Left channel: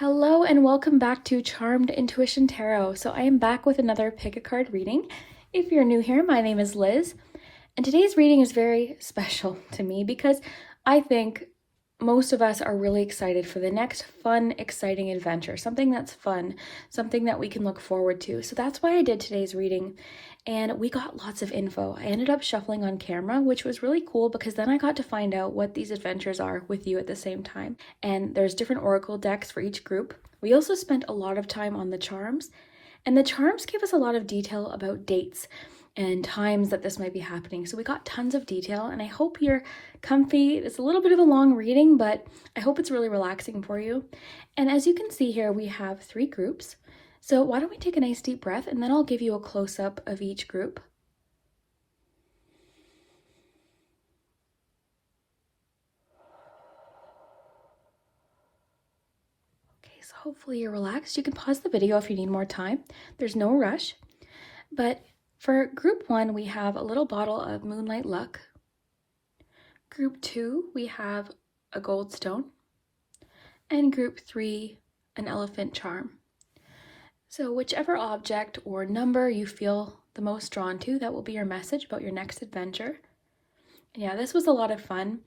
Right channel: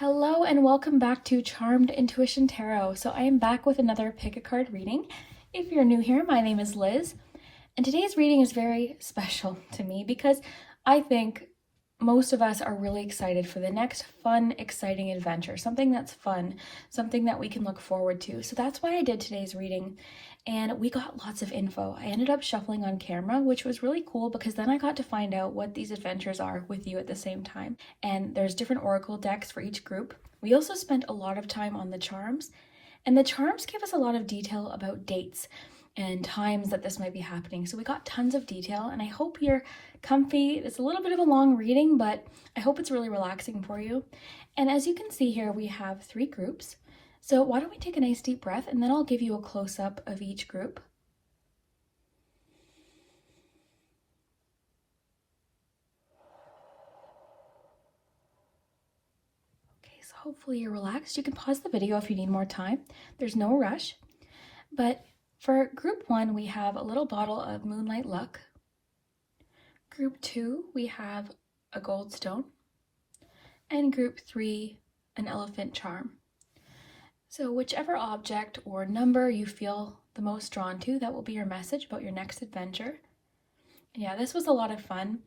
Hello and welcome back to Charmed Intuition Tarot. So I am back with another pick a card reading. If you're new here, my name is Liz, and today's reading is very special to me because I think most of us are really excited for the next fun, exciting adventure, something that's fun, something that we can look forward to. So that's why I did today's reading, and we got lots of info. I ended up shuffling on camera, which was really cool because then I got to find out what these adventures are with you at the same time. And there's different oracle decks for each group. We also spent a lot of time on the charms, and the charms give us a lot of detail about dates and times that this might be happening. So we got tons of detail, and I hope you're comfy. It's a little bit of a long reading, but I hope it's really relaxing for you. And as you can see here, we have 3 groups. So why don't we take a nice deep breath, and then I'll give you a close-up of each group. Okay, so hopefully you're relaxed. You can pause the video if you need more time. There's no rush. But for group 1, we have a little bottle of Moonlight Luck. Group 2, we have a gold stone. And group 3, an elephant charm. So whichever object or number you feel the most drawn to, that will be your message about your next adventure. Yeah, this was a lot of fun.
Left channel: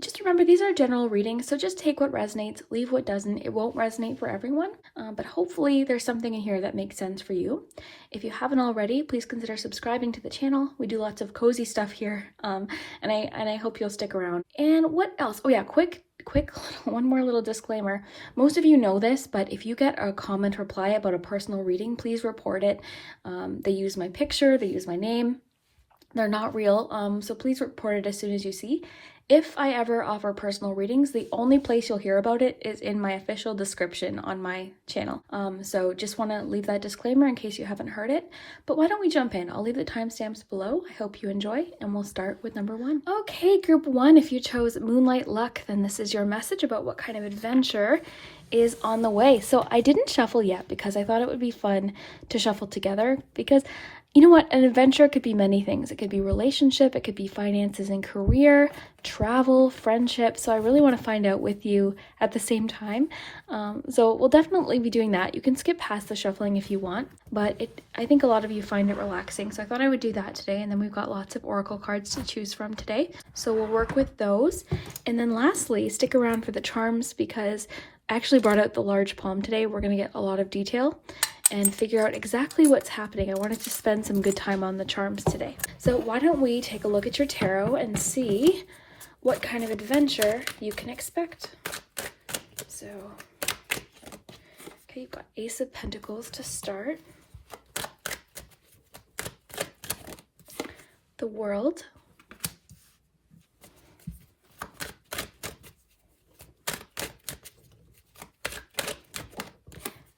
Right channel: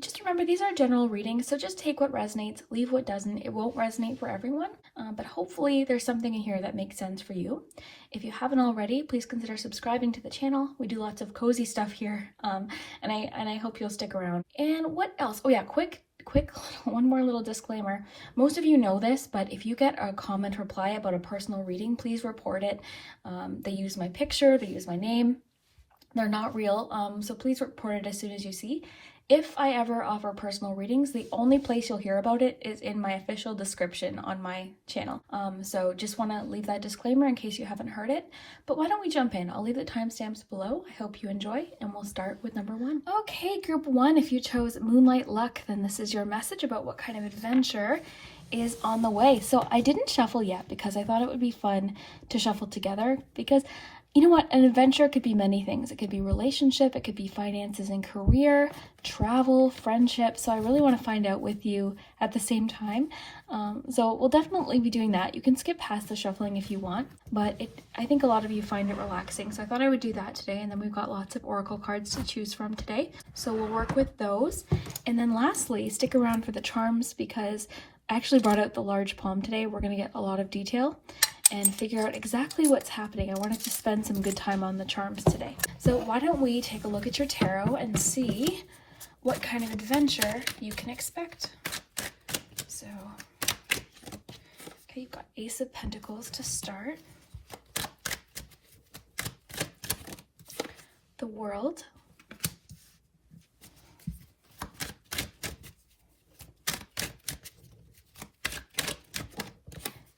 Just remember, these are general readings, so just take what resonates, leave what doesn't. It won't resonate for everyone, but hopefully there's something in here that makes sense for you. If you haven't already, please consider subscribing to the channel. We do lots of cozy stuff here, and I hope you'll stick around. And what else? Oh yeah, quick, one more little disclaimer. Most of you know this, but if you get a comment reply about a personal reading, please report it. They use my picture, they use my name. They're not real, so please report it as soon as you see. If I ever offer personal readings, the only place you'll hear about it is in my official description on my channel. So just want to leave that disclaimer in case you haven't heard it. But why don't we jump in? I'll leave the timestamps below. I hope you enjoy, and we'll start with number 1. Okay, group 1, if you chose Moonlight Luck, then this is your message about what kind of adventure is on the way. So I didn't shuffle yet because I thought it would be fun to shuffle together, because you know what? An adventure could be many things. It could be relationship, it could be finances and career, travel, friendship. So I really want to find out with you at the same time. So we'll definitely be doing that. You can skip past the shuffling if you want, but I think a lot of you find it relaxing. So I thought I would do that today. And then we've got lots of oracle cards to choose from today. So we'll work with those. And then lastly, stick around for the charms because I actually brought out the large palm today. We're going to get a lot of detail and figure out exactly what's happening. I wanted to spend some good time on the charms today. So why don't we take a look at your tarot and see what kind of adventure you can expect. So, okay, you've got Ace of Pentacles to start. The World.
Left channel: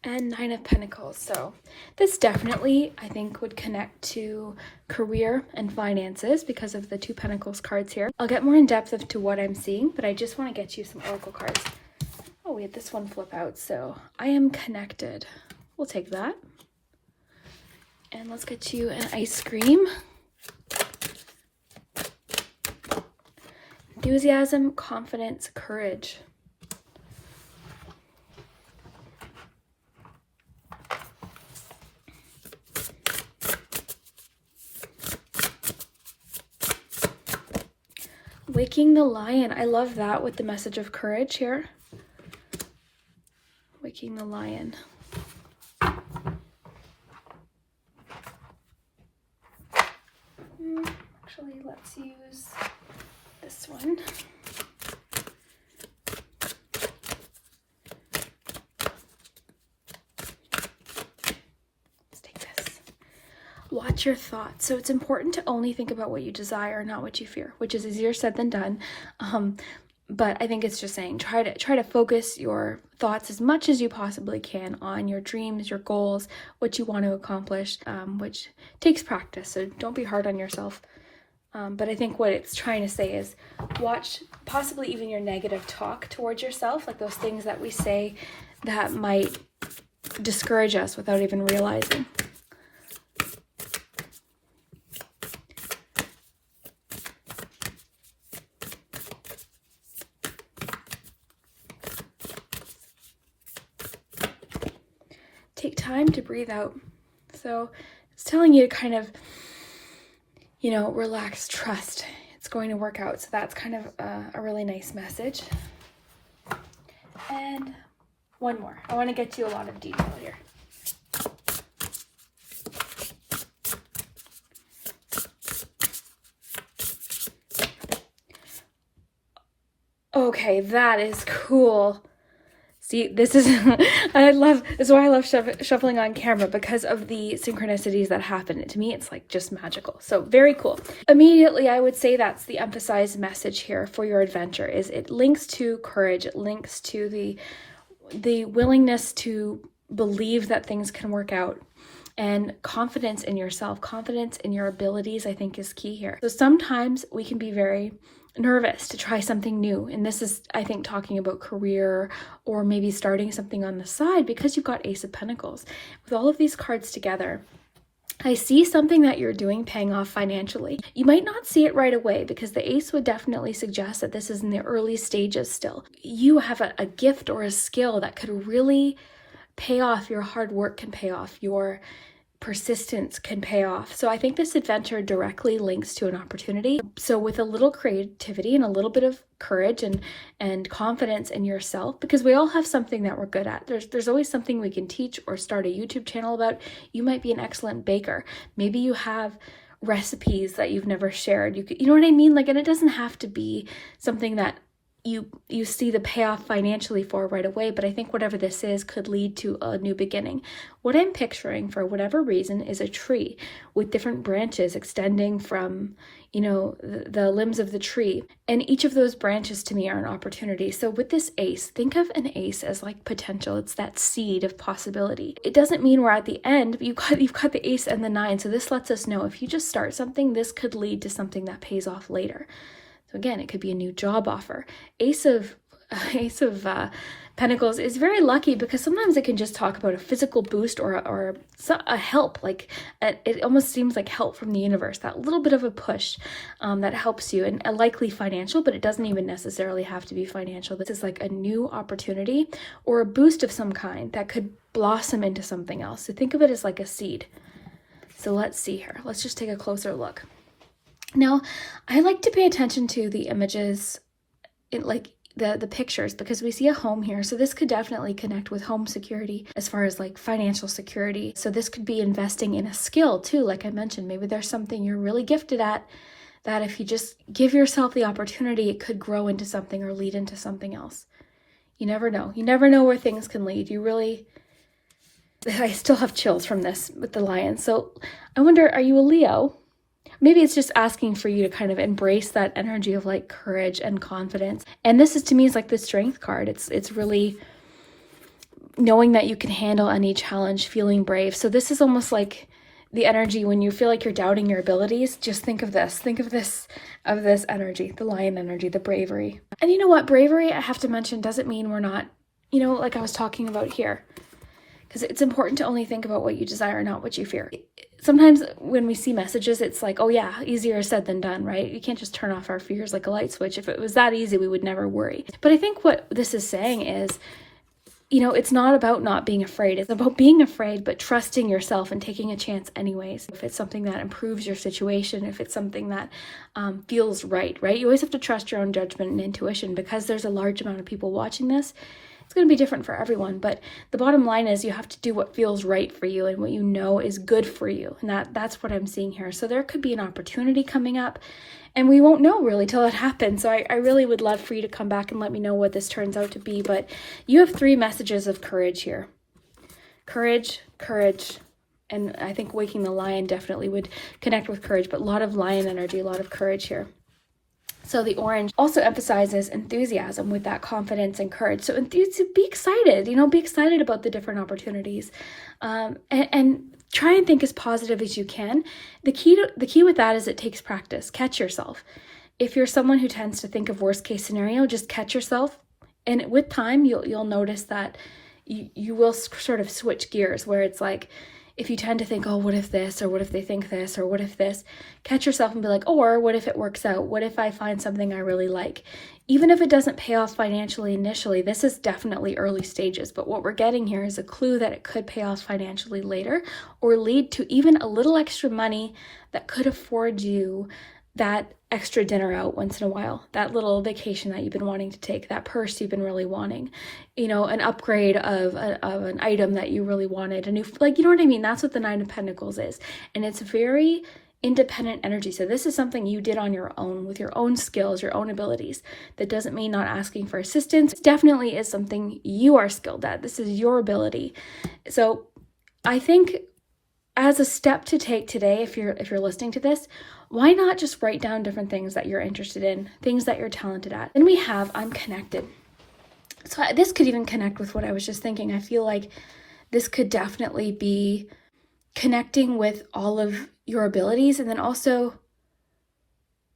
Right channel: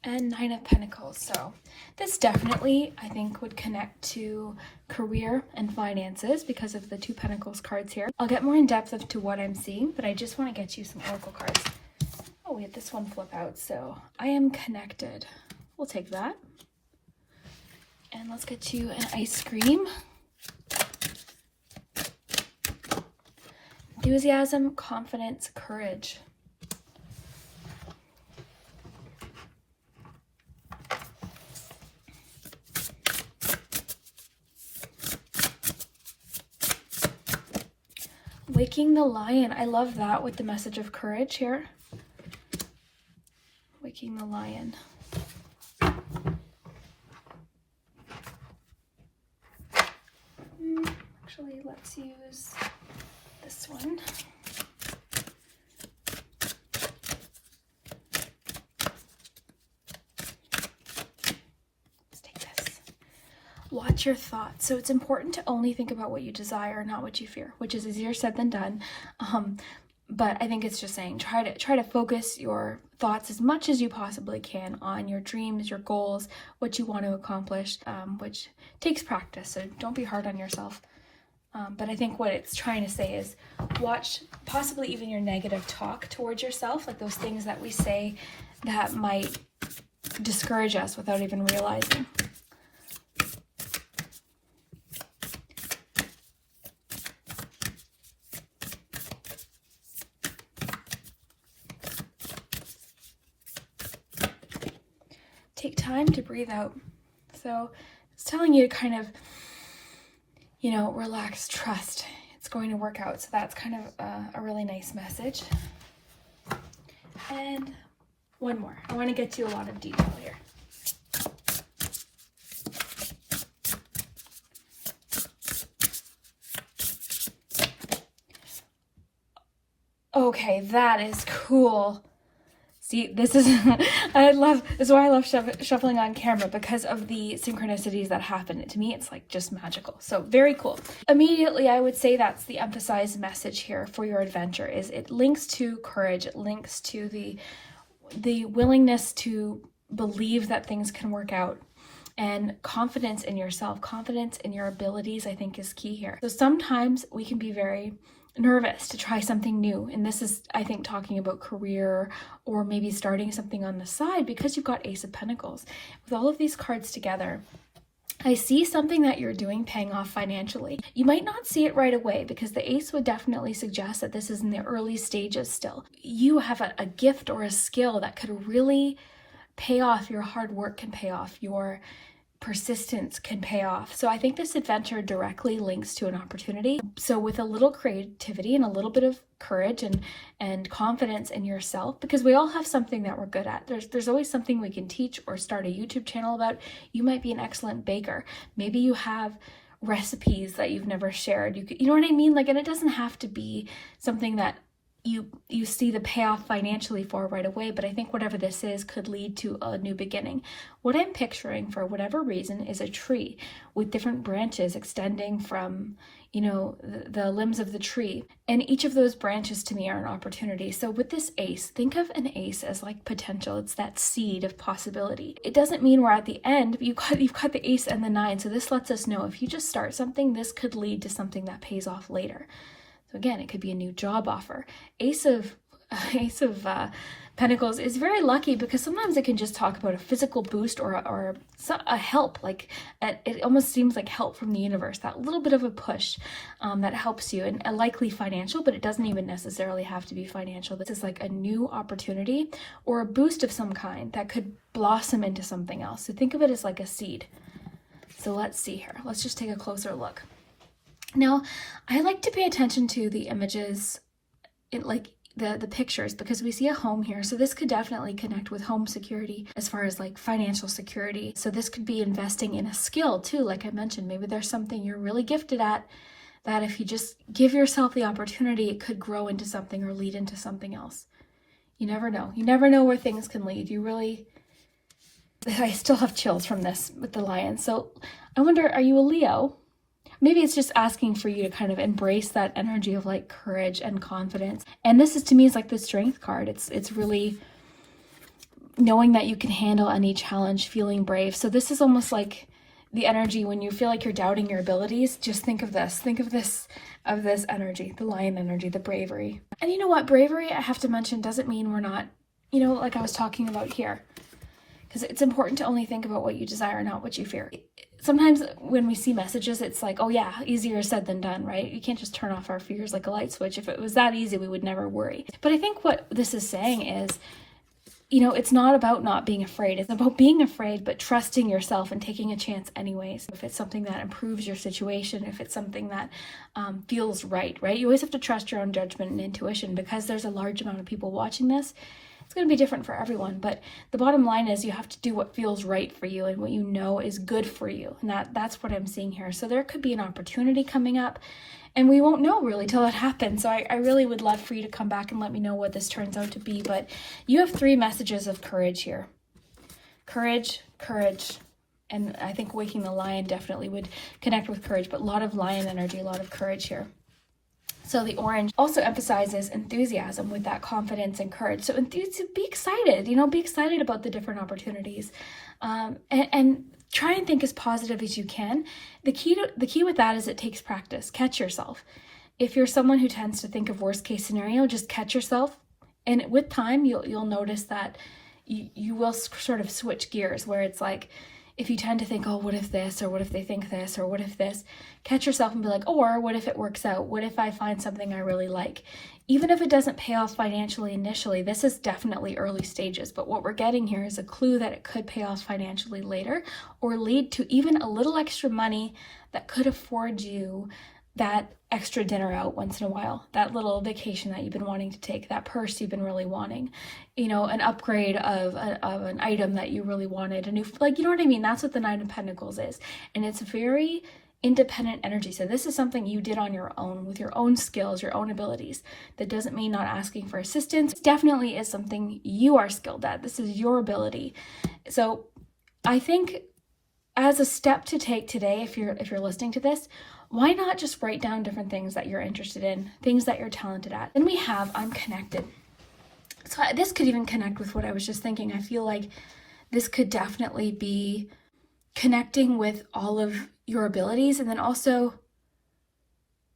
And 9 of Pentacles. So this definitely, I think, would connect to career and finances because of the 2 Pentacles cards here. I'll get more in depth to what I'm seeing, but I just want to get you some oracle cards. Oh, we had this one flip out. So I am connected. We'll take that. And let's get you an ice cream. Enthusiasm, confidence, courage. Waking the Lion. I love that with the message of courage here. Waking the Lion. Actually, let's use this one. Let's take this. Watch your thoughts. So it's important to only think about what you desire, not what you fear, which is easier said than done. But I think it's just saying try to focus your thoughts as much as you possibly can on your dreams, your goals, what you want to accomplish, which takes practice. So don't be hard on yourself. But I think what it's trying to say is watch possibly even your negative talk towards yourself, like those things that we say that might discourage us without even realizing. time to breathe out. So it's telling you to kind of, you know, relax, trust. It's going to work out. So that's kind of a really nice message. And one more. I want to get you a lot of detail here. Okay, that is cool. See, this is, this is why I love shuffling on camera, because of the synchronicities that happen. To me, it's like just magical. So very cool. Immediately, I would say that's the emphasized message here for your adventure, is it links to courage. It links to the willingness to believe that things can work out. And confidence in yourself, confidence in your abilities, I think is key here. So sometimes we can be very nervous to try something new. And this is, I think, talking about career or maybe starting something on the side, because you've got Ace of Pentacles. With all of these cards together, I see something that you're doing paying off financially. You might not see it right away, because the Ace would definitely suggest that this is in the early stages still. You have a gift or a skill that could really pay off. Your hard work can pay off. Your persistence can pay off. So I think this adventure directly links to an opportunity. So with a little creativity and a little bit of courage and confidence in yourself, because we all have something that we're good at. There's always something we can teach or start a YouTube channel about. You might be an excellent baker. Maybe you have recipes that you've never shared. You know what I mean? Like, and it doesn't have to be something that you see the payoff financially for right away, but I think whatever this is could lead to a new beginning. What I'm picturing, for whatever reason, is a tree with different branches extending from, you know, the limbs of the tree. And each of those branches to me are an opportunity. So with this ace, think of an ace as like potential. It's that seed of possibility. It doesn't mean we're at the end. You've got the ace and the 9. So this lets us know if you just start something, this could lead to something that pays off later. Again, it could be a new job offer. Ace of Pentacles is very lucky, because sometimes it can just talk about a physical boost or a help. Like it almost seems like help from the universe, that little bit of a push that helps you, and a likely financial, but it doesn't even necessarily have to be financial. This is like a new opportunity or a boost of some kind that could blossom into something else. So think of it as like a seed. So let's see here. Let's just take a closer look. Now, I like to pay attention to the images, like the pictures, because we see a home here. So this could definitely connect with home security as far as like financial security. So this could be investing in a skill too. Like I mentioned, maybe there's something you're really gifted at that if you just give yourself the opportunity, it could grow into something or lead into something else. You never know. You never know where things can lead. I still have chills from this with the lion. So I wonder, are you a Leo? Maybe it's just asking for you to kind of embrace that energy of like courage and confidence. And this is, to me, is like the strength card. It's really knowing that you can handle any challenge, feeling brave. So this is almost like the energy when you feel like you're doubting your abilities. Just think of this. Think of this energy, the lion energy, the bravery. And you know what? Bravery, I have to mention, doesn't mean we're not, you know, like I was talking about here. Because it's important to only think about what you desire, not what you fear. Sometimes when we see messages, it's like, oh yeah, easier said than done, right? You can't just turn off our fears like a light switch. If it was that easy, we would never worry. But I think what this is saying is, you know, it's not about not being afraid. It's about being afraid, but trusting yourself and taking a chance anyways. If it's something that improves your situation, if it's something that feels right? You always have to trust your own judgment and intuition, because there's a large amount of people watching this. It's going to be different for everyone, but the bottom line is you have to do what feels right for you and what you know is good for you. And that's what I'm seeing here. So there could be an opportunity coming up, and we won't know really till it happens. So I really would love for you to come back and let me know what this turns out to be. But you have 3 messages of courage here. Courage, courage, and I think waking the lion definitely would connect with courage, but a lot of lion energy, a lot of courage here. So the orange also emphasizes enthusiasm with that confidence and courage. So be excited, you know, be excited about the different opportunities, and try and think as positive as you can. The key with that is it takes practice. Catch yourself. If you're someone who tends to think of worst case scenario, just catch yourself. And with time, you'll notice that you will sort of switch gears, where it's like, if you tend to think, oh, what if this, or what if they think this, or what if this, catch yourself and be like, or what if it works out? What if I find something I really like? Even if it doesn't pay off financially initially, this is definitely early stages, but what we're getting here is a clue that it could pay off financially later, or lead to even a little extra money that could afford you that extra dinner out once in a while, that little vacation that you've been wanting to take, that purse you've been really wanting, you know, an upgrade of an item that you really wanted, a new, like, you know what I mean? That's what the Nine of Pentacles is. And it's very independent energy. So this is something you did on your own with your own skills, your own abilities. That doesn't mean not asking for assistance. It definitely is something you are skilled at. This is your ability. So I think as a step to take today, if you're listening to this, why not just write down different things that you're interested in, things that you're talented at? Then we have I'm connected. So this could even connect with what I was just thinking. I feel like this could definitely be connecting with all of your abilities, and then also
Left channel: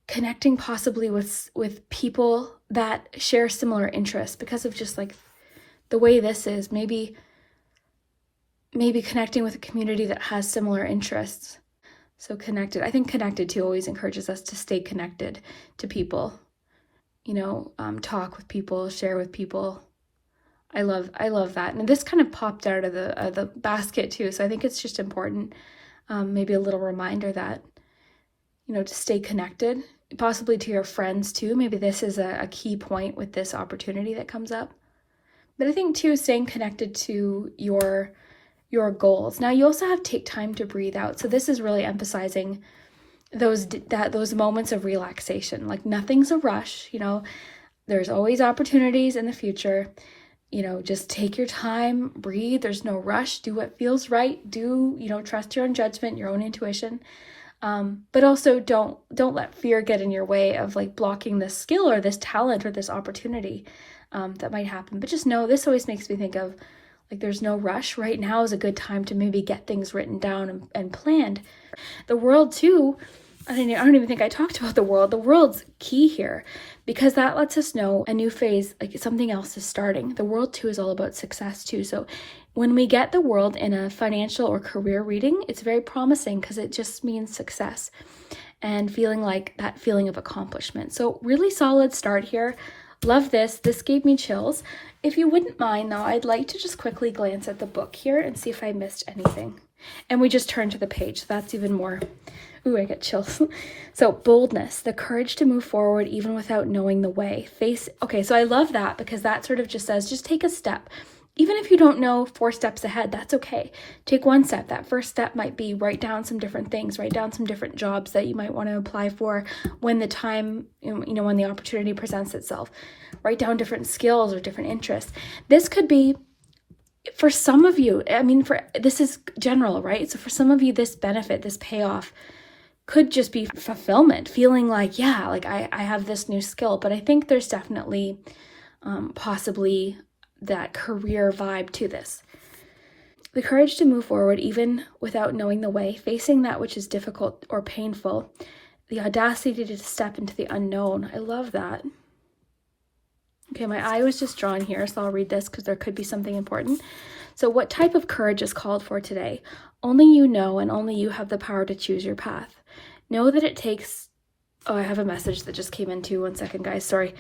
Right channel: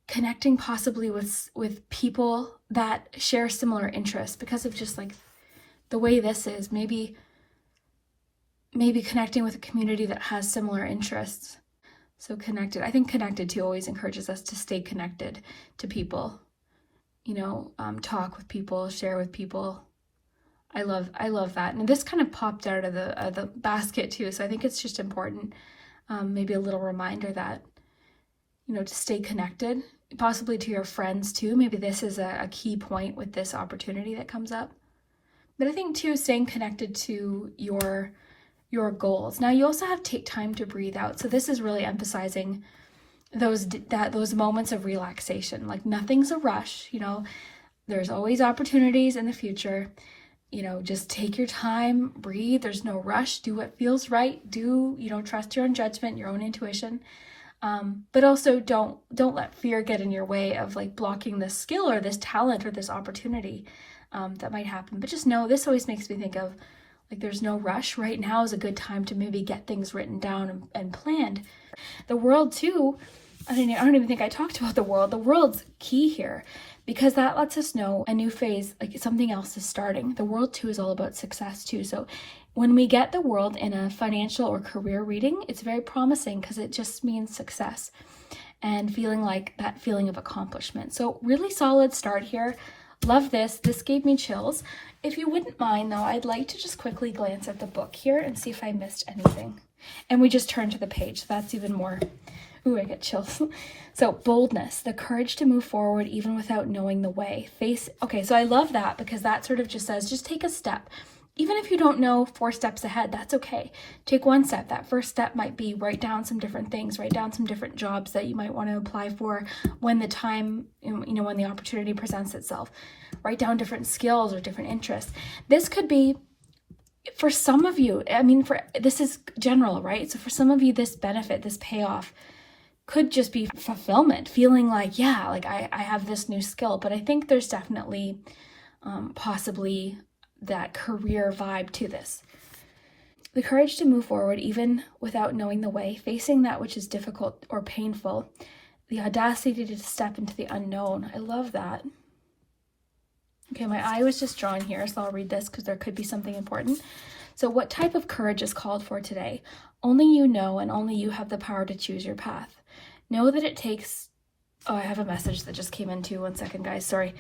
connecting possibly with people that share similar interests because of just like the way this is. Maybe connecting with a community that has similar interests. So connected. I think connected too always encourages us to stay connected to people. You know, talk with people, share with people. I love that. And this kind of popped out of the basket too. So I think it's just important, maybe a little reminder that, you know, to stay connected, possibly to your friends too. Maybe this is a key point with this opportunity that comes up. But I think too, staying connected to your goals. Now you also have to take time to breathe out. So this is really emphasizing those moments of relaxation. Like nothing's a rush, you know, there's always opportunities in the future. You know, just take your time, breathe. There's no rush. Do what feels right. Trust your own judgment, your own intuition. But also don't let fear get in your way of like blocking this skill or this talent or this opportunity that might happen. But just know, this always makes me think of like there's no rush. Right now is a good time to maybe get things written down and planned. The world too, I don't even think I talked about the world. The world's key here because that lets us know a new phase, like something else is starting. The world too is all about success too. So when we get the world in a financial or career reading, it's very promising because it just means success and feeling like that feeling of accomplishment. So really solid start here. Love this. This gave me chills. If you wouldn't mind though, I'd like to just quickly glance at the book here and see if I missed anything. And we just turn to the page. So that's even more. Ooh, I get chills. So boldness, the courage to move forward even without knowing the way. Okay, so I love that because that sort of just says, just take a step. Even if you don't know 4 steps ahead, that's okay. Take 1 step. That first step might be write down some different things, write down some different jobs that you might want to apply for when the time, when the opportunity presents itself. Write down different skills or different interests. This could be, for some of you, this is general, right? So for some of you, this benefit, this payoff could just be fulfillment, feeling like, yeah, like I have this new skill. But I think there's definitely possibly that career vibe to this. The courage to move forward even without knowing the way, facing that which is difficult or painful, the audacity to step into the unknown. I love that. Okay, my eye was just drawn here, so I'll read this because there could be something important. So what type of courage is called for today? Only you know, and only you have the power to choose your path. Know that it takes... Oh, I have a message that just came in too. 1 second, guys. Sorry.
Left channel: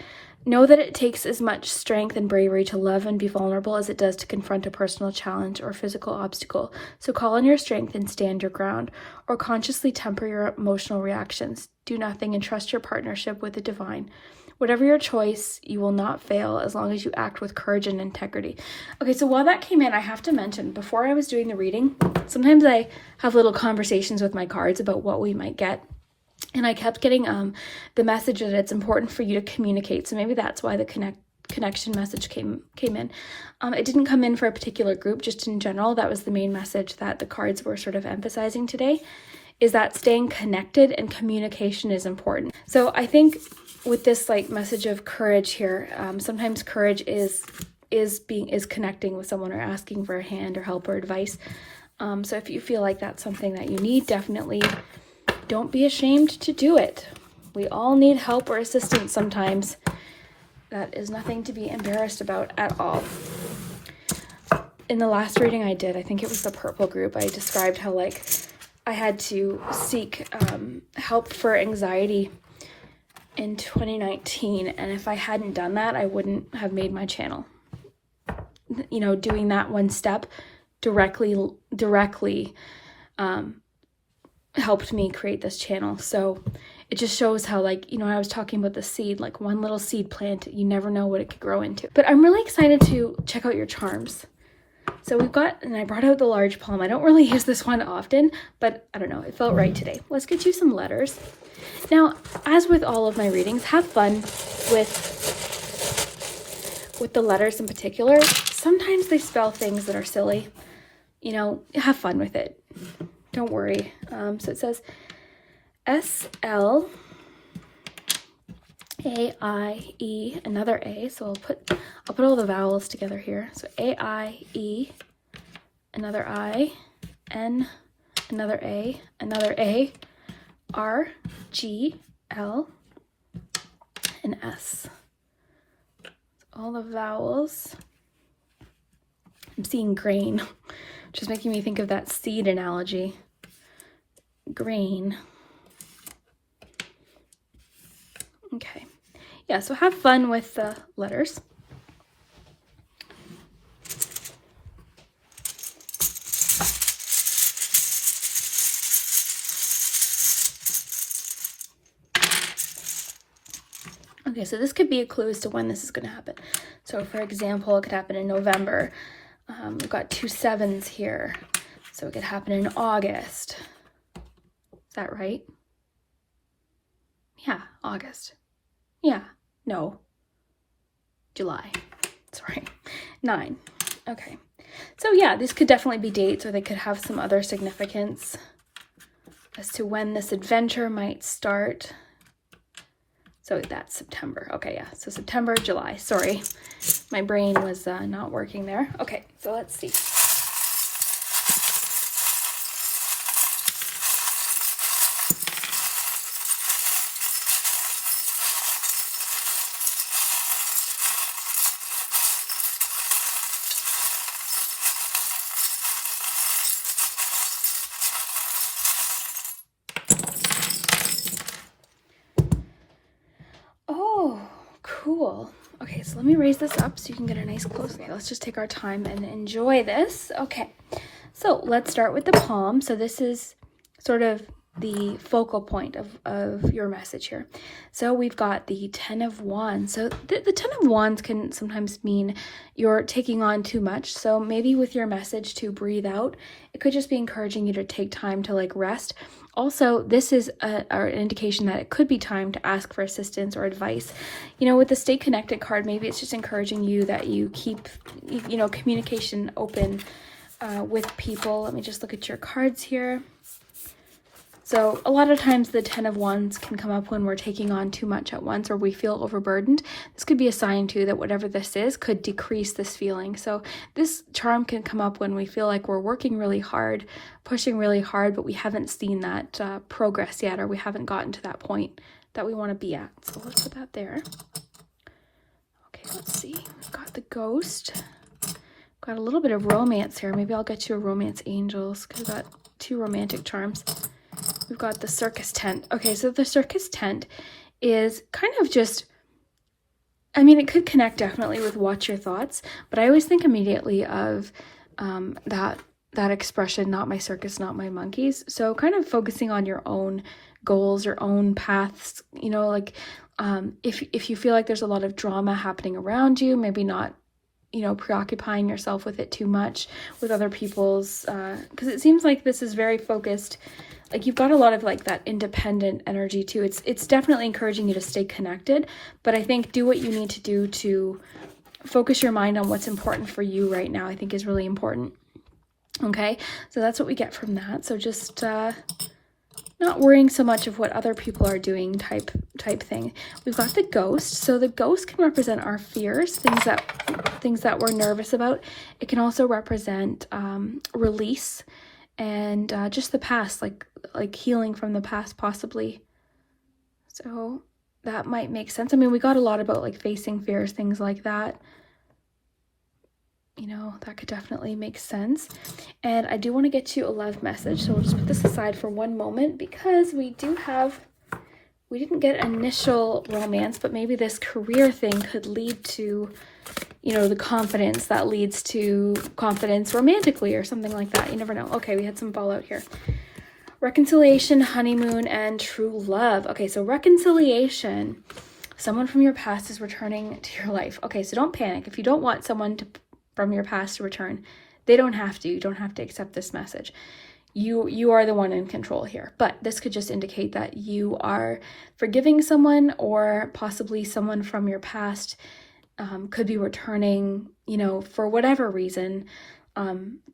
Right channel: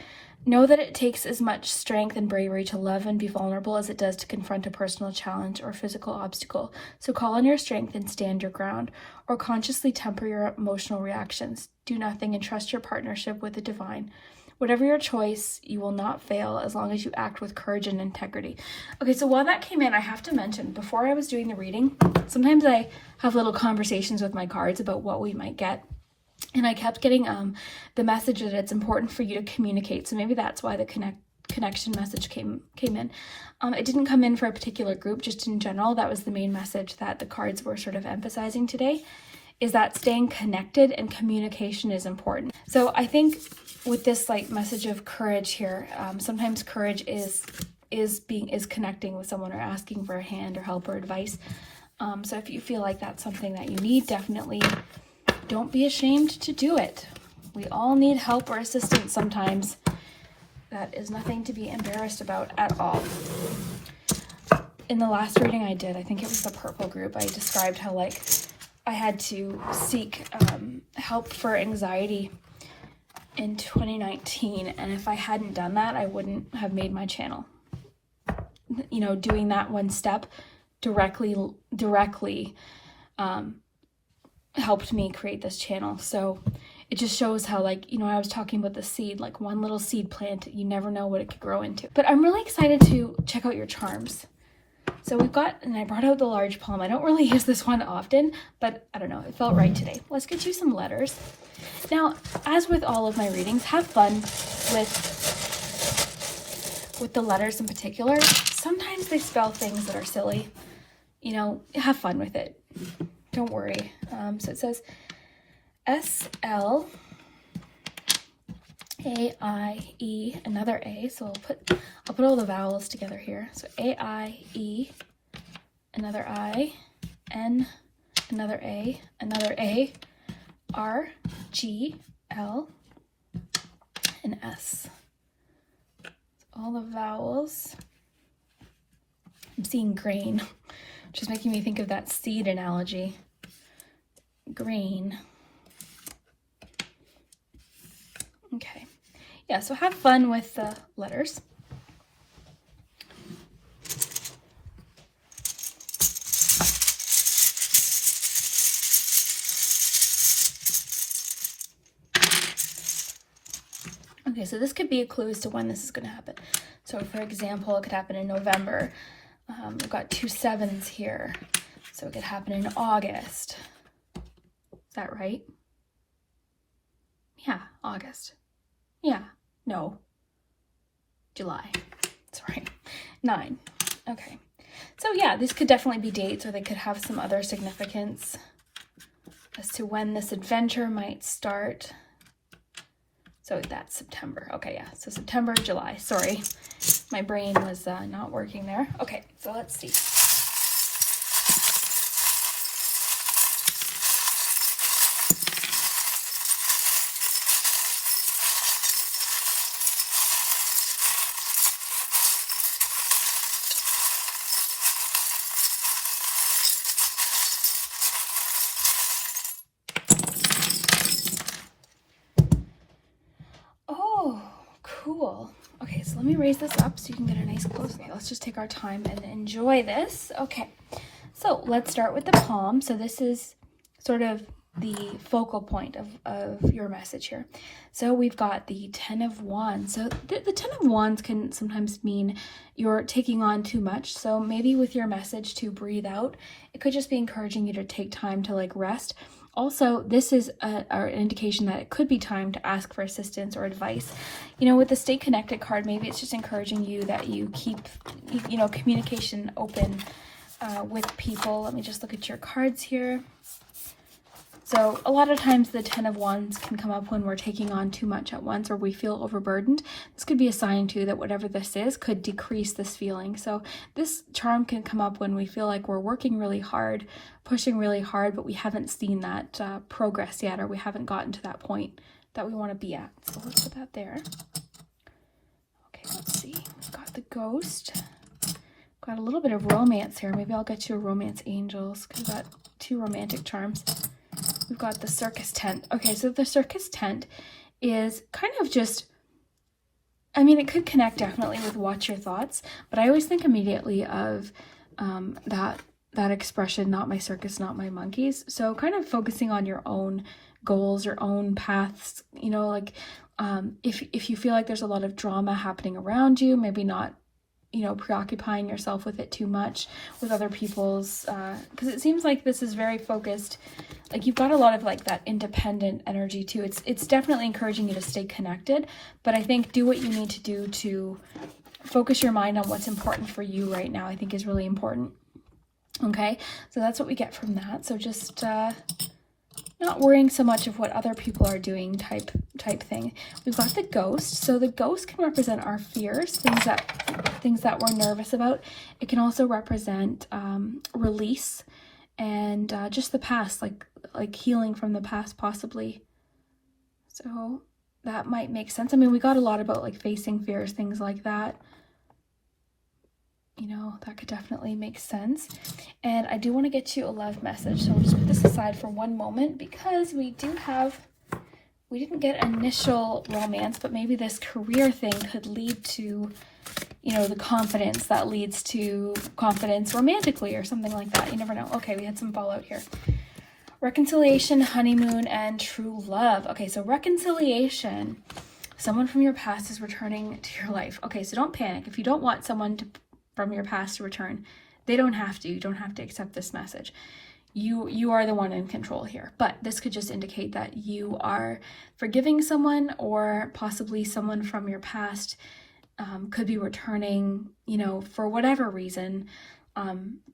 Know that it takes as much strength and bravery to love and be vulnerable as it does to confront a personal challenge or physical obstacle. So call on your strength and stand your ground, or consciously temper your emotional reactions. Do nothing and trust your partnership with the divine. Whatever your choice, you will not fail as long as you act with courage and integrity. Okay, so while that came in, I have to mention, before I was doing the reading, sometimes I have little conversations with my cards about what we might get. And I kept getting the message that it's important for you to communicate. So maybe that's why the connection message came in. It didn't come in for a particular group, just in general. That was the main message that the cards were sort of emphasizing today, is that staying connected and communication is important. So I think with this like message of courage here, sometimes courage is connecting with someone or asking for a hand or help or advice. So if you feel like that's something that you need, definitely don't be ashamed to do it. We all need help or assistance sometimes. That is nothing to be embarrassed about at all. in the last reading I did, I think it was the purple group, I described how like I had to seek help for anxiety in 2019, and if I hadn't done that, I wouldn't have made my channel. You know, doing that one step directly helped me create this channel. So it just shows how, like, you know, I was talking about the seed, like one little seed plant, you never know what it could grow into. But I'm really excited to check out your charms. So we've got, and I brought out the large palm. I don't really use this one often, but I don't know, it felt right today. Let's get you some letters. Now, as with all of my readings, have fun with the letters in particular. Sometimes they spell things that are silly. You know, have fun with it. Don't worry. So it says S-L-A-I-E, another A. So I'll put all the vowels together here. So A-I-E, another I, N, another A, R, G, L, and S. All the vowels. I'm seeing grain, which is making me think of that seed analogy. Grain. Okay. Yeah, so have fun with the letters. Okay, so this could be a clue as to when this is going to happen. So for example, it could happen in November. We've got 2 7s here. So it could happen in August. Is that right? Yeah, August. Yeah, no. July. Sorry. 9. Okay. So yeah, these could definitely be dates, or they could have some other significance as to when this adventure might start. So that's September. Okay, yeah. So September, July. Sorry, my brain was not working there. Okay, so let's see. Cool. Okay, so let me raise this up so you can get a nice close. Okay, let's just take our time and enjoy this. Okay, so let's start with the palm. So this is sort of the focal point of your message here. So we've got the 10 of Wands. So the 10 of Wands can sometimes mean you're taking on too much. So maybe with your message to breathe out, it could just be encouraging you to take time to like rest. Also, this is an indication that it could be time to ask for assistance or advice. You know, with the Stay Connected card, maybe it's just encouraging you that you keep, you know, communication open with people. Let me just look at your cards here. So a lot of times the 10 of Wands can come up when we're taking on too much at once or we feel overburdened. This could be a sign too that whatever this is could decrease this feeling. So this charm can come up when we feel like we're working really hard, pushing really hard, but we haven't seen that progress yet, or we haven't gotten to that point that we want to be at. So let's put that there. Okay, let's see. We've got the Ghost. Got a little bit of romance here. Maybe I'll get you a romance angels because we've got 2 romantic charms. We've got the circus tent. Okay, so the circus tent is kind of just, I mean, it could connect definitely with Watch Your Thoughts, but I always think immediately of that expression, not my circus, not my monkeys. So kind of focusing on your own goals, your own paths, you know, like if you feel like there's a lot of drama happening around you, maybe not, you know, preoccupying yourself with it too much with other people's, because it seems like this is very focused, like you've got a lot of like that independent energy too. It's definitely encouraging you to stay connected, but I think do what you need to do to focus your mind on what's important for you right now, I think is really important. Okay, so that's what we get from that. So just not worrying so much of what other people are doing type thing. We've got the Ghost. So the Ghost can represent our fears, things that we're nervous about. It can also represent release and just the past, like healing from the past possibly. So that might make sense. I mean, we got a lot about like facing fears, things like that. you know, that could definitely make sense. And I do want to get you a love message, so we'll just put this aside for one moment because we didn't get initial romance, but maybe this career thing could lead to, you know, the confidence that leads to confidence romantically or something like that. You never know. Okay, we had some fallout here. Reconciliation, honeymoon, and true love. Okay, so reconciliation. Someone from your past is returning to your life. Okay, so don't panic. If you don't want someone from your past to return, they don't have to. You don't have to accept this message. You are the one in control here. But this could just indicate that you are forgiving someone, or possibly someone from your past could be returning, you know, for whatever reason,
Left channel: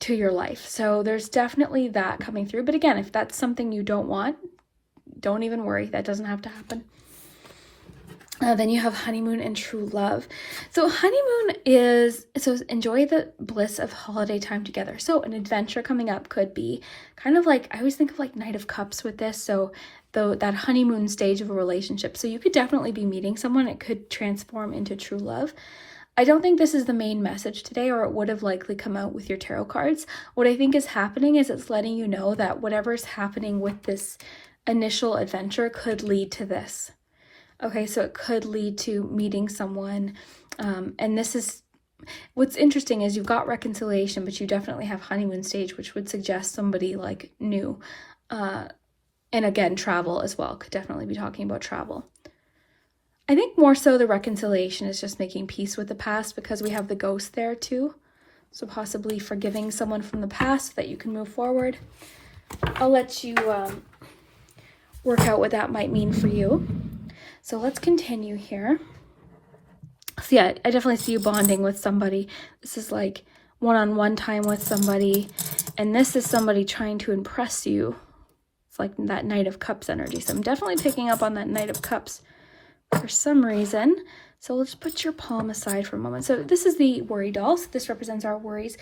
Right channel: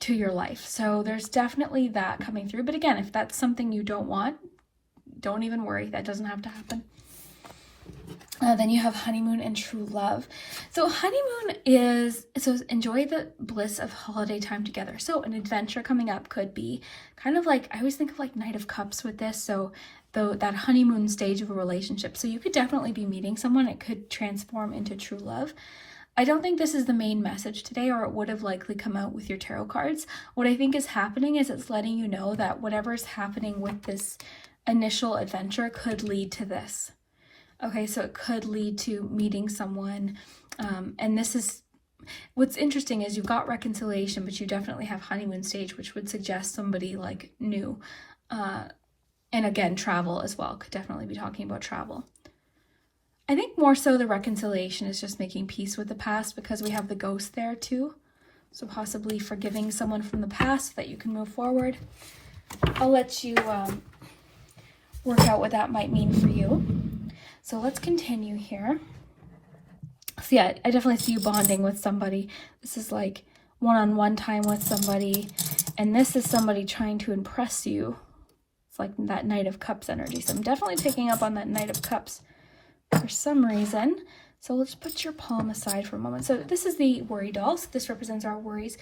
to your life. So there's definitely that coming through. But again, if that's something you don't want, don't even worry. That doesn't have to happen. Then you have honeymoon and true love. So honeymoon is, so enjoy the bliss of holiday time together. So an adventure coming up could be kind of like, I always think of like Knight of Cups with this. So that honeymoon stage of a relationship. So you could definitely be meeting someone. It could transform into true love. I don't think this is the main message today, or it would have likely come out with your tarot cards. What I think is happening is it's letting you know that whatever's happening with this initial adventure could lead to this. Okay, so it could lead to meeting someone. And this is, what's interesting is you've got reconciliation, but you definitely have honeymoon stage, which would suggest somebody like new. And again, travel as well. Could definitely be talking about travel. I think more so the reconciliation is just making peace with the past, because we have the ghost there too. So possibly forgiving someone from the past so that you can move forward. I'll let you work out what that might mean for you. So let's continue here. So yeah, I definitely see you bonding with somebody. This is like one-on-one time with somebody. And this is somebody trying to impress you. It's like that Knight of Cups energy. So I'm definitely picking up on that Knight of Cups for some reason. So let's put your palm aside for a moment. So this is the worry doll. So this represents our worries.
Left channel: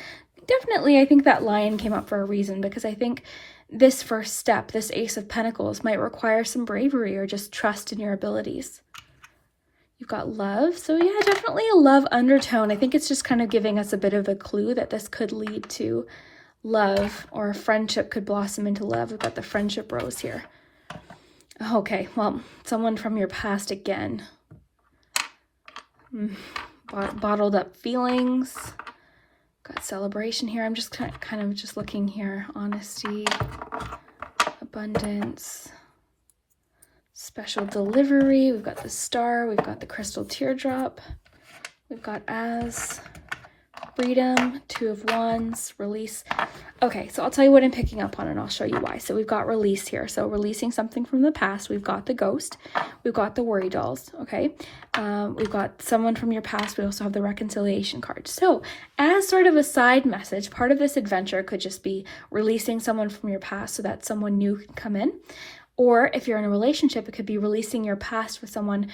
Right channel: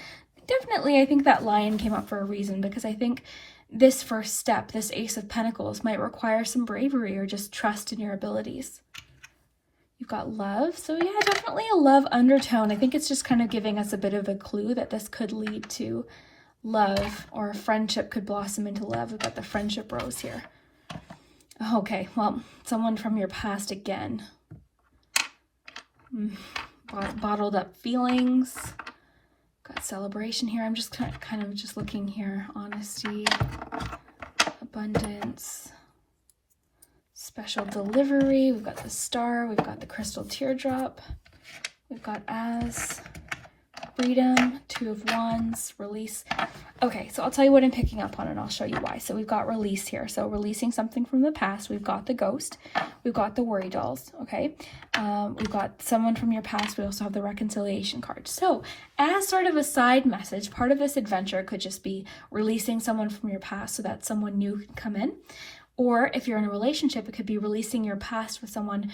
Definitely, I think that lion came up for a reason, because I think this first step, this Ace of Pentacles, might require some bravery or just trust in your abilities. You've got love. So yeah, definitely a love undertone. I think it's just kind of giving us a bit of a clue that this could lead to love, or friendship could blossom into love. We've got the friendship rose here. Okay, well, someone from your past again. Bottled up feelings. Got celebration here. I'm just kind of just looking here. Honesty, abundance, special delivery. We've got the star. We've got the crystal teardrop. We've got as, freedom, Two of Wands, release. Okay, so I'll tell you what I'm picking up on, and I'll show you why. So we've got release here. So releasing something from the past. We've got the ghost. We've got the worry dolls. Okay, we've got someone from your past. We also have the reconciliation card. So as sort of a side message, part of this adventure could just be releasing someone from your past so that someone new can come in. Or if you're in a relationship, it could be releasing your past with someone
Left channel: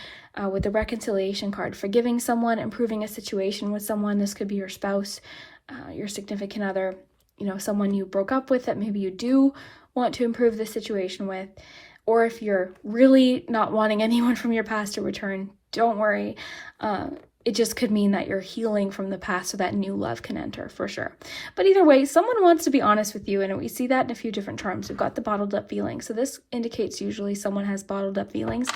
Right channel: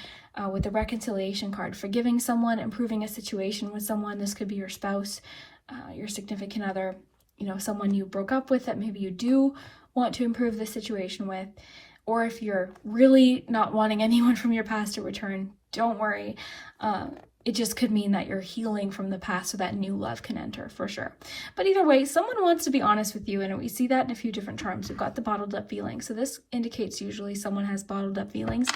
with the reconciliation card, forgiving someone, improving a situation with someone. This could be your spouse, your significant other, you know, someone you broke up with that maybe you do want to improve the situation with. Or if you're really not wanting anyone from your past to return, don't worry. It just could mean that you're healing from the past so that new love can enter, for sure. But either way, someone wants to be honest with you, and we see that in a few different terms. We've got the bottled up feelings. So this indicates usually someone has bottled up feelings,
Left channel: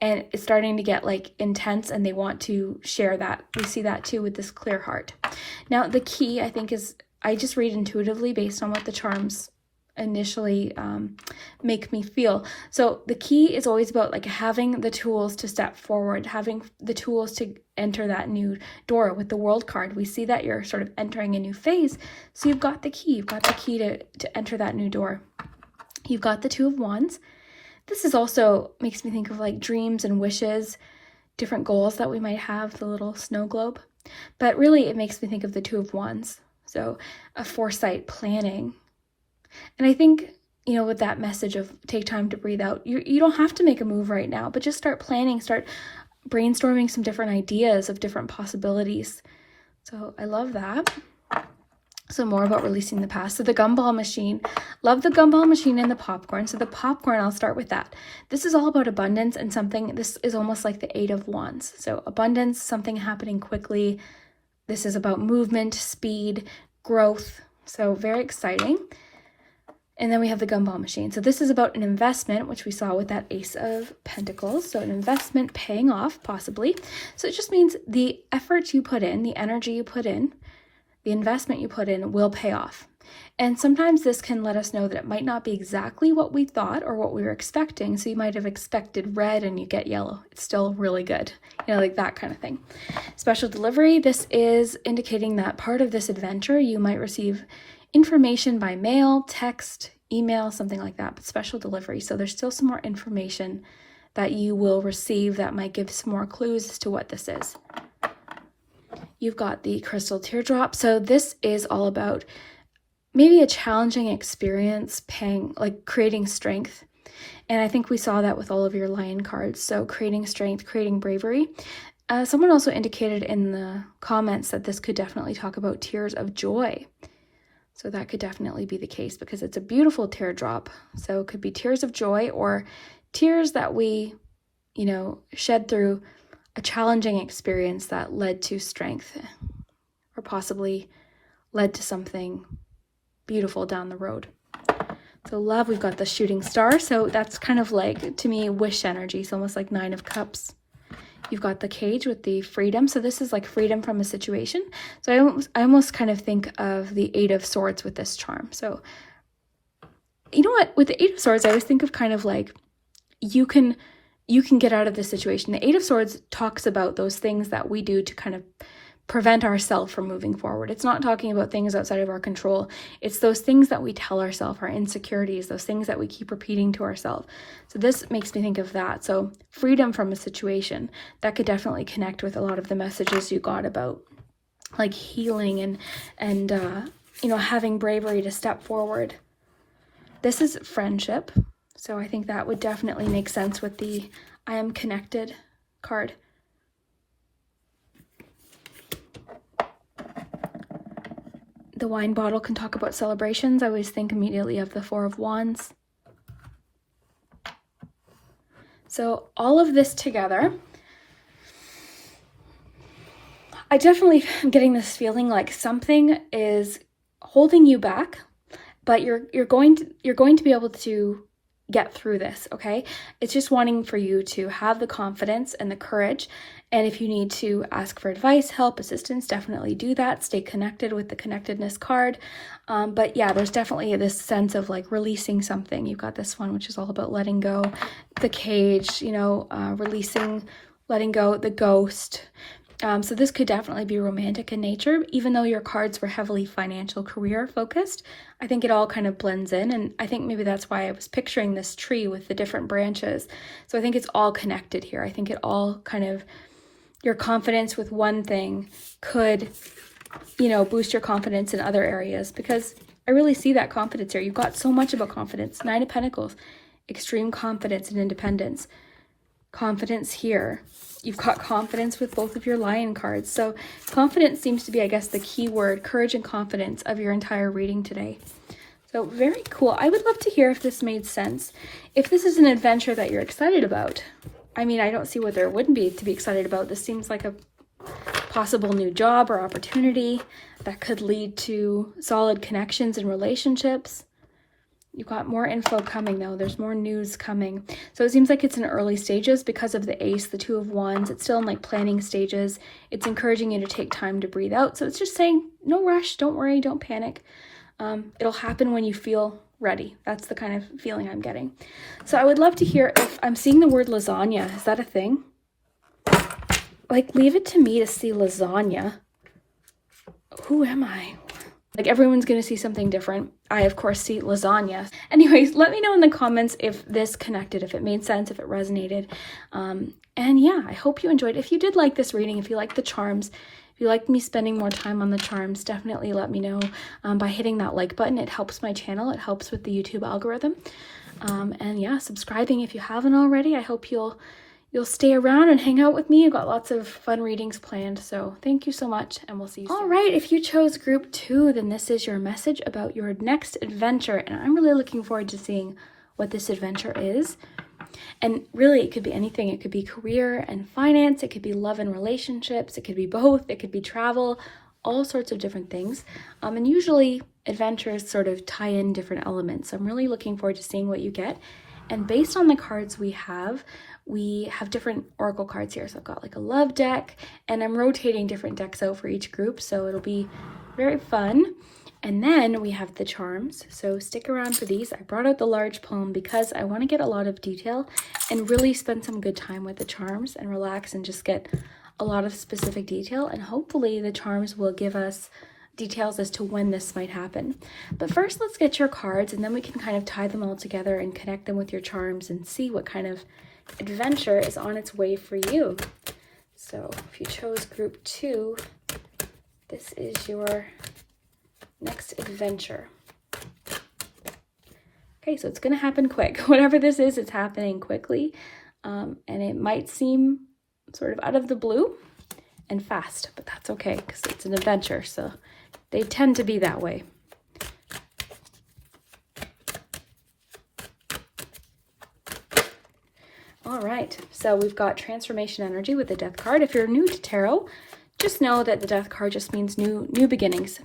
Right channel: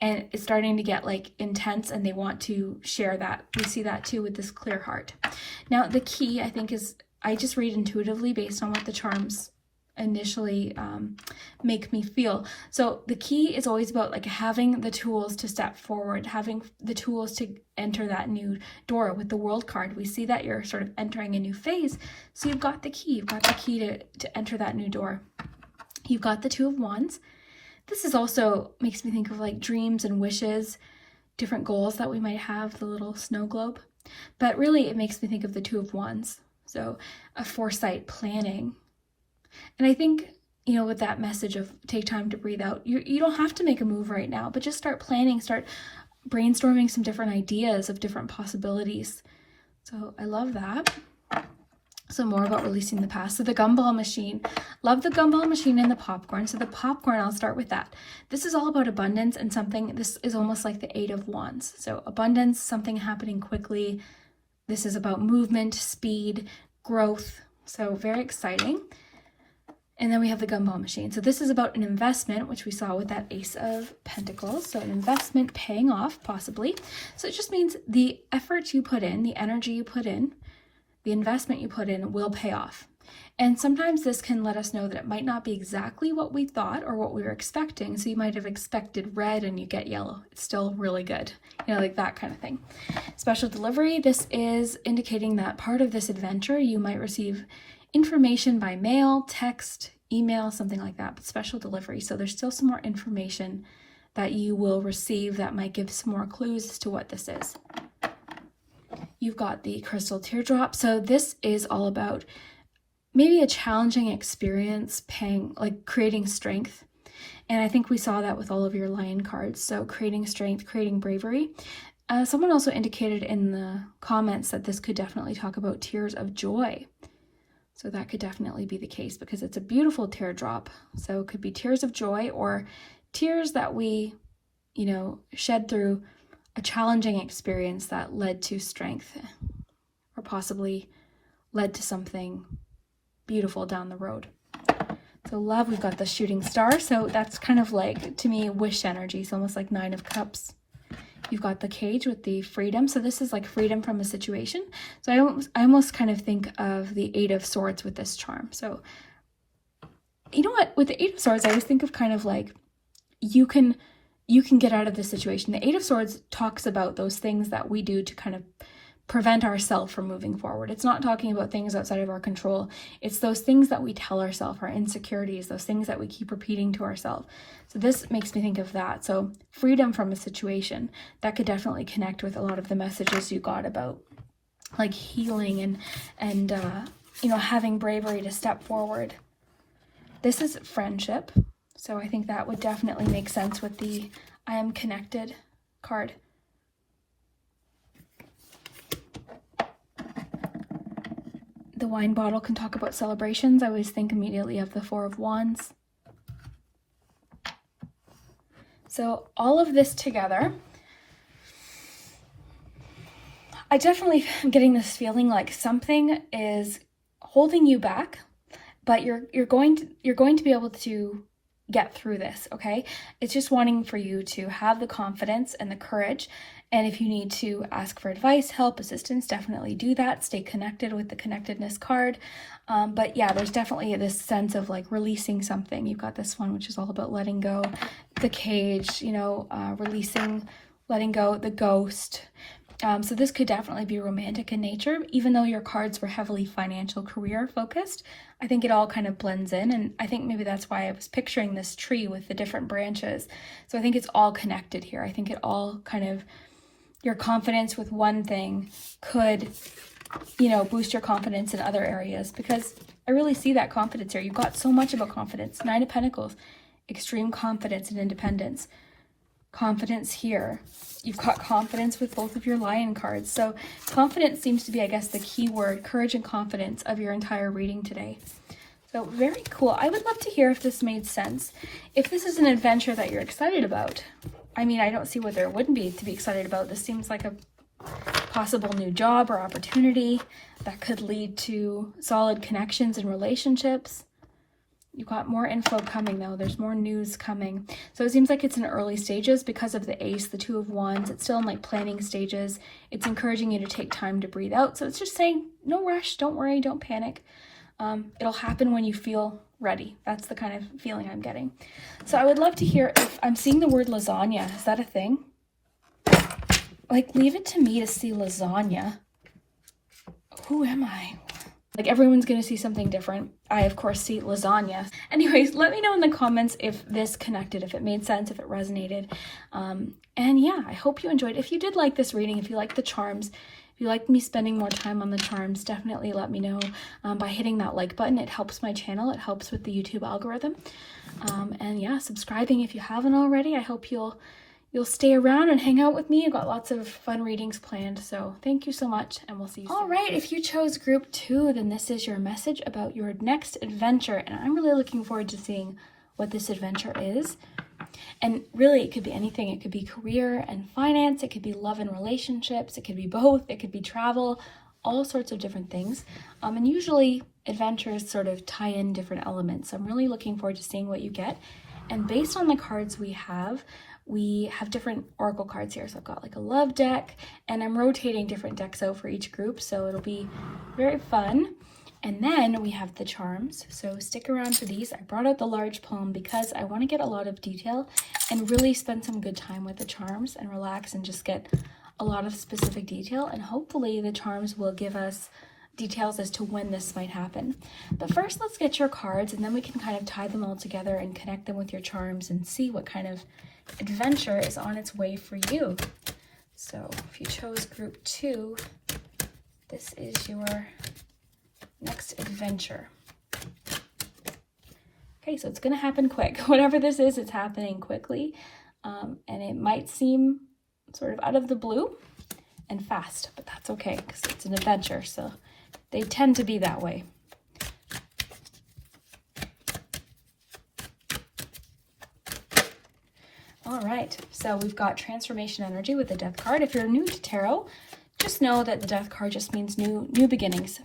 and it's starting to get like intense, and they want to share that. We see that too with this clear heart. Now, the key, I think, is I just read intuitively based on what the charms initially make me feel. So the key is always about like having the tools to step forward, having the tools to enter that new door. With the World card, we see that you're sort of entering a new phase. So you've got the key. You've got the key to enter that new door. You've got the Two of Wands. This is also makes me think of like dreams and wishes, different goals that we might have, the little snow globe. But really it makes me think of the Two of Wands. So a foresight, planning. And I think, you know, with that message of take time to breathe out, you don't have to make a move right now, but just start planning, start brainstorming some different ideas of different possibilities. So I love that. So more about releasing the past. So the gumball machine, love the gumball machine and the popcorn. So the popcorn, I'll start with that. This is all about abundance and something, this is almost like the Eight of Wands. So abundance, something happening quickly. This is about movement, speed, growth. So very exciting. And then we have the gumball machine. So this is about an investment, which we saw with that Ace of Pentacles. So an investment paying off, possibly. So it just means the effort you put in, the energy you put in, the investment you put in will pay off. And sometimes this can let us know that it might not be exactly what we thought or what we were expecting. So you might have expected red and you get yellow. It's still really good. You know, like that kind of thing. Special delivery. This is indicating that part of this adventure, you might receive information by mail, text, email, something like that, but special delivery. So there's still some more information that you will receive that might give some more clues as to what this is. You've got the crystal teardrop. So this is all about maybe a challenging experience, creating strength. And I think we saw that with all of your lion cards. So creating strength, creating bravery. Someone also indicated in the comments that this could definitely talk about tears of joy. So that could definitely be the case because it's a beautiful teardrop. So it could be tears of joy or tears that we, shed through a challenging experience that led to strength or possibly led to something beautiful down the road. So love, we've got the shooting star. So that's kind of like, to me, wish energy. It's almost like 9 of Cups. You've got the cage with the freedom. So this is like freedom from a situation. So I almost kind of think of the 8 of Swords with this charm. So you know what? With the 8 of Swords, I always think of kind of like you can get out of this situation. The 8 of Swords talks about those things that we do to kind of prevent ourselves from moving forward. It's not talking about things outside of our control. It's those things that we tell ourselves, our insecurities, those things that we keep repeating to ourselves. So this makes me think of that. So freedom from a situation, that could definitely connect with a lot of the messages you got about like healing and having bravery to step forward. This is friendship. So I think that would definitely make sense with the I am connected card. The wine bottle can talk about celebrations. I always think immediately of the 4 of Wands. So all of this together, I definitely am getting this feeling like something is holding you back, but you're going to be able to get through this, okay? It's just wanting for you to have the confidence and the courage. And if you need to ask for advice, help, assistance, definitely do that. Stay connected with the connectedness card. But yeah, there's definitely this sense of like releasing something. You've got this one, which is all about letting go. The cage, releasing, letting go, the ghost. So this could definitely be romantic in nature, even though your cards were heavily financial career focused. I think it all kind of blends in, and I think maybe that's why I was picturing this tree with the different branches. So I think it's all connected here. I think it all kind of, your confidence with one thing could, boost your confidence in other areas, because I really see that confidence here. You've got so much about confidence. 9 of Pentacles, extreme confidence and independence. Confidence here. You've got confidence with both of your lion cards. So confidence seems to be, I guess, the key word, courage and confidence of your entire reading today. So very cool. I would love to hear if this made sense. If this is an adventure that you're excited about. I mean, I don't see what there wouldn't be to be excited about. This seems like a possible new job or opportunity that could lead to solid connections and relationships. You've got more info coming though. There's more news coming. So it seems like it's in early stages because of the Ace, the 2 of Wands. It's still in like planning stages. It's encouraging you to take time to breathe out. So it's just saying, no rush, don't worry, don't panic. It'll happen when you feel ready. That's the kind of feeling I'm getting. So I would love to hear if I'm seeing the word lasagna. Is that a thing? Like, leave it to me to see lasagna. Who am I? Like, everyone's going to see something different. I, of course, see lasagna. Anyways, let me know in the comments if this connected, if it made sense, if it resonated. And yeah, I hope you enjoyed. If you did like this reading, if you like the charms, if you like me spending more time on the charms, definitely let me know by hitting that like button. It helps my channel. It helps with the YouTube algorithm. And yeah, subscribing if you haven't already. I hope you'll stay around and hang out with me. I've got lots of fun readings planned, so thank you so much, and we'll see you soon. All right, if you chose group 2, then this is your message about your next adventure, and I'm really looking forward to seeing what this adventure is. And really, it could be anything. It could be career and finance. It could be love and relationships. It could be both. It could be travel. all sorts of different things. And usually adventures sort of tie in different elements. So I'm really looking forward to seeing what you get. And based on the cards we have different oracle cards here. So I've got like a love deck, and I'm rotating different decks out for each group. So it'll be very fun. And then we have the charms. So stick around for these. I brought out the large poem because I want to get a lot of detail and really spend some good time with the charms and relax and just get a lot of specific detail. And hopefully the charms will give us details as to when this might happen. But first, let's get your cards, and then we can kind of tie them all together and connect them with your charms and see what kind of adventure is on its way for you. So if you chose group 2, this is your next adventure. Okay, so it's going to happen quick. Whatever this is, it's happening quickly. And it might seem sort of out of the blue and fast, but that's okay because it's an adventure, so they tend to be that way. All right, so we've got transformation energy with the death card. If you're new to tarot, just know that the death card just means new beginnings.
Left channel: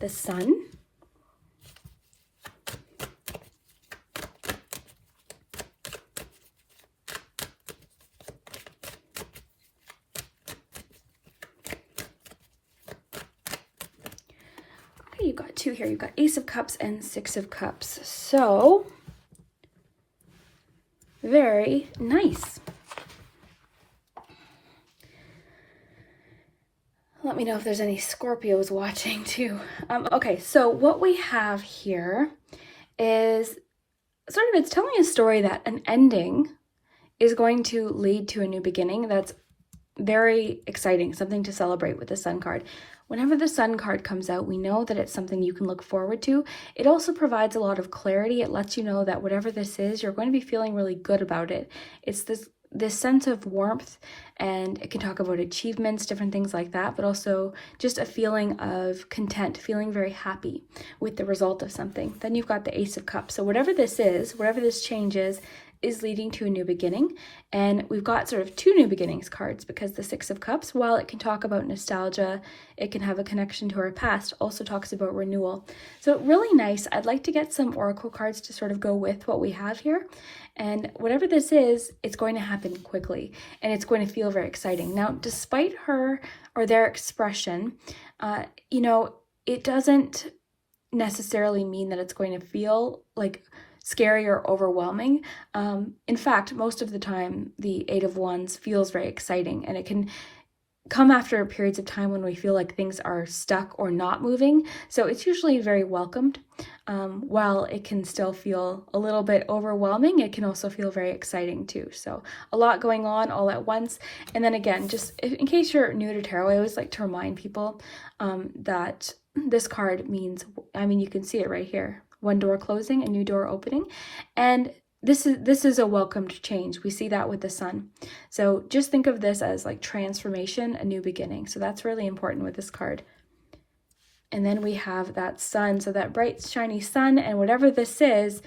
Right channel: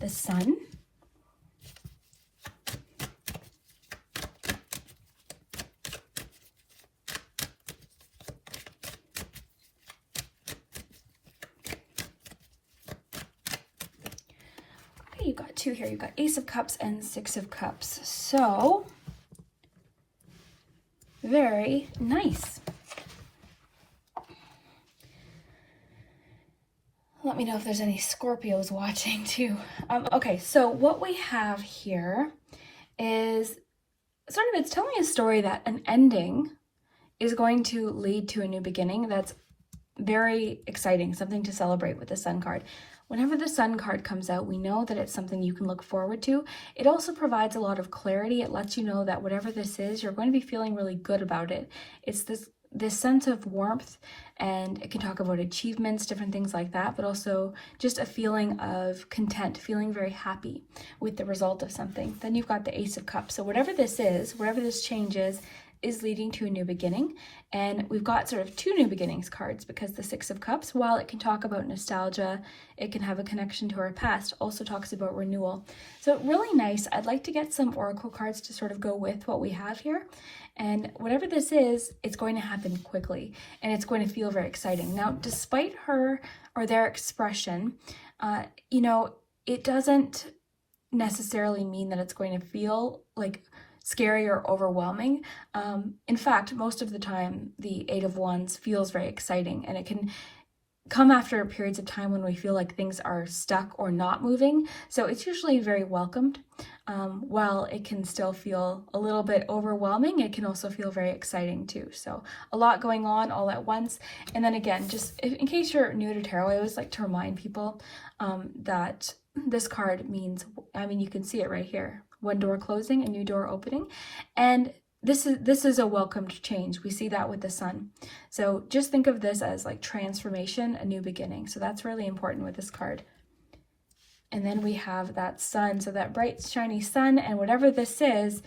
The sun. Okay, you've got 2 here. You've got Ace of Cups and 6 of Cups. So, very nice. Let me know if there's any Scorpios watching too. Okay, so what we have here is sort of, it's telling a story that an ending is going to lead to a new beginning. That's very exciting, something to celebrate with the Sun card. Whenever the Sun card comes out, we know that it's something you can look forward to. It also provides a lot of clarity. It lets you know that whatever this is, you're going to be feeling really good about it. It's this sense of warmth, and it can talk about achievements, different things like that, but also just a feeling of content, feeling very happy with the result of something. Then you've got the Ace of Cups. So whatever this is, whatever this change is leading to a new beginning. And we've got sort of 2 new beginnings cards, because the 6 of Cups, while it can talk about nostalgia, it can have a connection to our past, also talks about renewal. So really nice. I'd like to get some oracle cards to sort of go with what we have here. And whatever this is, it's going to happen quickly, and it's going to feel very exciting. Now, despite her or their expression, it doesn't necessarily mean that it's going to feel like scary or overwhelming. In fact, most of the time, the 8 of Wands feels very exciting, and it can come after periods of time when we feel like things are stuck or not moving. So it's usually very welcomed. While it can still feel a little bit overwhelming, it can also feel very exciting too. So a lot going on all at once. And then again, just in case you're new to tarot, I always like to remind people that this card means, you can see it right here. One door closing, a new door opening. And this is a welcomed change. We see that with the Sun. So just think of this as like transformation, a new beginning. So that's really important with this card. And then we have that sun, so that bright, shiny sun, and whatever this is,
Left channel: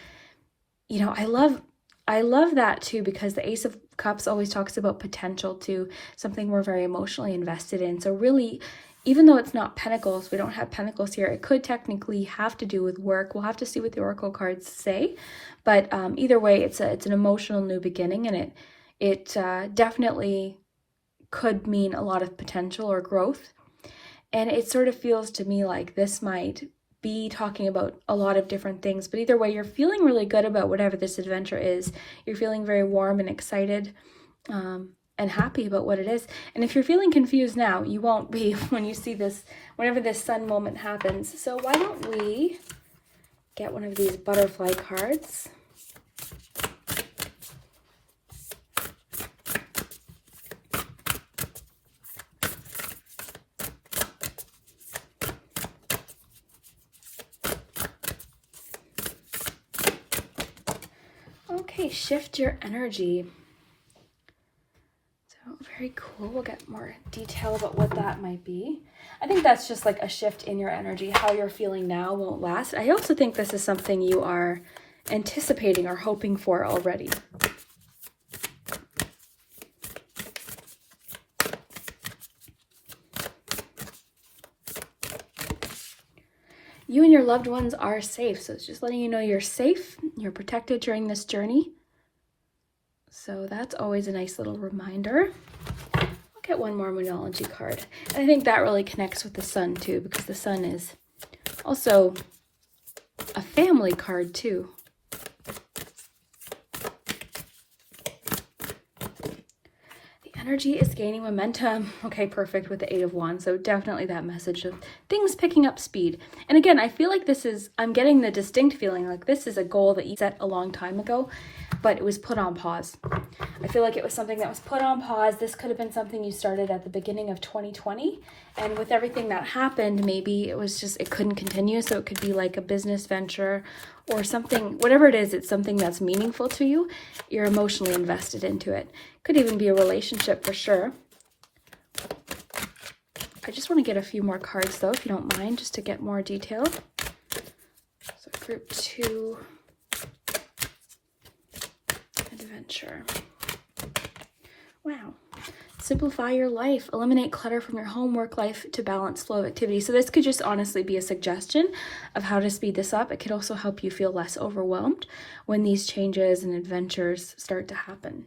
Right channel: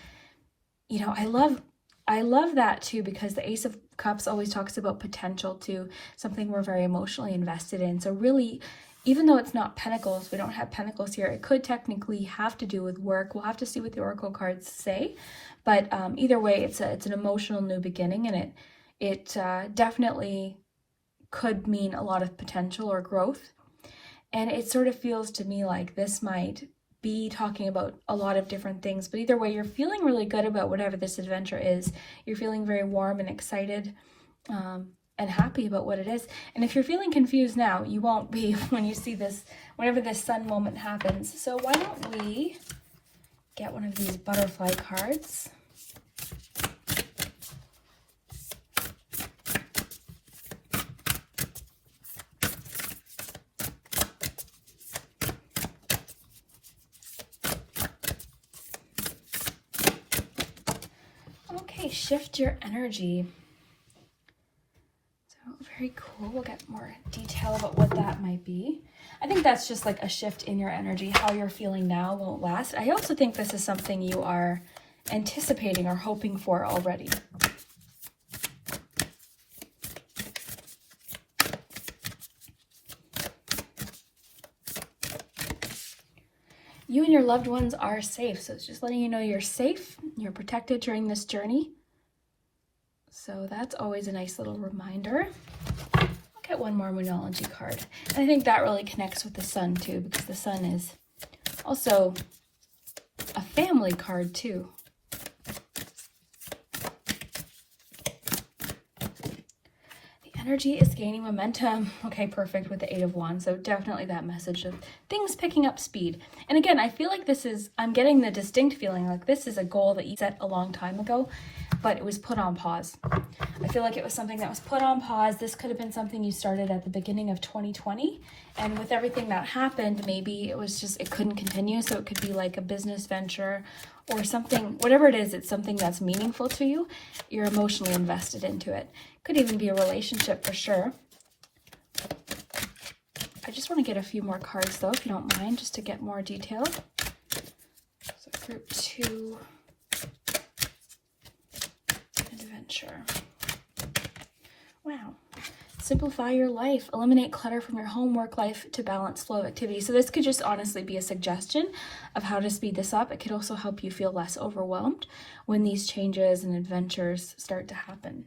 I love that too, because the Ace of Cups always talks about potential too, something we're very emotionally invested in. So really, even though it's not Pentacles, we don't have Pentacles here, it could technically have to do with work. We'll have to see what the oracle cards say, but either way, it's an emotional new beginning, and it definitely could mean a lot of potential or growth. And it sort of feels to me like this might be talking about a lot of different things, but either way, you're feeling really good about whatever this adventure is. You're feeling very warm and excited and happy about what it is. And if you're feeling confused now, you won't be when you see this, whenever this sun moment happens. So why don't we get one of these butterfly cards? Okay, shift your energy. So very cool. We'll get more detail about what that might be. I think that's just like a shift in your energy. How you're feeling now won't last. I also think this is something you are anticipating or hoping for already. and your loved ones are safe. So it's just letting you know you're safe, you're protected during this journey. So that's always a nice little reminder. I'll get one more Moonology card. And I think that really connects with the sun too, because the sun is also a family card too. Energy is gaining momentum. Okay, perfect, with the Eight of Wands. So definitely that message of things picking up speed. And again, I feel like I'm getting the distinct feeling like this is a goal that you set a long time ago, but it was put on pause. I feel like it was something that was put on pause. This could have been something you started at the beginning of 2020. And with everything that happened, maybe it couldn't continue. So it could be like a business venture or something, whatever it is, it's something that's meaningful to you. You're emotionally invested into it. Could even be a relationship for sure. I just want to get a few more cards though, if you don't mind, just to get more detail. So group 2, adventure. Wow. Simplify your life. Eliminate clutter from your home, work life to balance flow of activity. So this could just honestly be a suggestion of how to speed this up. It could also help you feel less overwhelmed when these changes and adventures start to happen.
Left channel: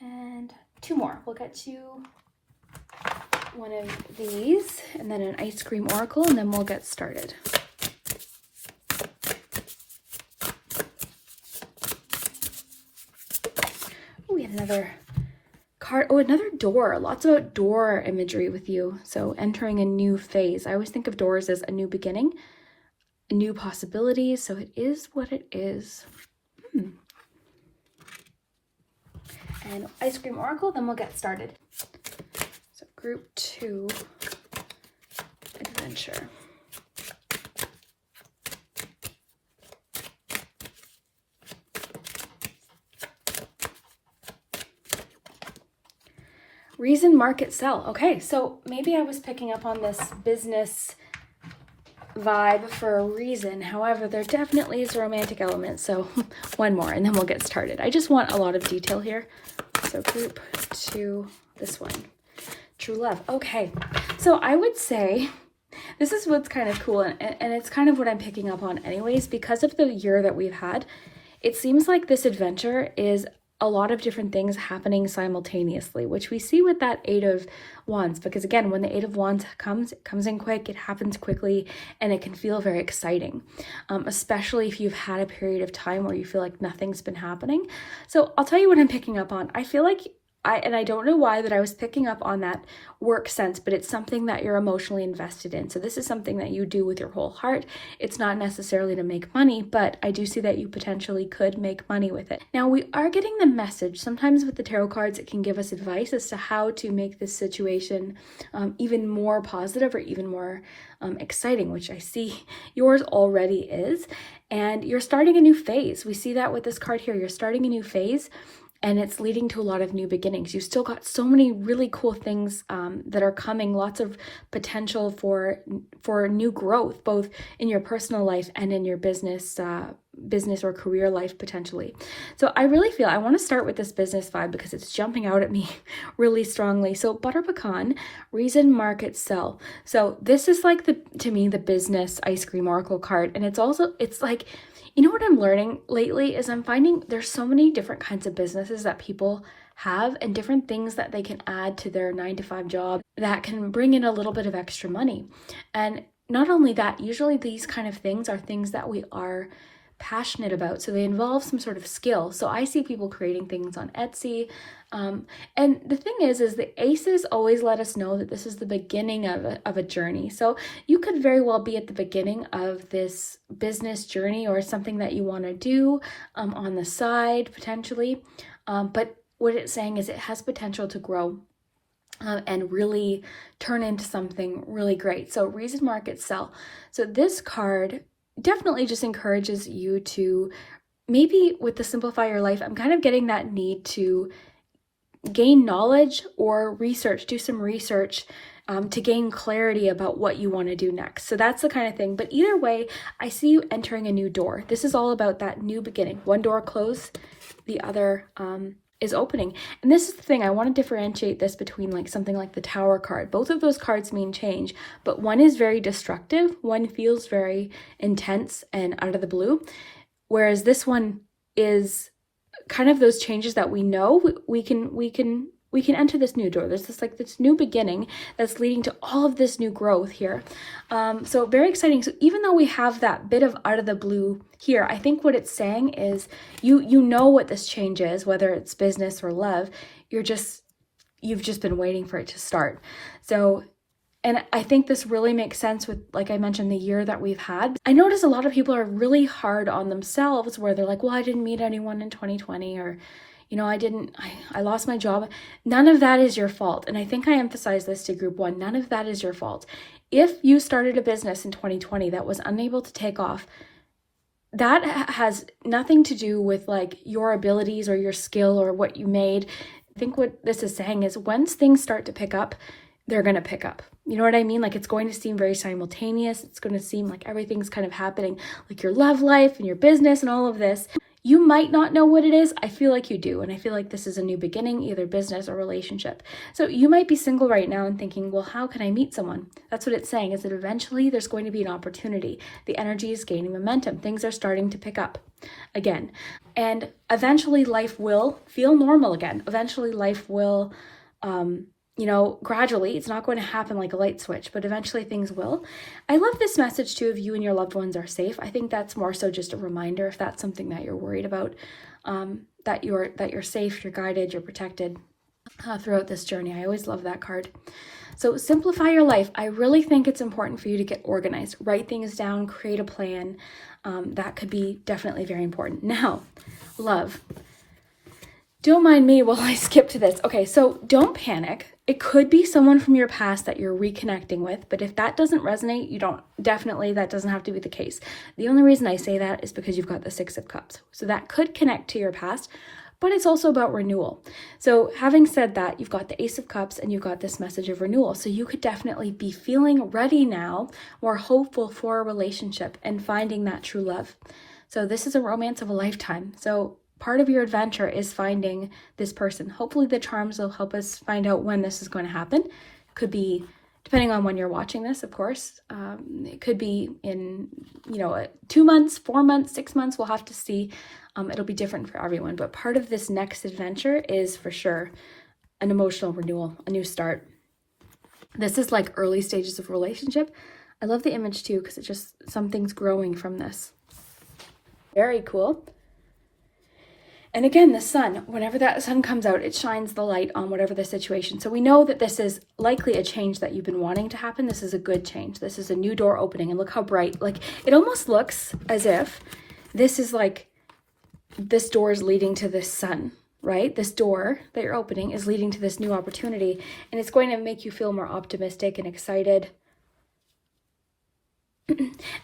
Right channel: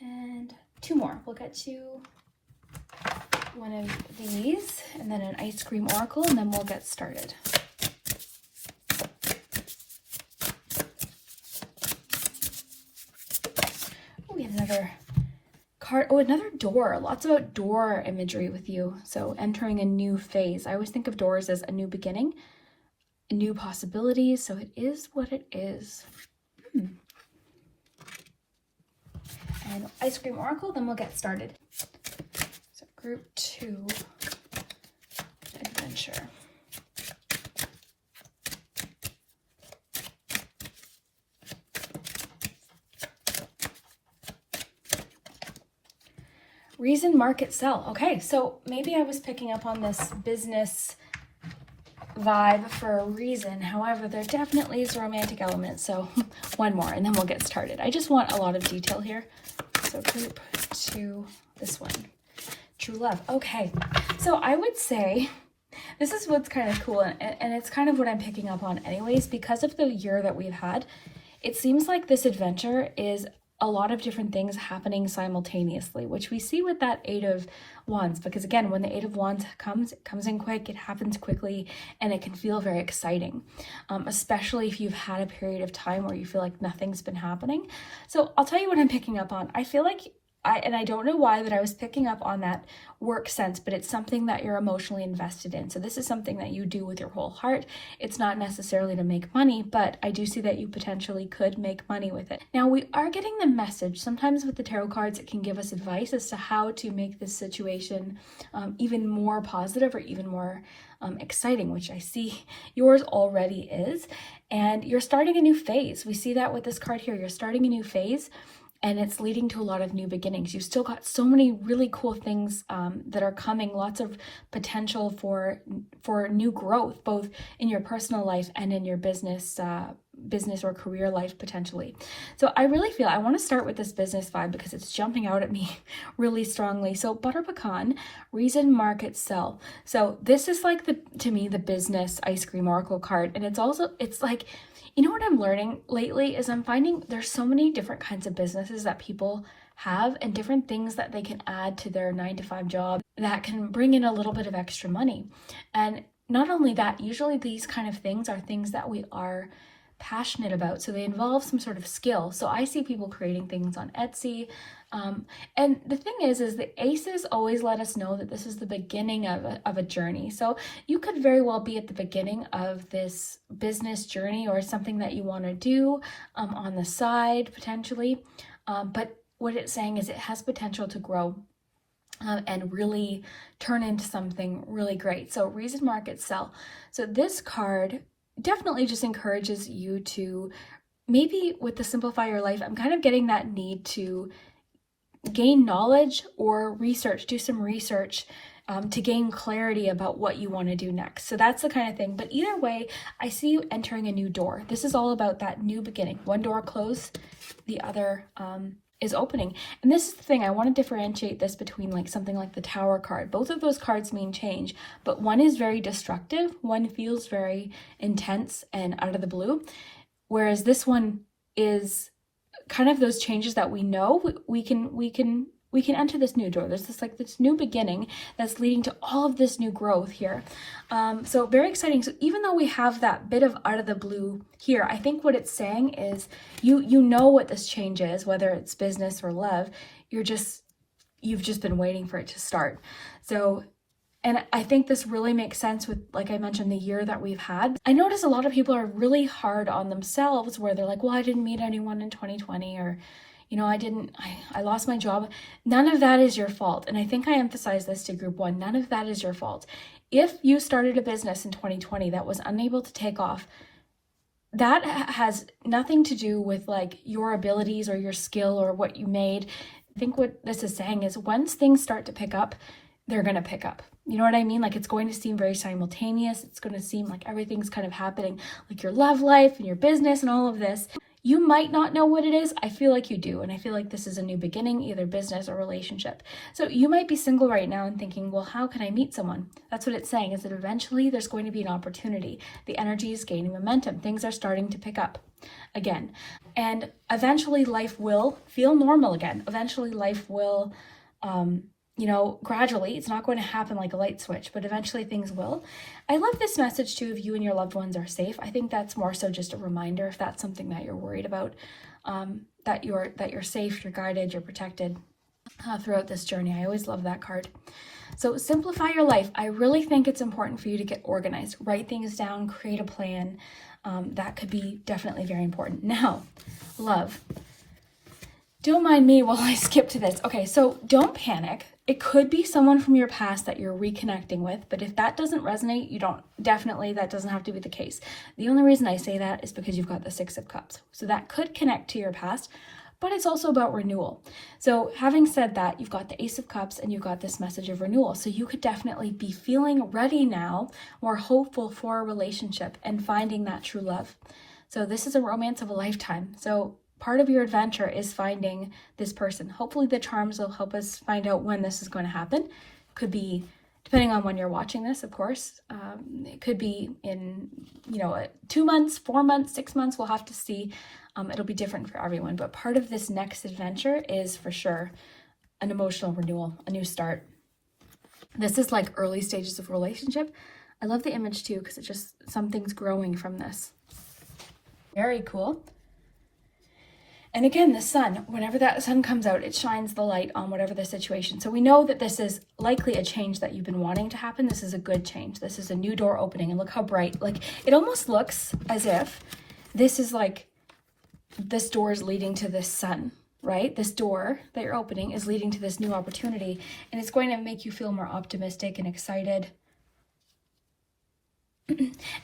And 2 more. We'll get to one of these and then an ice cream oracle, and then we'll get started. We have another card. Oh, another door. Lots of door imagery with you. So entering a new phase. I always think of doors as a new beginning, a new possibility. So it is what it is. And ice cream oracle, then we'll get started. So group 2, adventure. Reason, market, sell. Okay, so maybe I was picking up on this business vibe for a reason. However, there definitely is a romantic element. So one more and then we'll get started. I just want a lot of detail here. So group 2, this one, true love. Okay, so I would say this is what's kind of cool, and it's kind of what I'm picking up on anyways, because of the year that we've had. It seems like this adventure is a lot of different things happening simultaneously, which we see with that Eight of Wands, because again, when the Eight of Wands comes, it comes in quick, it happens quickly, and it can feel very exciting, especially if you've had a period of time where you feel like nothing's been happening. So I'll tell you what I'm picking up on. I feel like I don't know why that I was picking up on that work sense, but it's something that you're emotionally invested in. So this is something that you do with your whole heart. It's not necessarily to make money, but I do see that you potentially could make money with it. Now we are getting the message. Sometimes with the tarot cards, it can give us advice as to how to make this situation even more positive or even more exciting, which I see yours already is. And you're starting a new phase. We see that with this card here. You're starting a new phase. And it's leading to a lot of new beginnings. You've still got so many really cool things that are coming, lots of potential for new growth, both in your personal life and in your business or career life potentially. So I really feel I want to start with this business vibe because it's jumping out at me really strongly. So butter pecan, reason, market, sell. So this is like to me the business ice cream oracle card, and it's like, you know what I'm learning lately is I'm finding there's so many different kinds of businesses that people have and different things that they can add to their 9-to-5 job that can bring in a little bit of extra money. And not only that, usually these kind of things are things that we are passionate about. So they involve some sort of skill. So I see people creating things on Etsy. And the thing is the aces always let us know that this is the beginning of a journey. So you could very well be at the beginning of this business journey or something that you want to do on the side potentially. But what it's saying is it has potential to grow and really turn into something really great. So reason, market, sell. So this card definitely just encourages you to, maybe with the simplify your life, I'm kind of getting that need to gain knowledge or research, do some research to gain clarity about what you want to do next. So that's the kind of thing. But either way, I see you entering a new door. This is all about that new beginning. One door closed, the other is opening. And this is the thing, I want to differentiate this between like something like the Tower card. Both of those cards mean change, but one is very destructive, one feels very intense and out of the blue, whereas this one is kind of those changes that we know we can enter this new door. There's this new beginning that's leading to all of this new growth here. So very exciting. So even though we have that bit of out of the blue here, I think what it's saying is you know what this change is, whether it's business or love. You've just been waiting for it to start. So, and I think this really makes sense with, like I mentioned, the year that we've had. I notice a lot of people are really hard on themselves where they're like, well, I didn't meet anyone in 2020, or I lost my job. None of that is your fault. And I think I emphasize this to group one. None of that is your fault. If you started a business in 2020 that was unable to take off, that has nothing to do with like your abilities or your skill or what you made. I think what this is saying is once things start to pick up, they're going to pick up. You know what I mean? Like it's going to seem very simultaneous. It's going to seem like everything's kind of happening, like your love life and your business and all of this. You might not know what it is. I feel like you do. And I feel like this is a new beginning, either business or relationship. So you might be single right now and thinking, well, how can I meet someone? That's what it's saying, is that eventually there's going to be an opportunity. The energy is gaining momentum. Things are starting to pick up again. And eventually life will feel normal again. Eventually life will, gradually, it's not going to happen like a light switch, but eventually things will. I love this message too of you and your loved ones are safe. I think that's more so just a reminder, if that's something that you're worried about, that you're safe, you're guided, you're protected throughout this journey. I always love that card. So simplify your life. I really think it's important for you to get organized, write things down, create a plan. That could be definitely very important. Now, love. Don't mind me while I skip to this. Okay, so don't panic. It could be someone from your past that you're reconnecting with, but if that doesn't resonate, that doesn't have to be the case. The only reason I say that is because you've got the Six of Cups. So that could connect to your past, but it's also about renewal. So having said that, you've got the Ace of Cups and you've got this message of renewal. So you could definitely be feeling ready now, more hopeful for a relationship and finding that true love. So this is a romance of a lifetime. So part of your adventure is finding this person. Hopefully the charms will help us find out when this is going to happen. Could be, depending on when you're watching this, of course. It could be in, 2 months, 4 months, 6 months. We'll have to see. It'll be different for everyone. But part of this next adventure is for sure an emotional renewal, a new start. This is like early stages of relationship. I love the image too, because it's just something's growing from this. Very cool. And again, the sun, whenever that sun comes out, it shines the light on whatever the situation. So we know that this is likely a change that you've been wanting to happen. This is a good change. This is a new door opening. And look how bright, like it almost looks as if this is like, this door is leading to this sun, right? This door that you're opening is leading to this new opportunity. And it's going to make you feel more optimistic and excited.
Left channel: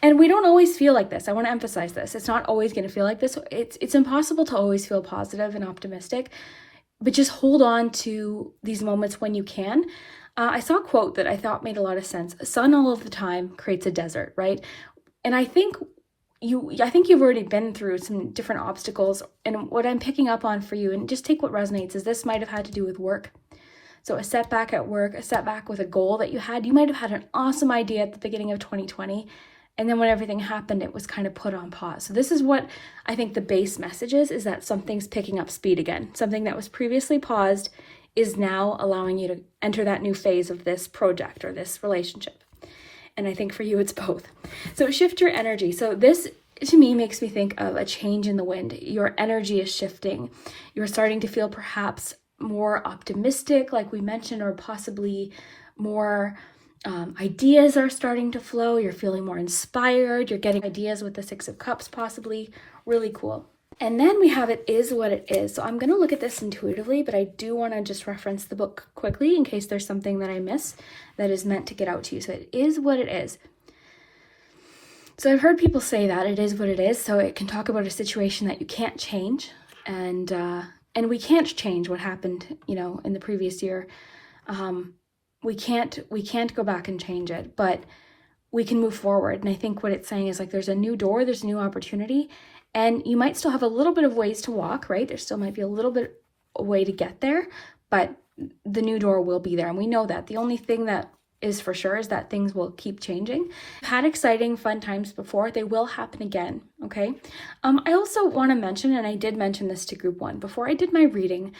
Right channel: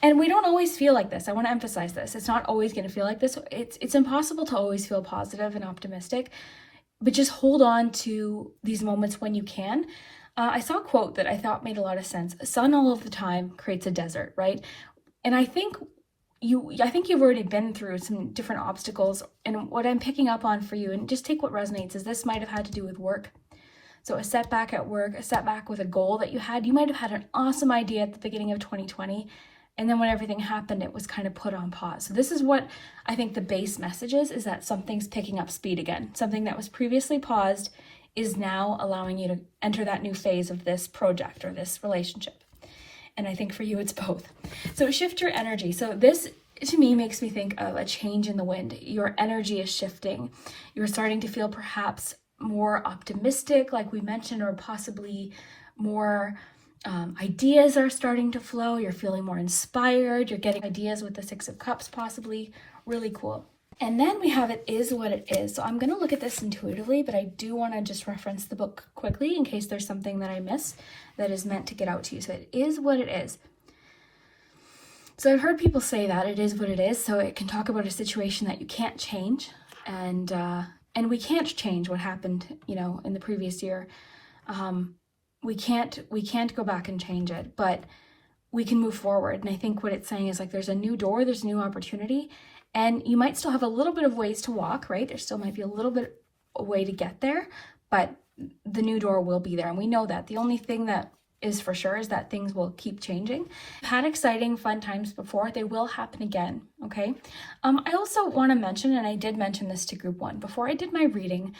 And we don't always feel like this. I want to emphasize this. It's not always going to feel like this. It's impossible to always feel positive and optimistic, but just hold on to these moments when you can. I saw a quote that I thought made a lot of sense. Sun all of the time creates a desert, right? And I think you've already been through some different obstacles. And what I'm picking up on for you, and just take what resonates, is this might have had to do with work. So a setback at work, a setback with a goal that you had. You might have had an awesome idea at the beginning of 2020, and then when everything happened, it was kind of put on pause. So this is what I think the base message is that something's picking up speed again. Something that was previously paused is now allowing you to enter that new phase of this project or this relationship. And I think for you, it's both. So shift your energy. So this, to me, makes me think of a change in the wind. Your energy is shifting. You're starting to feel perhaps more optimistic, like we mentioned, or possibly more ideas are starting to flow. You're feeling more inspired. You're getting ideas with the Six of Cups, possibly. Really cool. And then we have It Is What It Is. So I'm going to look at this intuitively, but I do want to just reference the book quickly in case there's something that I miss that is meant to get out to you. So it is what it is. So I've heard people say that it is what it is. So it can talk about a situation that you can't change, and we can't change what happened, in the previous year. We can't go back and change it, but we can move forward. And I think what it's saying is like, there's a new door, there's a new opportunity, and you might still have a little bit of ways to walk, right? There still might be a little bit a way to get there, but the new door will be there. And we know that. The only thing that is for sure is that things will keep changing. I've had exciting, fun times before. They will happen again, okay? I also want to mention, and I did mention this to group 1, before I did my reading,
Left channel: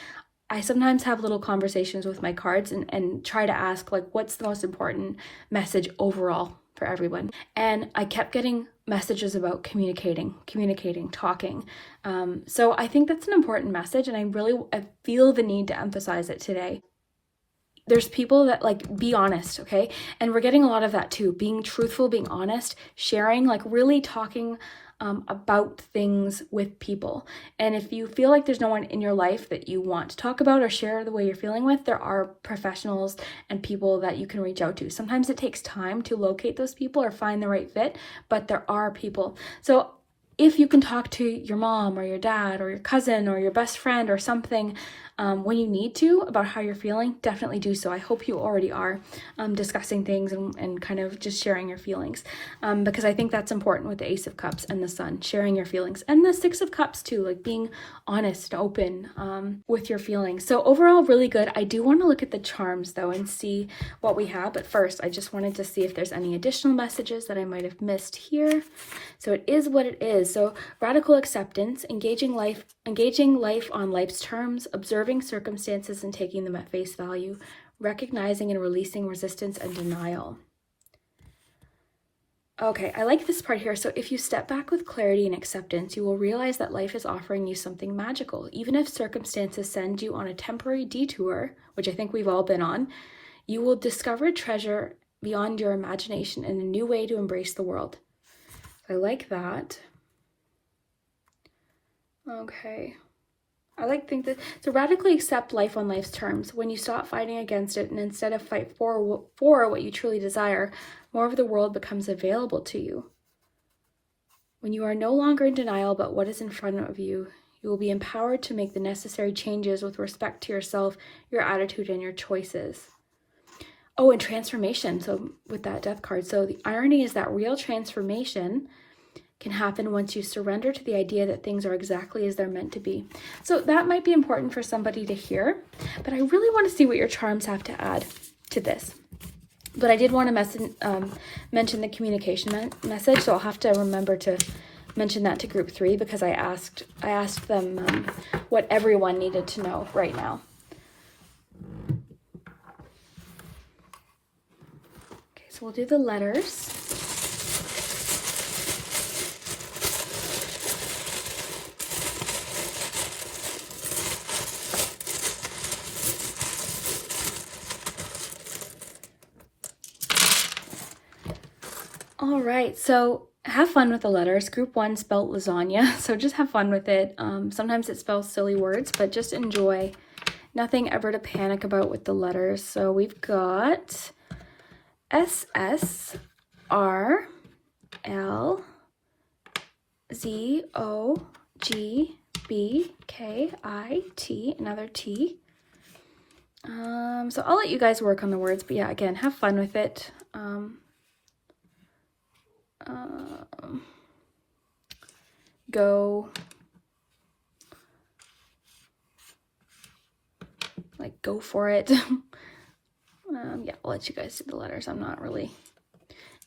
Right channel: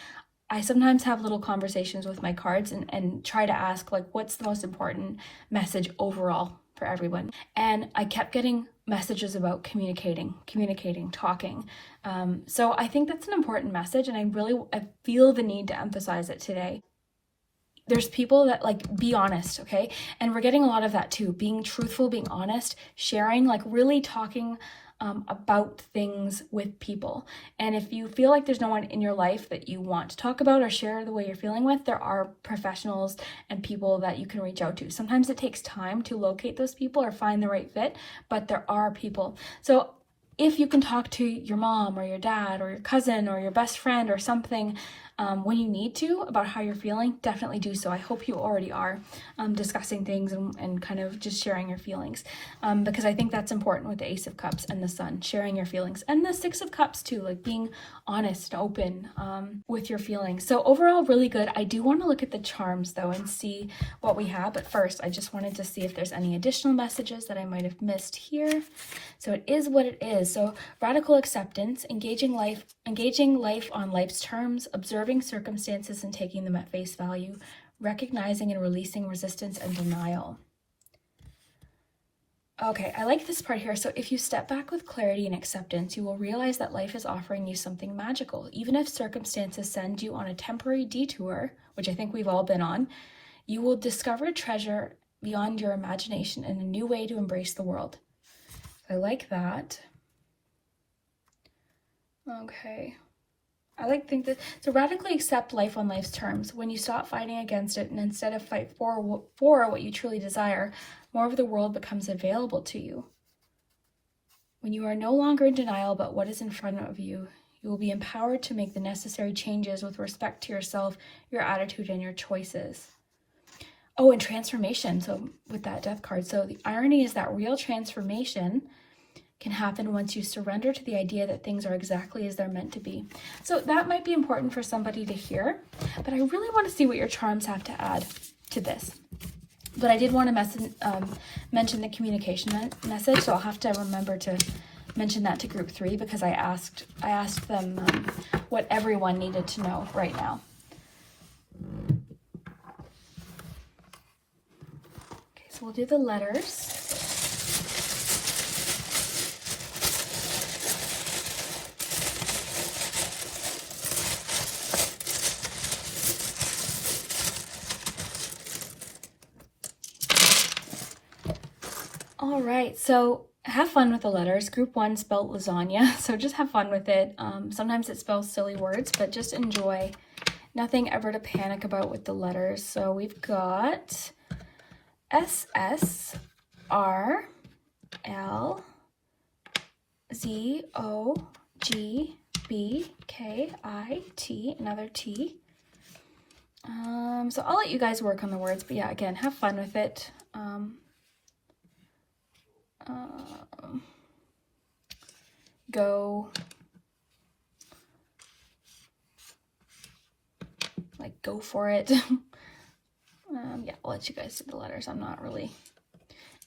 I sometimes have little conversations with my cards and try to ask, like, what's the most important message overall for everyone? And I kept getting messages about communicating, talking. So I think that's an important message, and I feel the need to emphasize it today. There's people that, like, be honest, okay? And we're getting a lot of that too, being truthful, being honest, sharing, like really talking about things with people. And if you feel like there's no one in your life that you want to talk about or share the way you're feeling with, there are professionals and people that you can reach out to. Sometimes it takes time to locate those people or find the right fit, but there are people. So if you can talk to your mom or your dad or your cousin or your best friend or something when you need to about how you're feeling, definitely do so. I hope you already are discussing things and kind of just sharing your feelings, because I think that's important with the Ace of Cups and the Sun, sharing your feelings, and the Six of Cups too, like being honest, open with your feelings. So overall, really good. I do want to look at the charms though and see what we have, but first I just wanted to see if there's any additional messages that I might have missed here. So it is what it is. So radical acceptance, engaging life on life's terms, observing circumstances and taking them at face value, recognizing and releasing resistance and denial. Okay, I like this part here. So if you step back with clarity and acceptance, you will realize that life is offering you something magical. Even if circumstances send you on a temporary detour, which I think we've all been on, you will discover think beyond your imagination and a new way to embrace the world. I like that. Okay. So radically accept life on life's terms. When you stop fighting against it and instead of fight for what you truly desire, more of the world becomes available to you. When you are no longer in denial about what is in front of you, you will be empowered to make the necessary changes with respect to yourself, your attitude, and your choices. Oh, and transformation. So with that Death card. So the irony is that real transformation can happen once you surrender to the idea that things are exactly as they're meant to be. So that might be important for somebody to hear, but I really want to see what your charms have to add to this. But I did want to mention the communication message, so I'll have to remember to mention that to group 3 because I asked them what everyone needed to know right now. Okay, so we'll do the letters. All right, so have fun with the letters. Group 1 spelled lasagna, so just have fun with it. Sometimes it spells silly words, but just enjoy. Nothing ever to panic about with the letters. So we've got S, R, L, Z, O, G, B, K, I, T, another T. So I'll let you guys work on the words, but yeah, again, have fun with it. Go for it. Yeah, I'll let you guys do the letters. I'm not really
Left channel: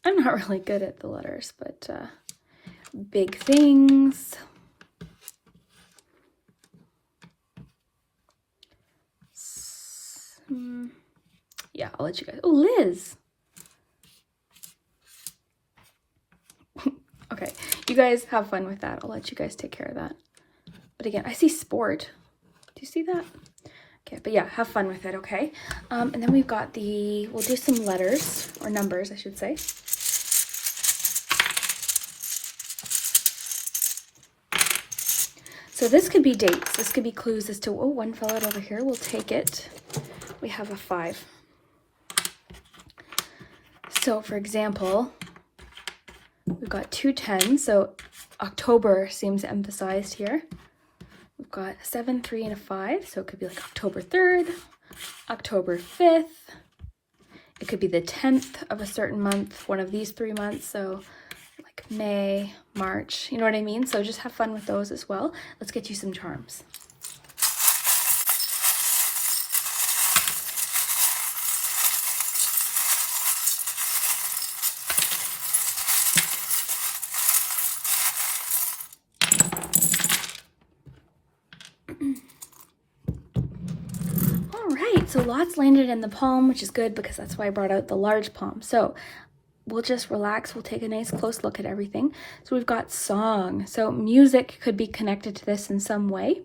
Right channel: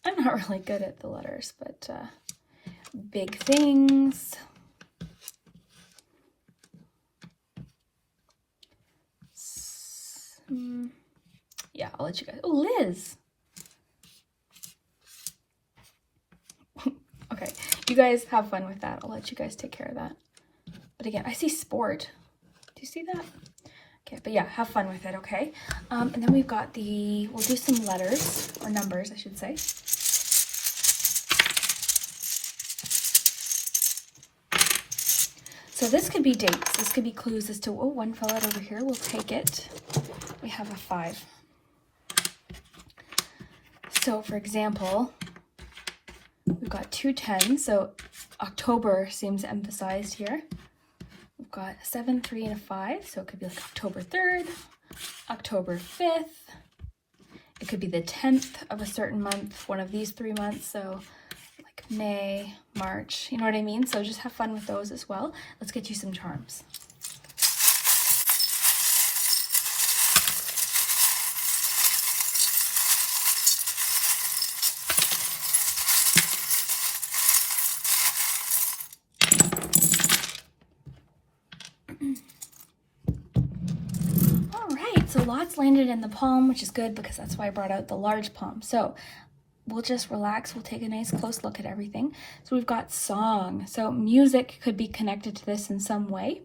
good at the letters, but big things. Yeah, I'll let you guys. Oh, Liz. Okay, you guys have fun with that. I'll let you guys take care of that. But again, I see sport. Do you see that? Okay, but yeah, have fun with it, okay? And then we've got we'll do some letters, or numbers, I should say. So this could be dates. This could be clues as to, oh, one fell out over here. We'll take it. We have a 5. So, for example, we've got 2 10s, so October seems emphasized here. We've got 7, 3, and a 5, so it could be like October 3rd, October 5th. It could be the 10th of a certain month, one of these 3 months, so like May, March, you know what I mean? So just have fun with those as well. Let's get you some charms. lots landed in the palm, which is good because that's why I brought out the large palm. So we'll just relax. We'll take a nice close look at everything. So we've got song. So music could be connected to this in some way.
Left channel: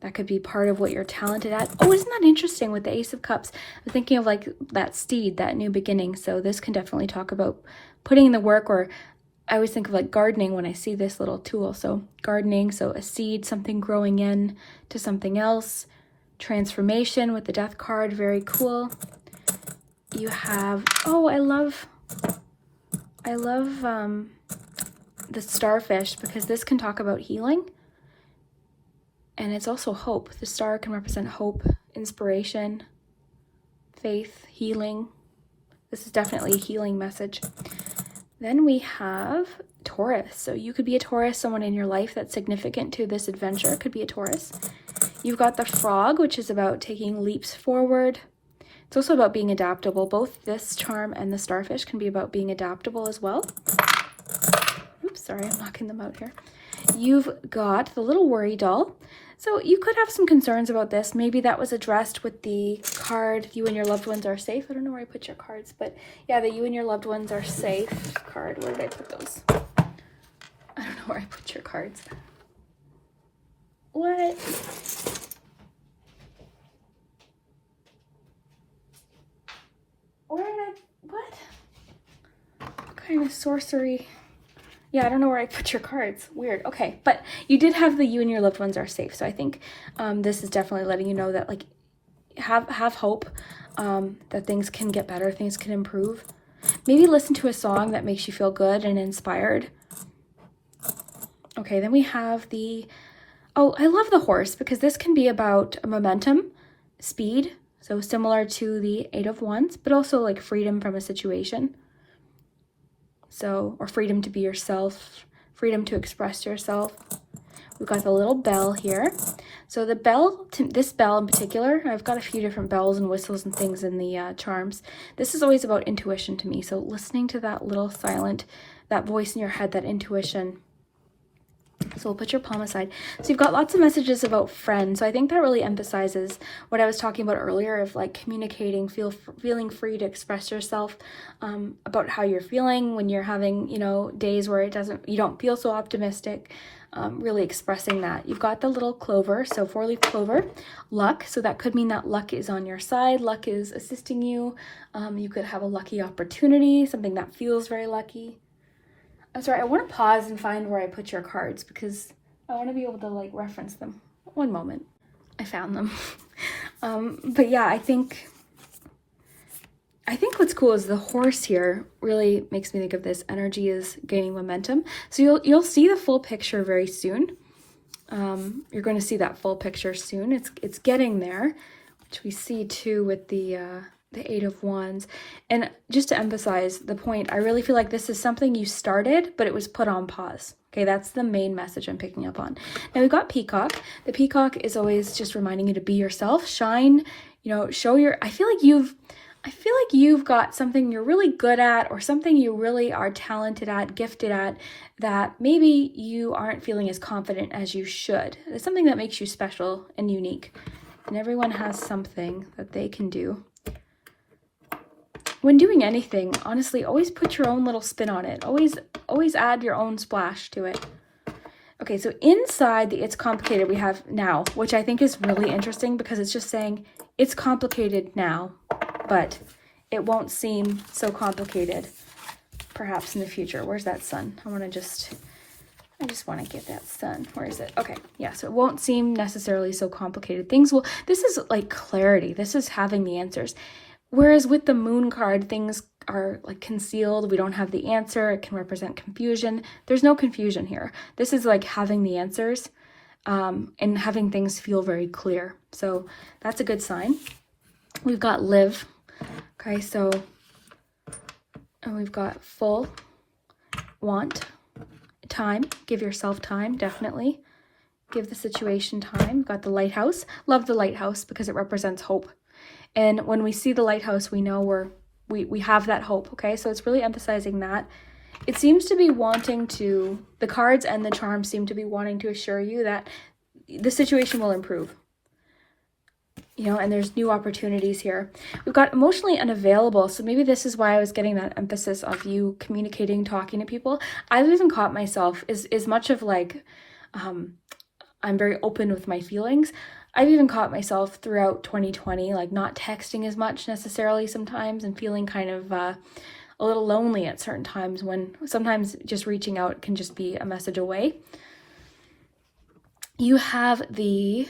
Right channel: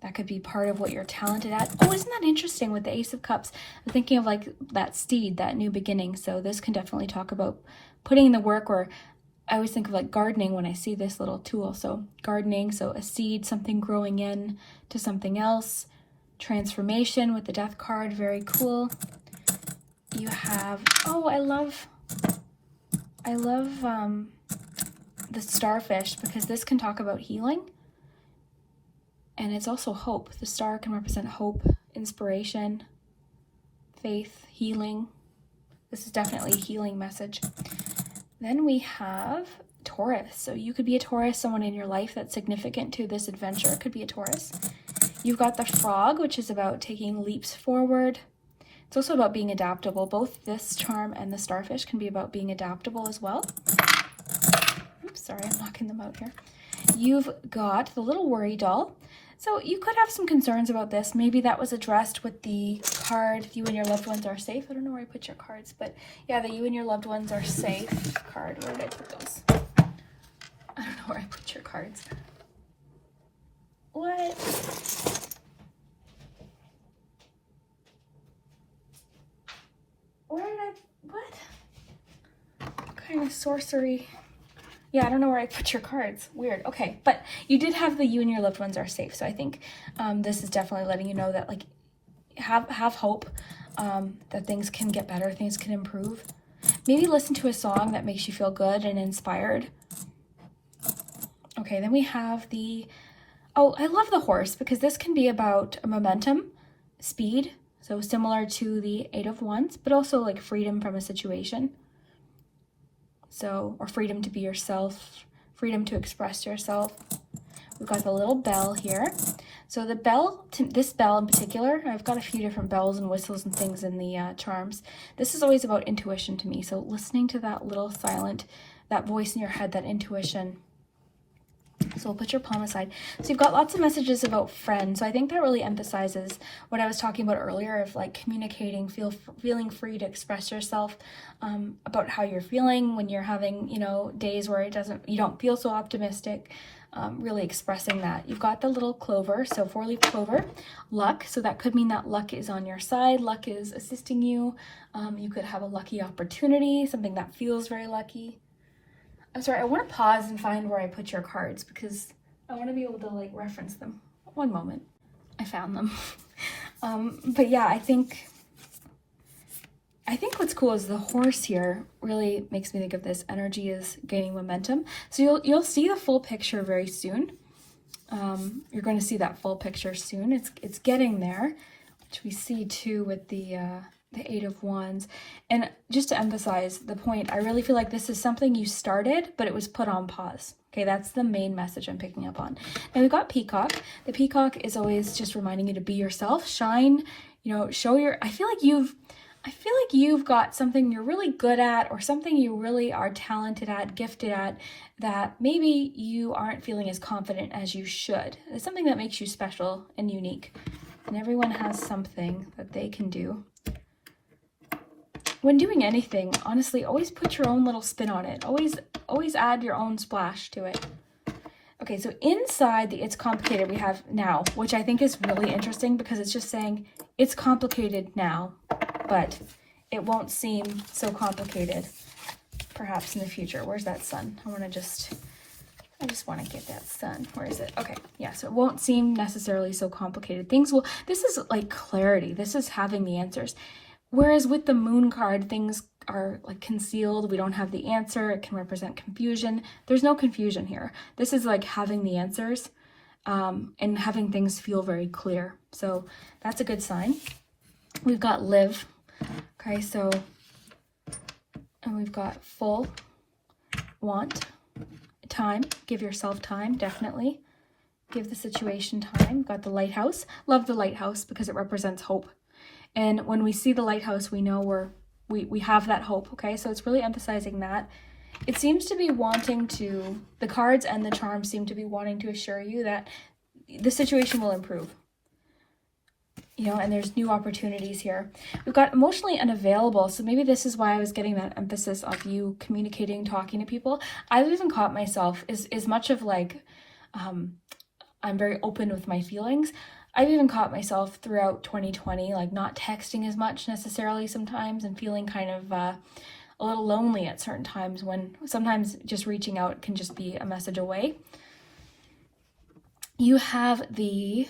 That could be part of what you're talented at. Oh, isn't that interesting with the Ace of Cups? I'm thinking of like that steed, that new beginning. So this can definitely talk about putting in the work, or I always think of like gardening when I see this little tool. So gardening, so a seed, something growing in to something else. Transformation with the Death card, very cool. You have, oh, I love the starfish, because this can talk about healing. And it's also hope. The star can represent hope, inspiration, faith, healing. This is definitely a healing message. Then we have Taurus. So you could be a Taurus, someone in your life that's significant to this adventure could be a Taurus. You've got the frog, which is about taking leaps forward. It's also about being adaptable. Both this charm and the starfish can be about being adaptable as well. Oops, sorry, I'm knocking them out here. You've got the little worry doll. So you could have some concerns about this. Maybe that was addressed with the card, you and your loved ones are safe. I don't know where I put your cards, but yeah, the you and your loved ones are safe card. Where did I put those? I don't know where I put your cards. What? Where did what kind of sorcery? Yeah, I don't know where I put your cards. Weird. Okay, but you did have the you and your loved ones are safe. So I think this is definitely letting you know that, like, have hope, that things can get better, things can improve. Maybe listen to a song that makes you feel good and inspired. Okay, then we have the, oh, I love the horse, because this can be about momentum, speed, so similar to the Eight of Wands, but also like freedom from a situation. So, or freedom to be yourself, freedom to express yourself. We've got the little bell here. So the bell, this bell in particular, I've got a few different bells and whistles and things in the charms. This is always about intuition to me. So listening to that little silent, that voice in your head, that intuition. So we'll put your palm aside. So you've got lots of messages about friends. So I think that really emphasizes what I was talking about earlier of like communicating, feeling free to express yourself about how you're feeling when you're having, you know, days where you don't feel so optimistic. Really expressing that. You've got the little clover, so 4-leaf clover, luck. So that could mean that luck is on your side. Luck is assisting you. You could have a lucky opportunity, something that feels very lucky. I'm sorry, I want to pause and find where I put your cards because I want to be able to like reference them. One moment. I found them. But yeah, I think what's cool is the horse here really makes me think of this energy is gaining momentum. So you'll see the full picture very soon. You're going to see that full picture soon. It's getting there, which we see too with the Eight of Wands. And just to emphasize the point, I really feel like this is something you started, but it was put on pause. Okay, that's the main message I'm picking up on. Now we've got Peacock. The Peacock is always just reminding you to be yourself, shine, you know, show your, I feel like you've got something you're really good at, or something you really are talented at, gifted at, that maybe you aren't feeling as confident as you should. It's something that makes you special and unique. And everyone has something that they can do. When doing anything, honestly, always put your own little spin on it. Always add your own splash to it. Okay, so inside the It's Complicated we have now, which I think is really interesting because it's just saying it's complicated now, but it won't seem so complicated perhaps in the future. Where's that sun? I just want to get that sun. Where is it? Okay, yeah, so it won't seem necessarily so complicated. This is like clarity. This is having the answers. Whereas with the moon card, things are like concealed. We don't have the answer. It can represent confusion. There's no confusion here. This is like having the answers and having things feel very clear. So that's a good sign. We've got live. Okay, so and we've got full, want, time. Give yourself time, definitely. Give the situation time. We've got the lighthouse. Love the lighthouse because it represents hope. And when we see the lighthouse, we know we have that hope, okay? So it's really emphasizing that. It seems to be wanting to, the cards and the charms seem to be wanting to assure you that the situation will improve. you know, and there's new opportunities here. We've got emotionally unavailable. So maybe this is why I was getting that emphasis of you communicating, talking to people. I've even caught myself as much of like, I'm very open with my feelings. I've even caught myself throughout 2020, like not texting as much necessarily sometimes and feeling kind of a little lonely at certain times, when sometimes just reaching out can just be a message away. You have the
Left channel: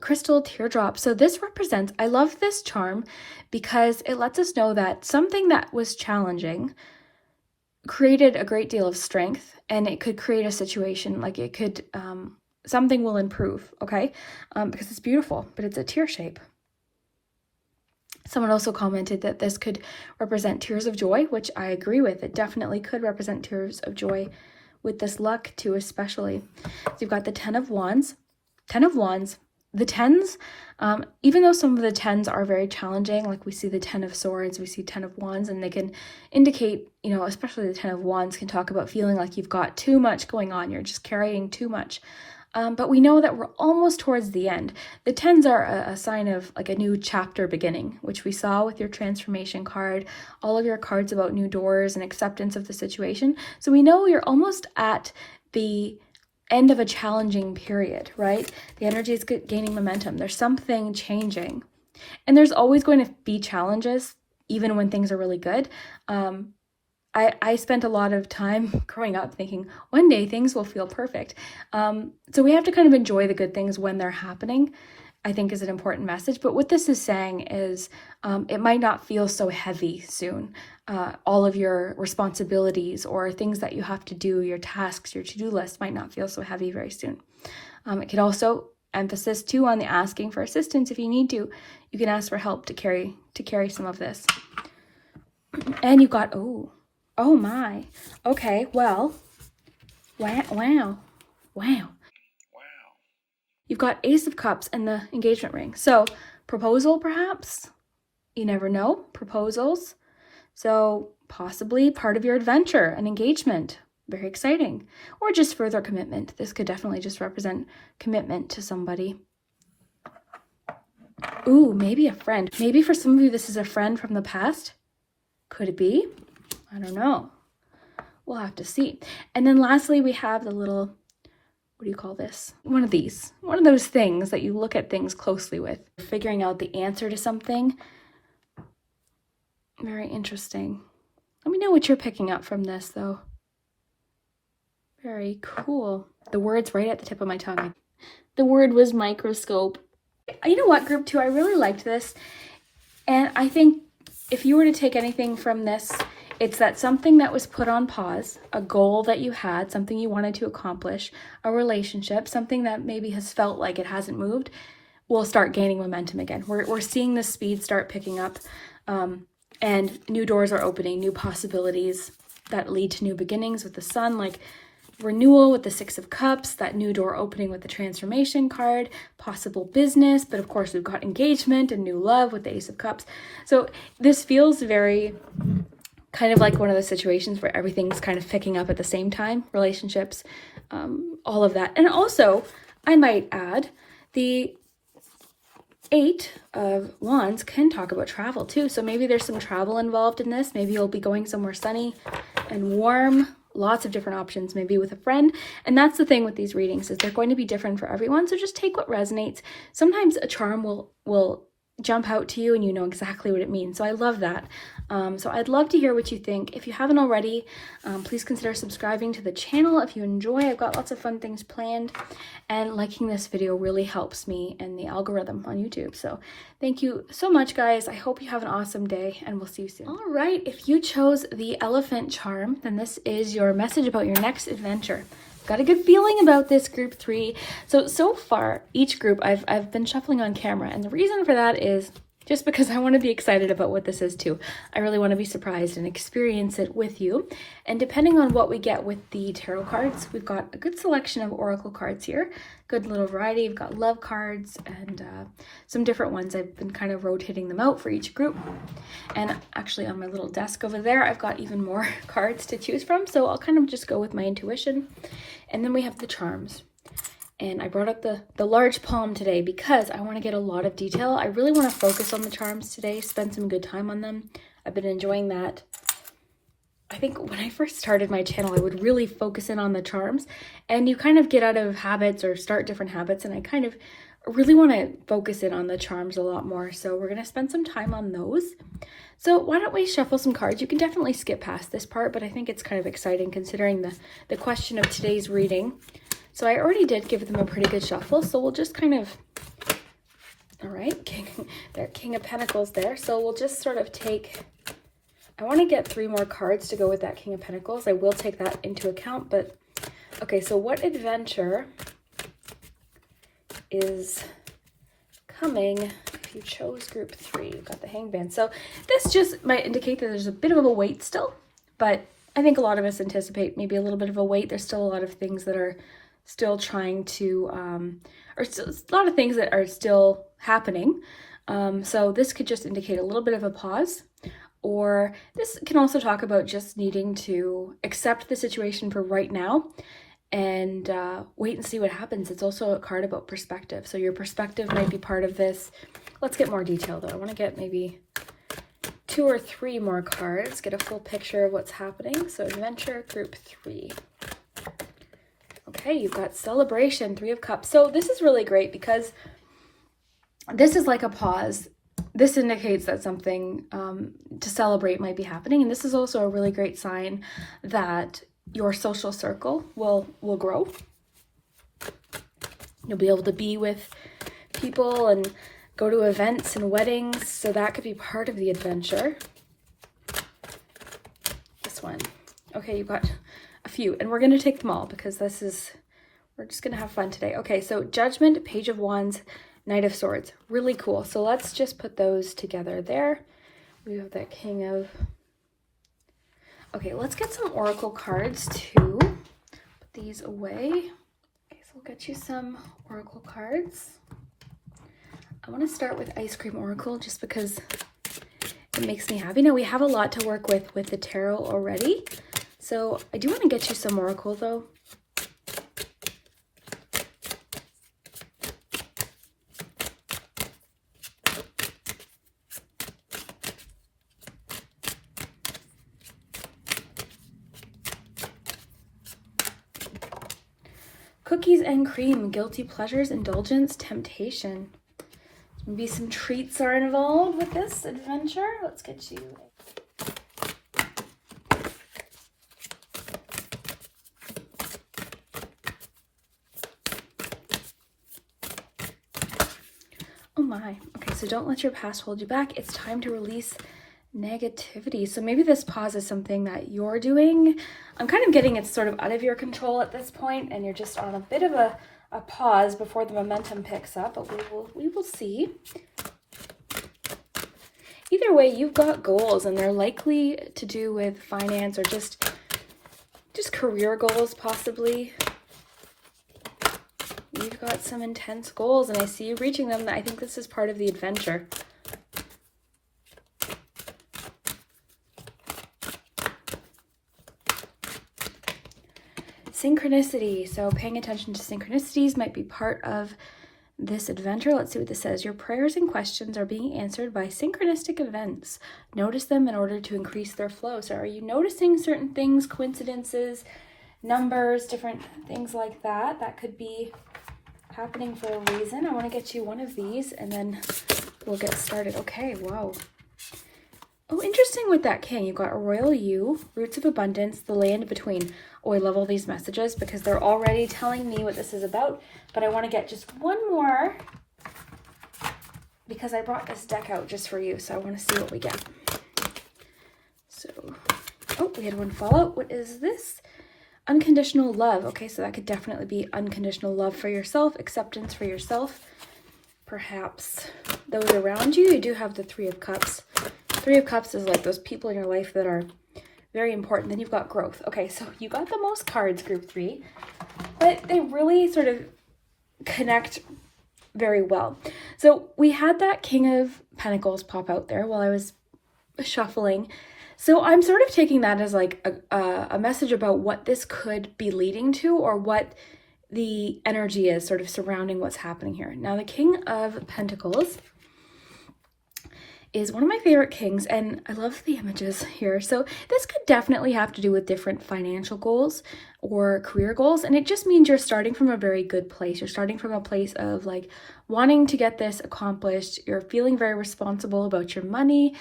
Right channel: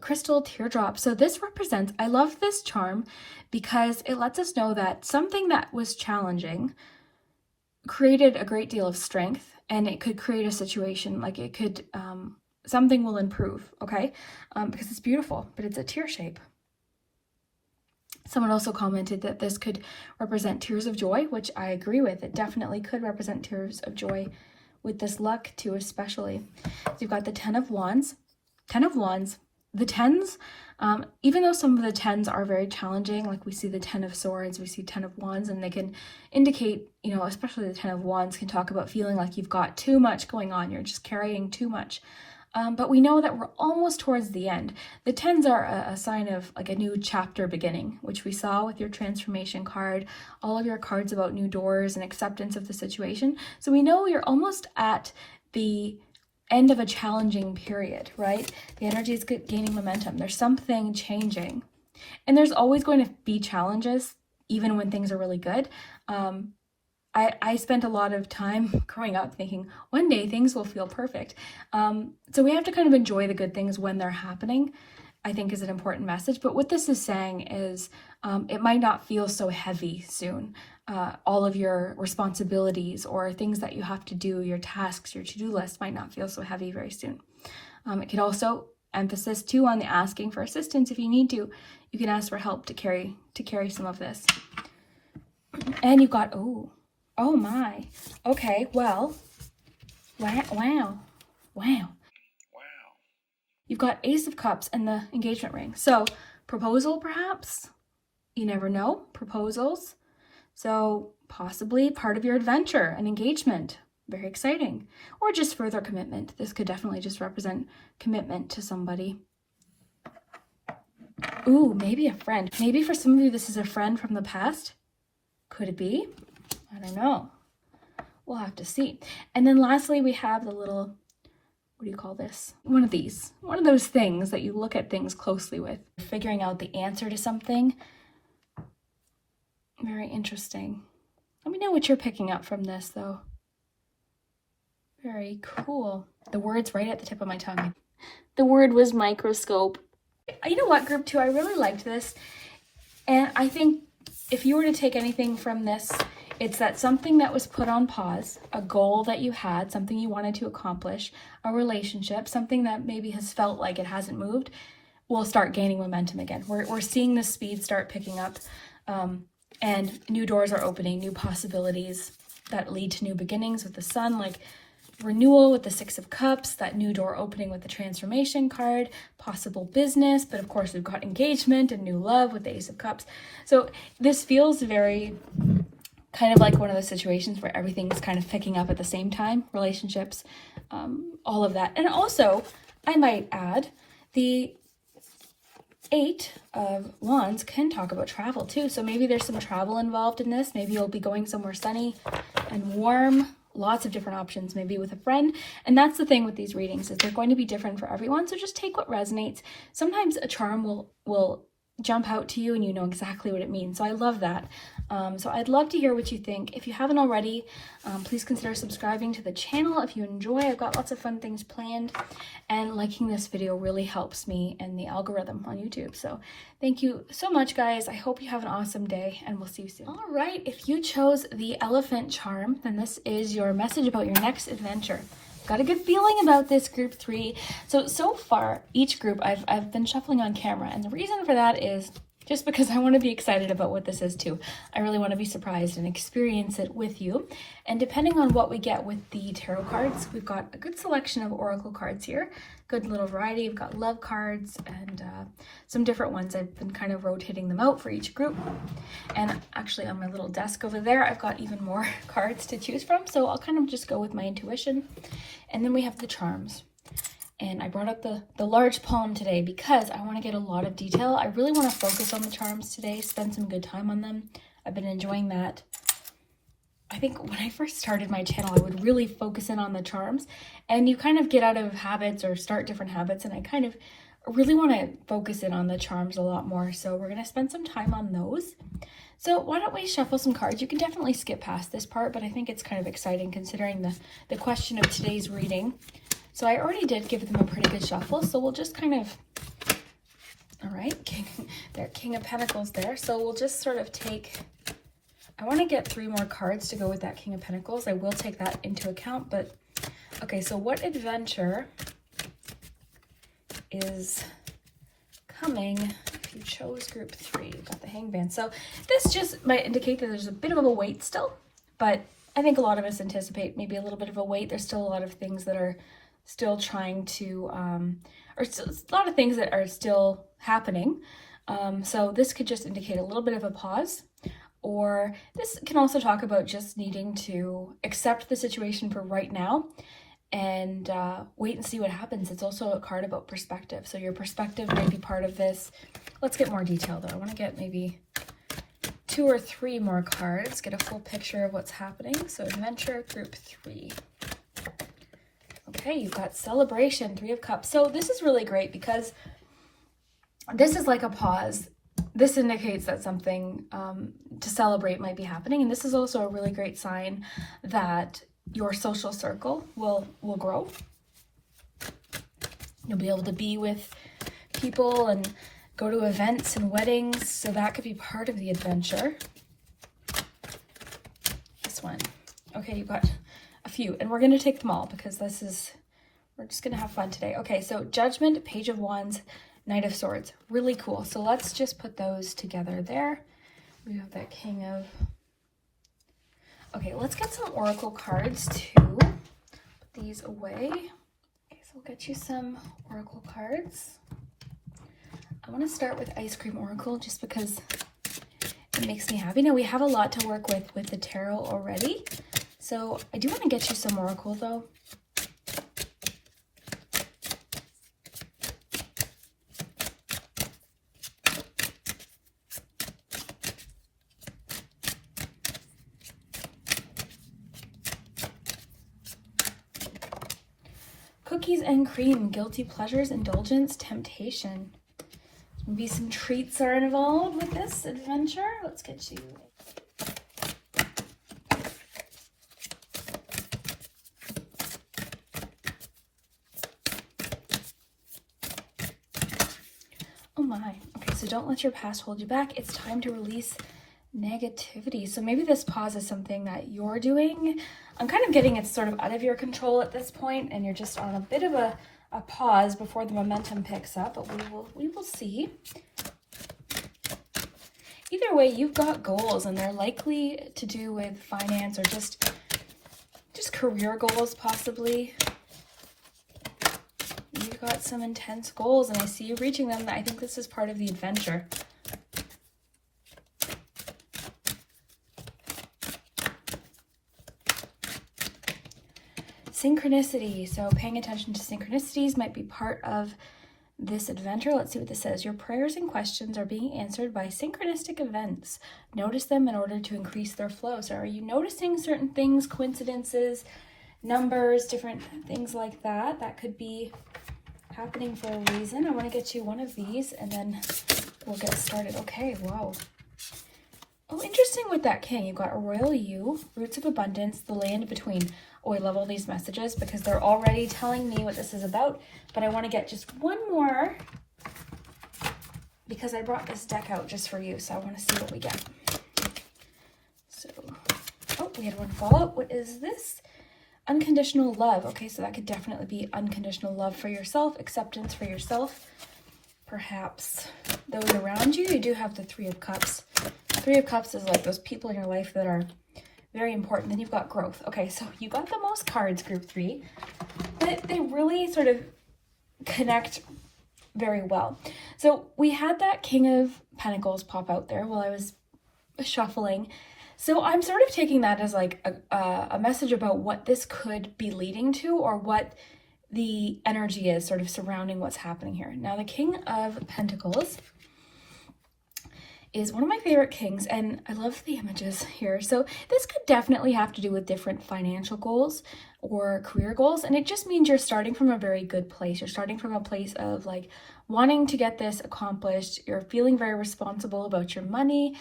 crystal teardrop. So this represents, I love this charm because it lets us know that something that was challenging created a great deal of strength, and it could create a situation, like it could, something will improve, okay? Because it's beautiful, but it's a tear shape. Someone also commented that this could represent tears of joy, which I agree with. It definitely could represent tears of joy with this luck too, especially. So you've got the 10 of Wands. 10 of Wands. The 10s, even though some of the 10s are very challenging, like we see the 10 of Swords, we see 10 of Wands, and they can indicate, you know, especially the 10 of Wands can talk about feeling like you've got too much going on. You're just carrying too much. But we know that we're almost towards the end. The 10s are a sign of like a new chapter beginning, which we saw with your transformation card, all of your cards about new doors and acceptance of the situation. So we know you're almost at the end of a challenging period, right? The energy is gaining momentum. There's something changing. And there's always going to be challenges, even when things are really good. I spent a lot of time growing up thinking one day things will feel perfect. So we have to kind of enjoy the good things when they're happening, I think is an important message. But what this is saying is it might not feel so heavy soon. All of your responsibilities or things that you have to do, your tasks, your to-do list might not feel so heavy very soon. It could also emphasis too on the asking for assistance if you need to. You can ask for help to carry some of this. And you got, oh my. Okay, well, wow. You've got Ace of Cups and the engagement ring. So proposal, perhaps? You never know. Proposals. So possibly part of your adventure, an engagement. Very exciting. Or just further commitment. This could definitely just represent commitment to somebody. Ooh, maybe a friend. Maybe for some of you, this is a friend from the past. Could it be? I don't know. We'll have to see. And then lastly, we have the little, what do you call this? One of these. One of those things that you look at things closely with. Figuring out the answer to something. Very interesting. Let me know what you're picking up from this, though. Very cool. The word's right at the tip of my tongue. The word was microscope. You know what, group 2? I really liked this. And I think if you were to take anything from this, it's that something that was put on pause, a goal that you had, something you wanted to accomplish, a relationship, something that maybe has felt like it hasn't moved, will start gaining momentum again. We're seeing the speed start picking up, and new doors are opening, new possibilities that lead to new beginnings with the sun, like renewal with the 6 of Cups, that new door opening with the transformation card, possible business, but of course we've got engagement and new love with the Ace of Cups. So this feels very kind of like one of those situations where everything's kind of picking up at the same time, relationships, all of that. And also, I might add, the 8 of Wands can talk about travel too. So maybe there's some travel involved in this. Maybe you'll be going somewhere sunny and warm. Lots of different options, maybe with a friend. And that's the thing with these readings, is they're going to be different for everyone. So just take what resonates. Sometimes a charm will jump out to you and you know exactly what it means. So I love that. So I'd love to hear what you think. If you haven't already, please consider subscribing to the channel if you enjoy. I've got lots of fun things planned, and liking this video really helps me and the algorithm on YouTube. So thank you so much, guys. I hope you have an awesome day, and we'll see you soon. All right, if you chose the elephant charm, then this is your message about your next adventure. Got a good feeling about this group 3. So far, each group I've been shuffling on camera, and the reason for that is just because I want to be excited about what this is too. I really want to be surprised and experience it with you. And depending on what we get with the tarot cards, we've got a good selection of oracle cards here. Good little variety. We've got love cards and some different ones. I've been kind of rotating them out for each group. And actually on my little desk over there, I've got even more cards to choose from. So I'll kind of just go with my intuition. And then we have the charms. And I brought up the large palm today because I want to get a lot of detail. I really want to focus on the charms today, spend some good time on them. I've been enjoying that. I think when I first started my channel, I would really focus in on the charms, and you kind of get out of habits or start different habits, and I kind of really want to focus in on the charms a lot more. So we're going to spend some time on those. So why don't we shuffle some cards? You can definitely skip past this part, but I think it's kind of exciting considering the question of today's reading. So I already did give them a pretty good shuffle, so we'll just kind of, all right, King of Pentacles there. So we'll just sort of take, I want to get 3 more cards to go with that King of Pentacles. I will take that into account, but okay, so what adventure is coming if you chose group 3? You've got the Hangman. So this just might indicate that there's a bit of a wait still, but I think a lot of us anticipate maybe a little bit of a wait. There's still a lot of things that are still trying to, or still, a lot of things that are still happening. So this could just indicate a little bit of a pause, or this can also talk about just needing to accept the situation for right now and wait and see what happens. It's also a card about perspective. So your perspective might be part of this. Let's get more detail though. I want to get maybe 2 or 3 more cards, get a full picture of what's happening. So adventure group 3. Okay, you've got celebration, 3 of Cups. So this is really great because this is like a pause. This indicates that something to celebrate might be happening. And this is also a really great sign that your social circle will grow. You'll be able to be with people and go to events and weddings. So that could be part of the adventure. This one. Okay, you've got a few, and we're going to take them all because we're just going to have fun today. Okay, so Judgment, Page of Wands, Knight of Swords. Really cool. So let's just put those together there. We have that King of... Okay, let's get some Oracle cards too. Put these away. Okay, so we'll get you some Oracle cards. I want to start with Ice Cream Oracle just because it makes me happy. Now we have a lot to work with the tarot already. So I do want to get you some Oracle though. Cookies and cream, guilty pleasures, indulgence, temptation. Maybe some treats are involved with this adventure. Let's get you. Oh my. Okay, so don't let your past hold you back. It's time to release negativity. So maybe this pause is something that you're doing. I'm kind of getting it's sort of out of your control at this point, and you're just on a bit of a pause before the momentum picks up, but we will see. Either way, you've got goals, and they're likely to do with finance or just career goals, possibly. You've got some intense goals, and I see you reaching them. I think this is part of the adventure. Synchronicity. So paying attention to synchronicities might be part of this adventure. Let's see what this says. Your prayers and questions are being answered by synchronistic events. Notice them in order to increase their flow. So are you noticing certain things, coincidences, numbers, different things like that? That could be happening for a reason. I want to get you one of these and then we'll get started. Okay, wow. Oh, interesting with that king. You've got Royal You, Roots of Abundance, the land between. Oh, I love all these messages because they're already telling me what this is about. But I want to get just one more because I brought this deck out just for you. So I want to see what we get. So, oh, we had one fallout. What is this? Unconditional love. Okay, so that could definitely be unconditional love for yourself, acceptance for yourself. Perhaps those around you. You do have the 3 of Cups. 3 of Cups is like those people in your life that are very important. Then you've got growth. Okay, so you got the most cards, group 3, but they really sort of connect very well. So we had that King of Pentacles pop out there while I was shuffling. So I'm sort of taking that as like a message about what this could be leading to, or what the energy is sort of surrounding what's happening here. Now, the King of Pentacles is one of my favorite kings, and I love the images here. So this could definitely have to do with different financial goals or career goals, and it just means you're starting from a very good place. You're starting from a place of like wanting to get this accomplished. You're feeling very responsible about your money.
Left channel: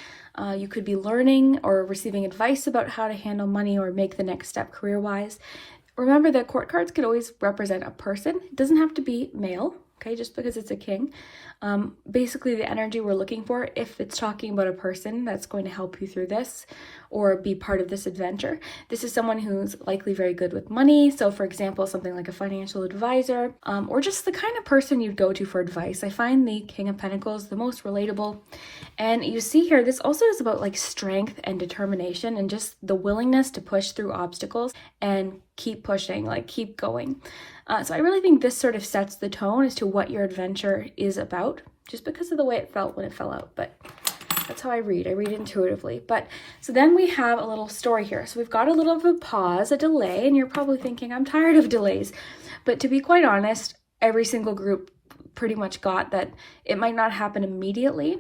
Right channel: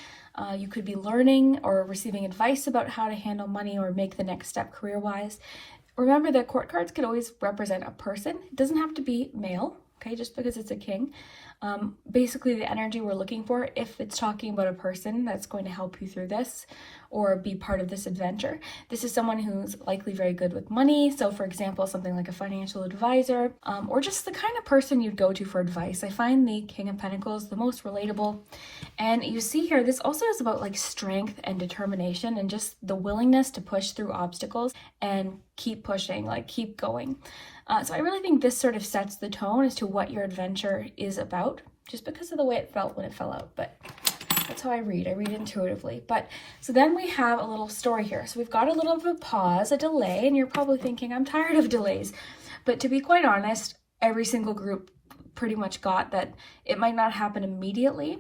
You could be learning or receiving advice about how to handle money or make the next step career-wise. Remember that court cards could always represent a person. It doesn't have to be male, okay, just because it's a king. Basically the energy we're looking for, if it's talking about a person that's going to help you through this or be part of this adventure, this is someone who's likely very good with money. So for example, something like a financial advisor, or just the kind of person you'd go to for advice. I find the King of Pentacles the most relatable. And you see here, this also is about like strength and determination and just the willingness to push through obstacles and keep pushing, like keep going. So I really think this sort of sets the tone as to what your adventure is about, just because of the way it felt when it fell out. But that's how I read intuitively. But so then we have a little story here. So we've got a little of a pause, a delay, and you're probably thinking, I'm tired of delays. But to be quite honest, every single group pretty much got that it might not happen immediately.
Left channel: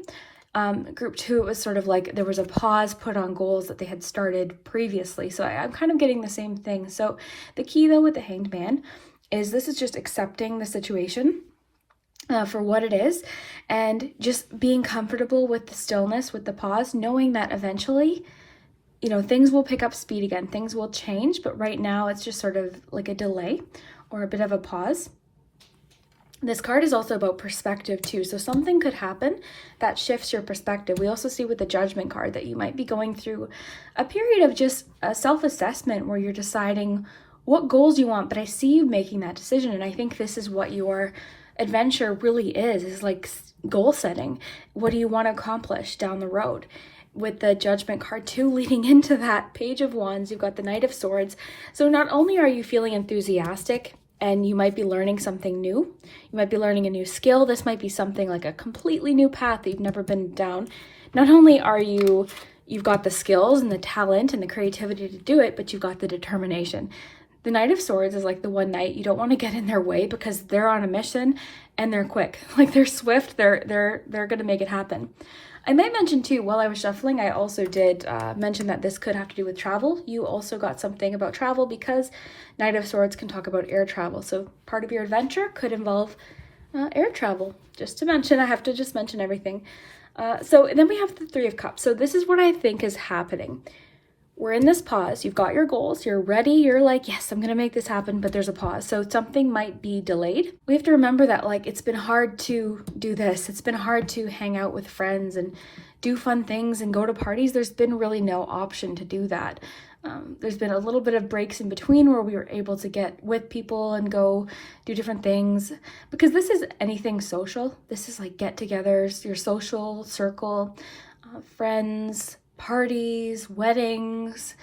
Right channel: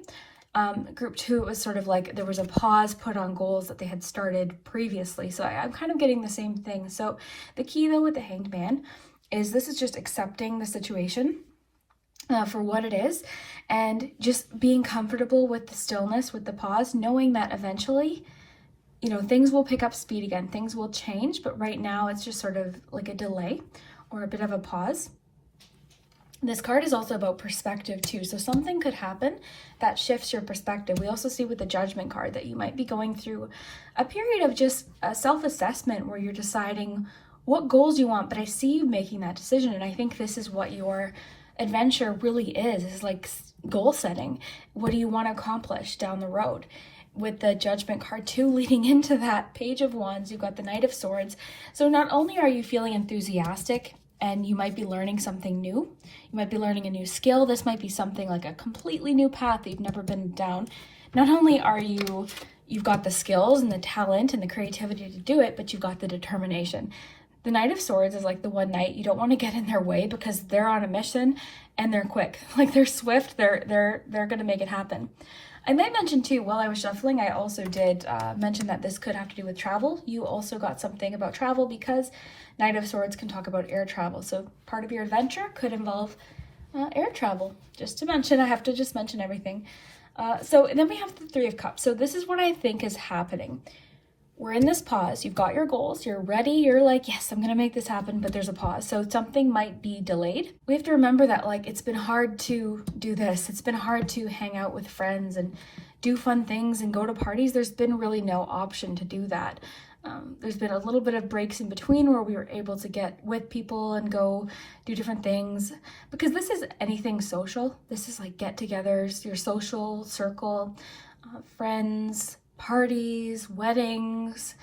Group 2, it was sort of like there was a pause put on goals that they had started previously. So I'm kind of getting the same thing. So the key though with the Hanged Man is this is just accepting the situation for what it is and just being comfortable with the stillness, with the pause, knowing that eventually, you know, things will pick up speed again, things will change, but right now it's just sort of like a delay or a bit of a pause. This card is also about perspective too. So something could happen that shifts your perspective. We also see with the Judgment card that you might be going through a period of just a self-assessment where you're deciding what goals you want, but I see you making that decision. And I think this is what your adventure really is like goal setting. What do you want to accomplish down the road? With the Judgment card too, leading into that Page of Wands, you've got the Knight of Swords. So not only are you feeling enthusiastic and you might be learning something new, you might be learning a new skill. This might be something like a completely new path that you've never been down. Not only are you've got the skills and the talent and the creativity to do it, but you've got the determination. The Knight of Swords is like the one knight you don't want to get in their way because they're on a mission and they're quick. Like they're swift, they're going to make it happen. I might mention too, while I was shuffling, I also did mention that this could have to do with travel. You also got something about travel because Knight of Swords can talk about air travel. So part of your adventure could involve air travel. Just to mention, I have to just mention everything. So then we have the Three of Cups. So this is what I think is happening. We're in this pause. You've got your goals. You're ready. You're like, yes, I'm going to make this happen, but there's a pause. So something might be delayed. We have to remember that like it's been hard to do this. It's been hard to hang out with friends and do fun things and go to parties. There's been really no option to do that. There's been a little bit of breaks in between where we were able to get with people and go do different things, because this is anything social. This is like get-togethers, your social circle, friends, parties, weddings.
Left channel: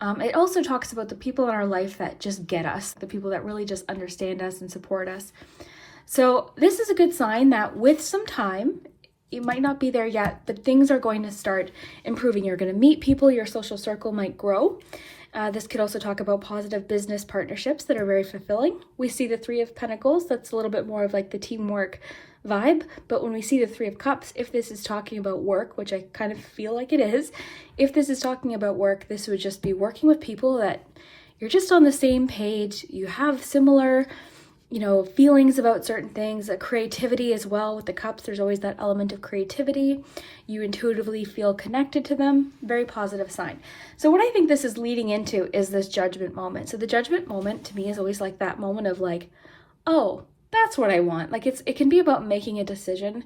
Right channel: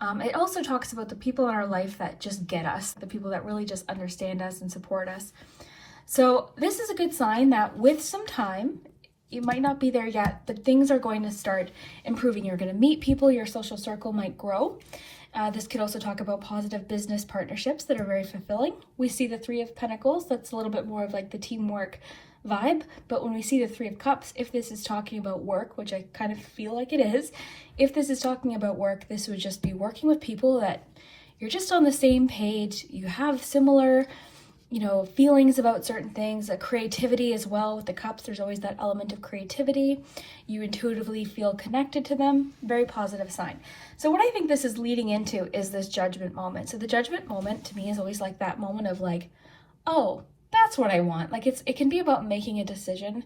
It also talks about the people in our life that just get us, the people that really just understand us and support us. So this is a good sign that with some time, you might not be there yet, but things are going to start improving. You're going to meet people, your social circle might grow. This could also talk about positive business partnerships that are very fulfilling. We see the Three of Pentacles, that's a little bit more of like the teamwork vibe. But when we see the Three of Cups, if this is talking about work, which I kind of feel like it is, if this is talking about work, this would just be working with people that you're just on the same page, you have similar, you know, feelings about certain things, creativity as well. With the cups, there's always that element of creativity. You intuitively feel connected to them. Very positive sign. So what I think this is leading into is this judgment moment. So the judgment moment to me is always like that moment of like, oh, that's what I want. Like it can be about making a decision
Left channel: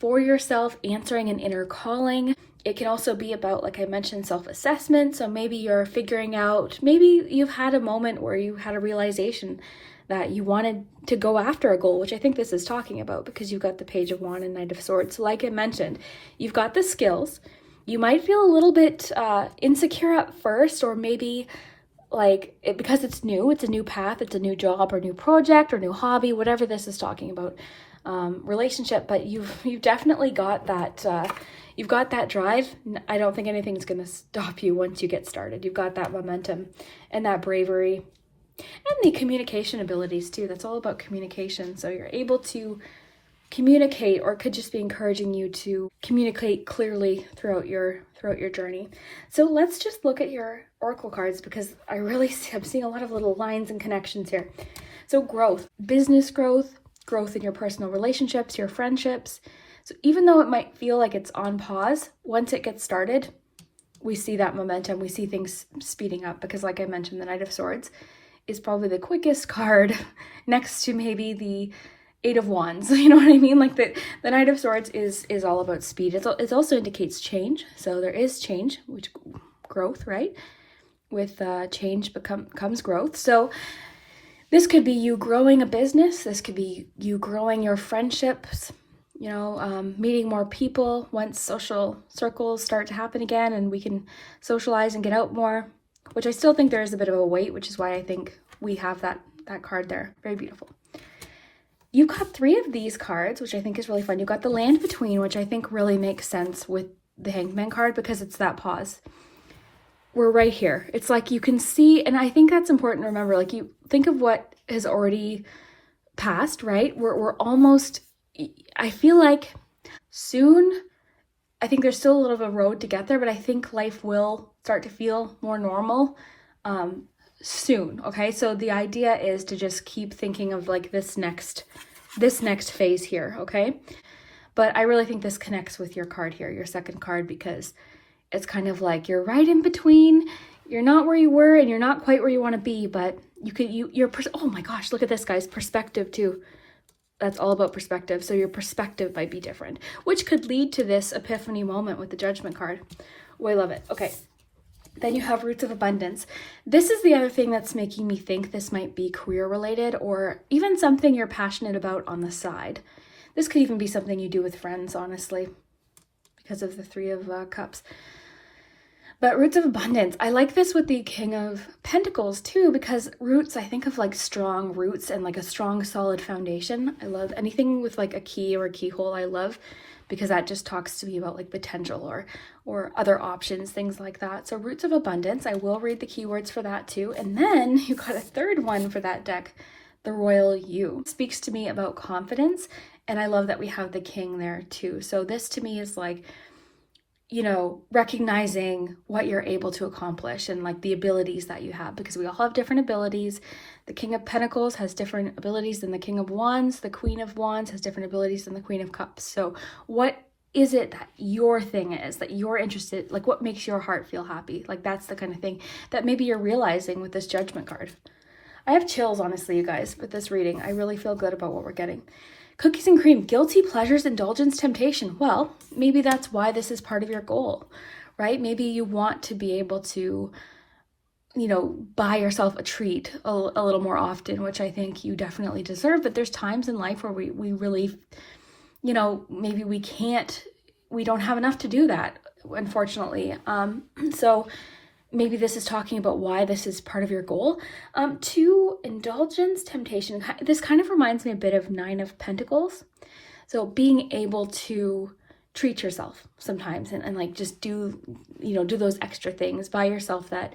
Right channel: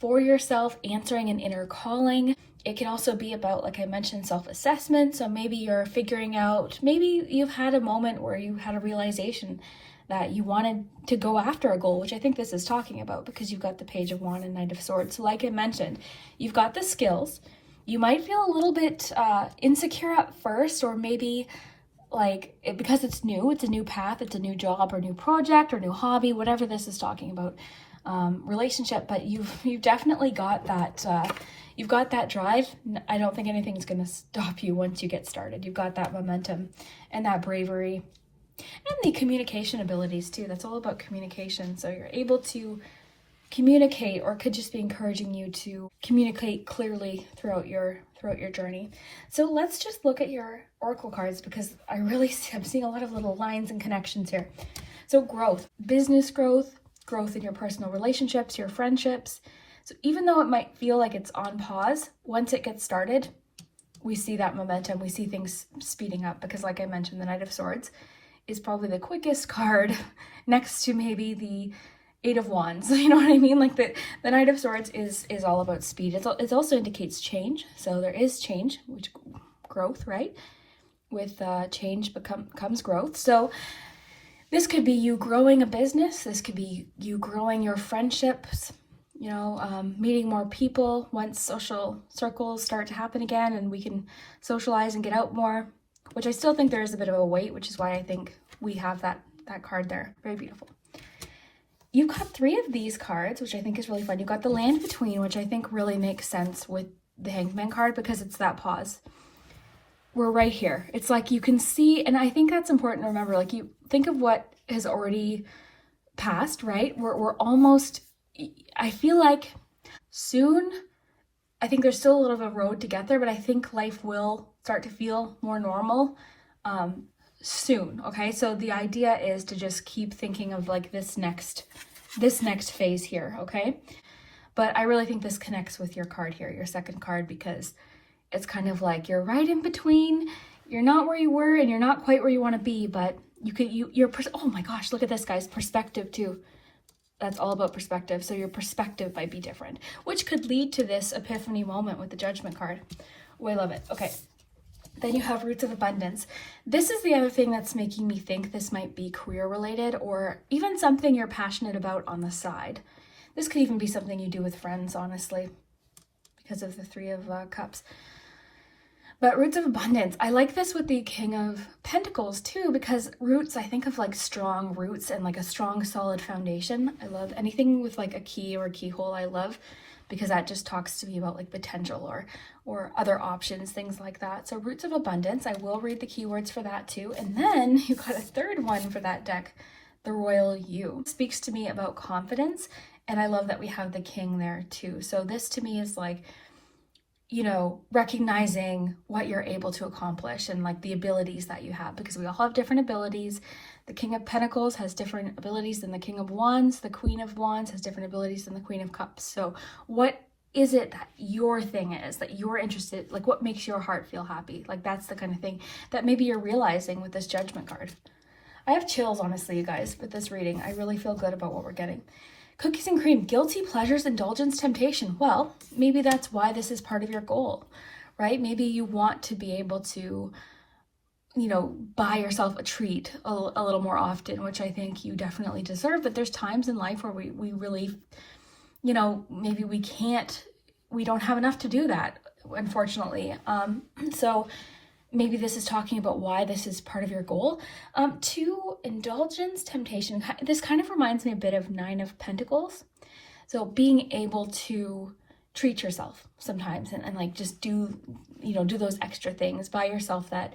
for yourself, answering an inner calling. It can also be about, like I mentioned, self-assessment. So maybe you're figuring out, maybe you've had a moment where you had a realization that you wanted to go after a goal, which I think this is talking about because you've got the Page of Wands and Knight of Swords. So like I mentioned, you've got the skills. You might feel a little bit insecure at first, or maybe like because it's new, it's a new path, it's a new job or new project or new hobby, whatever this is talking about, relationship, but you've definitely got that, you've got that drive. I don't think anything's going to stop you once you get started. You've got that momentum and that bravery. And the communication abilities too. That's all about communication. So you're able to communicate, or could just be encouraging you to communicate clearly throughout your journey. So let's just look at your oracle cards, because I'm seeing a lot of little lines and connections here. So growth, business growth, growth in your personal relationships, your friendships. So even though it might feel like it's on pause, once it gets started, we see that momentum, we see things speeding up, because like I mentioned, the Knight of Swords is probably the quickest card next to maybe the Eight of Wands. You know what I mean? Like the Knight of Swords is all about speed. It also indicates change. So there is change, which growth, right? With change comes growth. So this could be you growing a business. This could be you growing your friendships, you know, meeting more people once social circles start to happen again and we can socialize and get out more, which I still think there is a bit of a wait, which is why I think we have that card there. Very beautiful. You got 3 of these cards, which I think is really fun. You got the Land Between, which I think really makes sense with the Hangman card, because it's that pause. We're right here. It's like you can see, and I think that's important to remember, like you think of what has already passed, right? We're almost, I feel like soon, I think there's still a little bit of a road to get there, but I think life will start to feel more normal soon. Okay, so the idea is to just keep thinking of like this next phase here. Okay, but I really think this connects with your card here, your second card, because it's kind of like you're right in between. You're not where you were and you're not quite where you want to be, but oh my gosh, look at this, guys. Perspective too. That's all about perspective. So your perspective might be different, which could lead to this epiphany moment with the Judgment card. Oh, I love it. Okay. Then you have Roots of Abundance. This is the other thing that's making me think this might be career related, or even something you're passionate about on the side. This could even be something you do with friends, honestly, because of the 3 of Cups. But Roots of Abundance, I like this with the King of Pentacles too, because roots, I think of like strong roots and like a strong solid foundation. I love anything with like a key or a keyhole. I love, because that just talks to me about like potential or other options, things like that. So Roots of Abundance, I will read the keywords for that too. And then you got a third one for that deck, the Royal You. It speaks to me about confidence, and I love that we have the King there too. So this to me is like, you know, recognizing what you're able to accomplish and like the abilities that you have, because we all have different abilities. The King of Pentacles has different abilities than the King of Wands. The Queen of Wands has different abilities than the Queen of Cups. So what is it that your thing is, that you're interested, like what makes your heart feel happy? Like that's the kind of thing that maybe you're realizing with this Judgment card. I have chills, honestly, you guys, with this reading. I really feel good about what we're getting. Cookies and cream, guilty pleasures, indulgence, temptation. Well, maybe that's why this is part of your goal, right? Maybe you want to be able to, you know, buy yourself a treat a little more often, which I think you definitely deserve. But there's times in life where we really, you know, maybe we don't have enough to do that, unfortunately. So maybe this is talking about why this is part of your goal. To indulgence, temptation, this kind of reminds me a bit of 9 of Pentacles. So being able to treat yourself sometimes and like just do those extra things, buy yourself that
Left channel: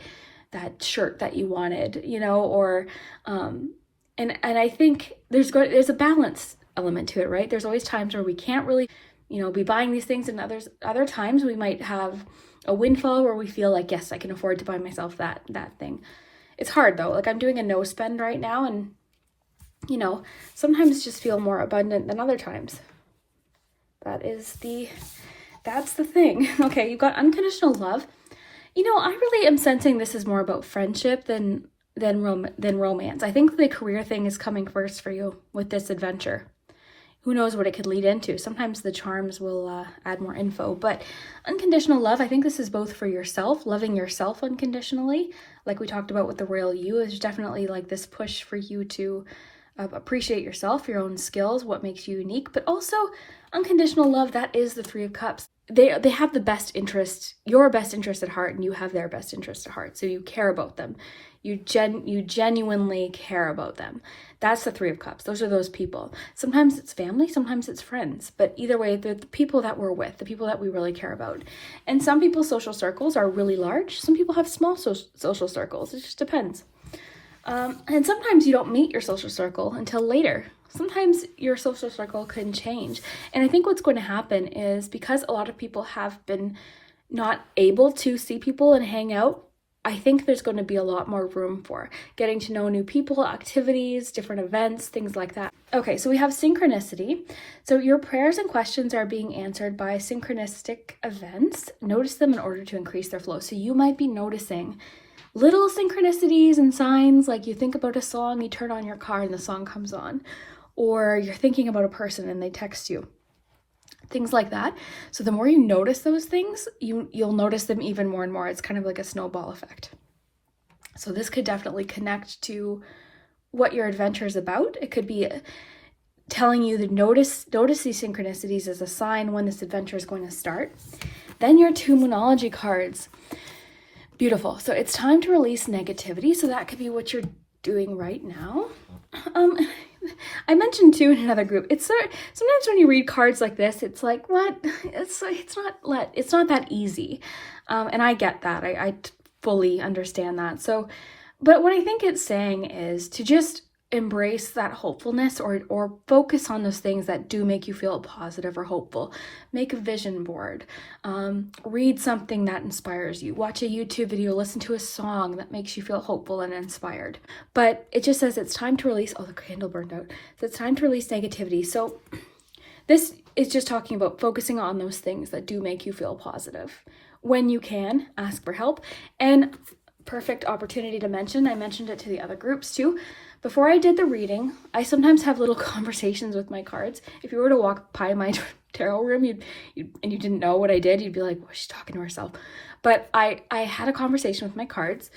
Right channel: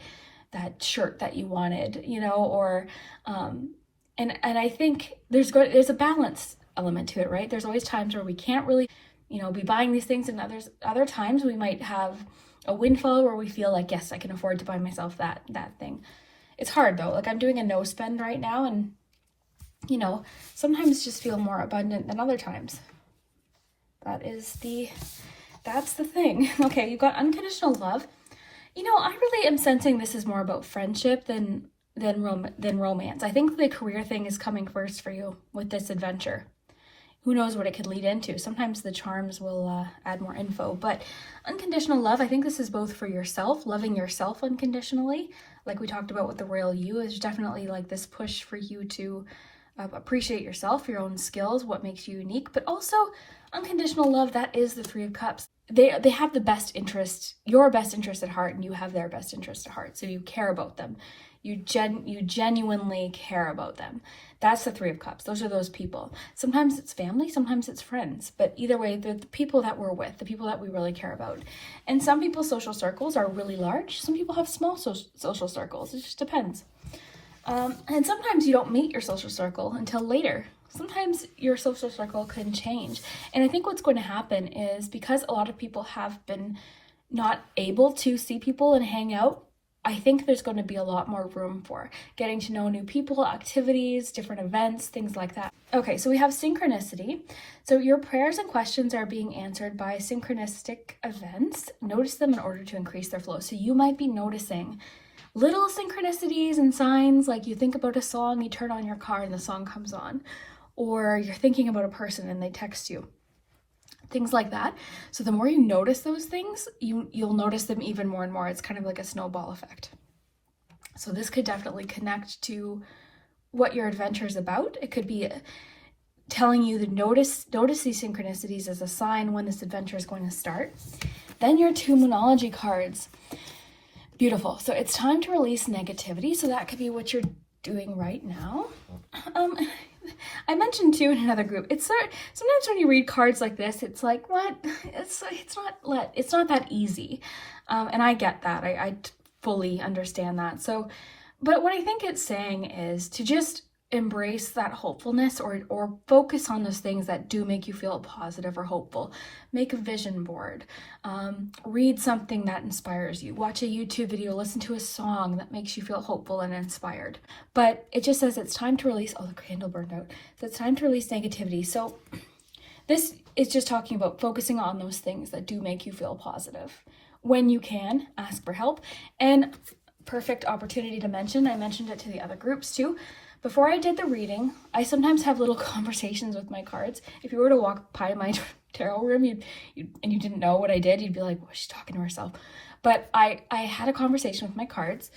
shirt that you wanted, you know, or and I think there's a balance element to it, right? There's always times where we can't really, you know, be buying these things, and other times we might have a windfall where we feel like, yes, I can afford to buy myself that thing. It's hard though. Like I'm doing a no spend right now, and you know, sometimes just feel more abundant than other times. That's the thing. Okay, you've got unconditional love. You know, I really am sensing this is more about friendship than romance. I think the career thing is coming first for you with this adventure. Who knows what it could lead into? Sometimes the charms will add more info, but unconditional love, I think this is both for yourself, loving yourself unconditionally. Like we talked about with the Royal You, is definitely like this push for you to appreciate yourself, your own skills, what makes you unique, but also unconditional love, that is the 3 of Cups. They have the best interest, your best interest at heart, and you have their best interest at heart. So you care about them. You genuinely care about them. That's the 3 of Cups. Those are those people. Sometimes it's family, sometimes it's friends. But either way, they're the people that we're with, the people that we really care about. And some people's social circles are really large. Some people have small social circles. It just depends. And sometimes you don't meet your social circle until later. Sometimes your social circle can change. And I think what's going to happen is because a lot of people have been not able to see people and hang out, I think there's going to be a lot more room for getting to know new people, activities, different events, things like that. Okay, so we have synchronicity. So your prayers and questions are being answered by synchronistic events. Notice them in order to increase their flow. So you might be noticing little synchronicities and signs, like you think about a song, you turn on your car and the song comes on, or you're thinking about a person and they text you. Things like that. So the more you notice those things, you'll notice them even more and more. It's kind of like a snowball effect. So this could definitely connect to what your adventure is about. It could be telling you to notice these synchronicities as a sign when this adventure is going to start. Then your 2 Moonology cards. Beautiful. So it's time to release negativity. So that could be what you're doing right now. I mentioned too in another group, it's sometimes when you read cards like this, it's like, what? It's not that easy. And I get that. I fully understand that. So, but what I think it's saying is to just embrace that hopefulness or focus on those things that do make you feel positive or hopeful. Make a vision board, read something that inspires you, watch a YouTube video, listen to a song that makes you feel hopeful and inspired. But it just says it's time to release, oh, the candle burned out. So it's time to release negativity. So this is just talking about focusing on those things that do make you feel positive. When you can, ask for help. And perfect opportunity to mention, I mentioned it to the other groups too, before I did the reading, I sometimes have little conversations with my cards. If you were to walk by my tarot room and you didn't know what I did, you'd be like, well, she's talking to herself. But I had a conversation with my cards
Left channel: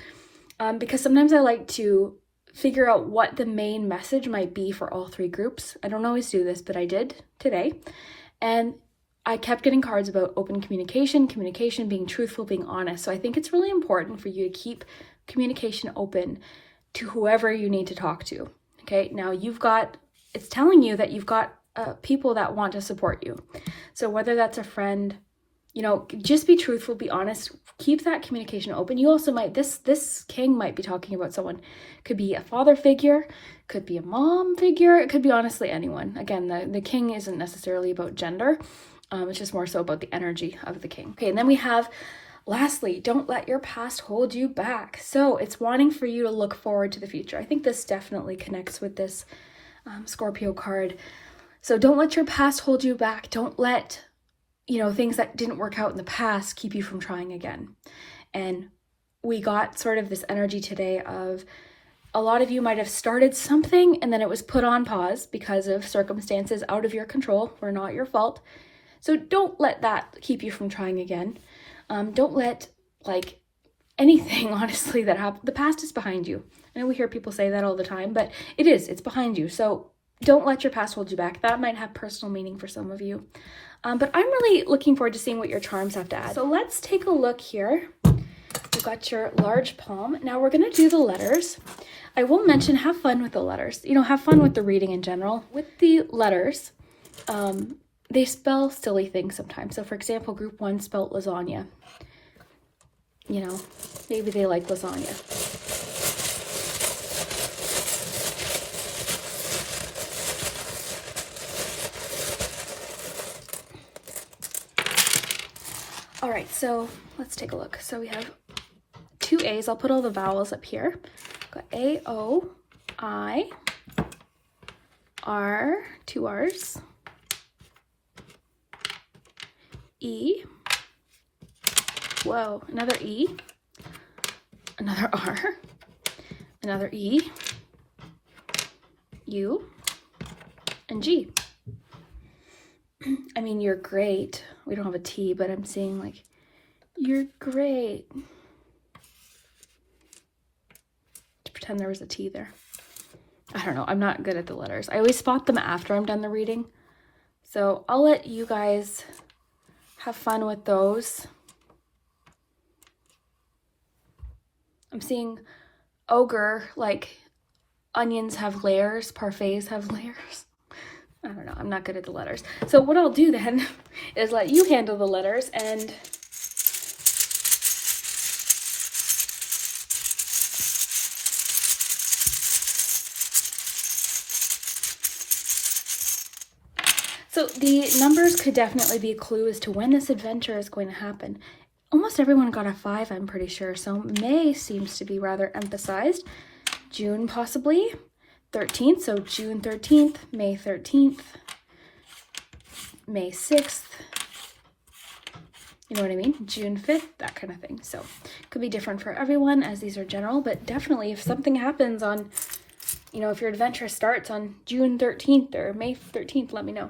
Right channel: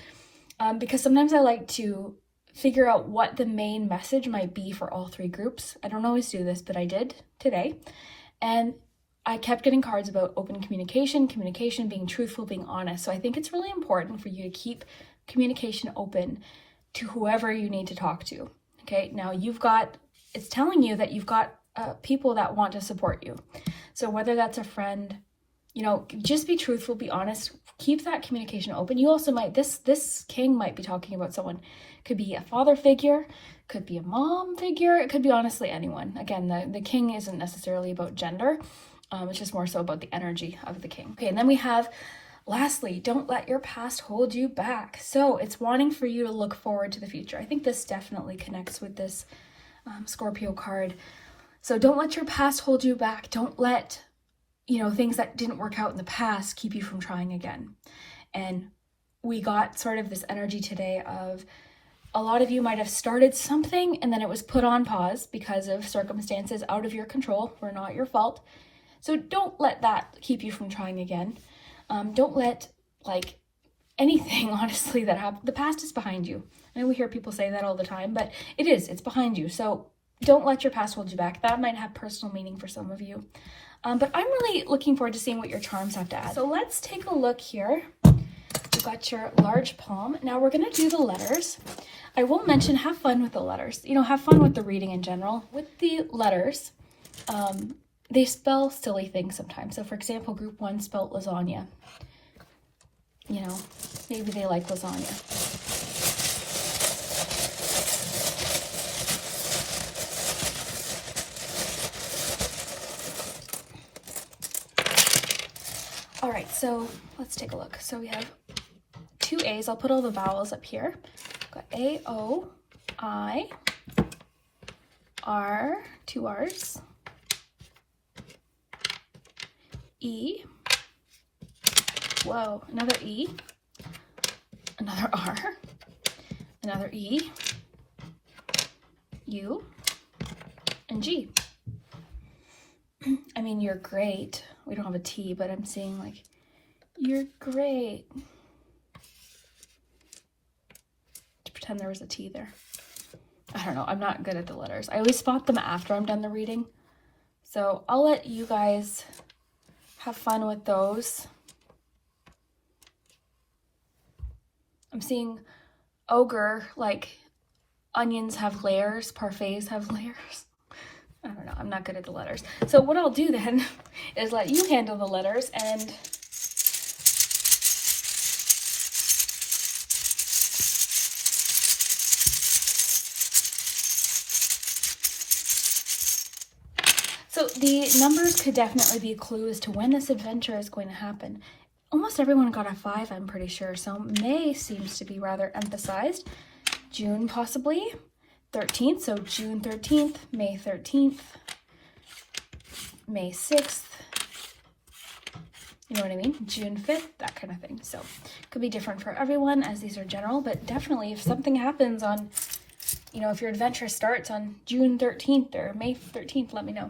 because sometimes I like to figure out what the main message might be for all 3 groups. I don't always do this, but I did today. And I kept getting cards about open communication, being truthful, being honest. So I think it's really important for you to keep communication open to whoever you need to talk to. Okay, now it's telling you that you've got people that want to support you. So whether that's a friend, just be truthful, be honest, keep that communication open. You also might, this king might be talking about someone, could be a father figure, could be a mom figure, it could be honestly anyone. Again, the king isn't necessarily about gender, it's just more so about the energy of the king. Okay, and then we have lastly, don't let your past hold you back. So it's wanting for you to look forward to the future. I think this definitely connects with this Scorpio card. So don't let your past hold you back. Don't let, things that didn't work out in the past keep you from trying again. And we got sort of this energy today of a lot of you might have started something and then it was put on pause because of circumstances out of your control, were not your fault. So don't let that keep you from trying again. Don't let anything, honestly, that happened. The past is behind you. I know we hear people say that all the time, but it's behind you. So don't let your past hold you back. That might have personal meaning for some of you. But I'm really looking forward to seeing what your charms have to add. So let's take a look here. You've got your large palm. Now we're going to do the letters. I will mention, have fun with the letters. Have fun with the reading in general. With the letters, they spell silly things sometimes. So for example, group 1 spelled lasagna. Maybe they like lasagna. All right, so let's take a look. So we have 2 A's. I'll put all the vowels up here. Got A, O, I, R, 2 R's. E, whoa, another E, another R, another E, U, and G. I mean, you're great. We don't have a T, but I'm seeing you're great. To pretend there was a T there. I don't know, I'm not good at the letters. I always spot them after I'm done the reading. So I'll let you guys have fun with those. I'm seeing ogre, onions have layers, parfaits have layers. I don't know, I'm not good at the letters. So what I'll do then is let you handle the letters and numbers could definitely be a clue as to when this adventure is going to happen. Almost everyone got a 5, I'm pretty sure. So May seems to be rather emphasized. June possibly. 13th, so June 13th, May 13th, May 6th. You know what I mean? June 5th, that kind of thing. So it could be different for everyone as these are general, but definitely if something happens on, you know, if your adventure starts on June 13th or May 13th, let me know.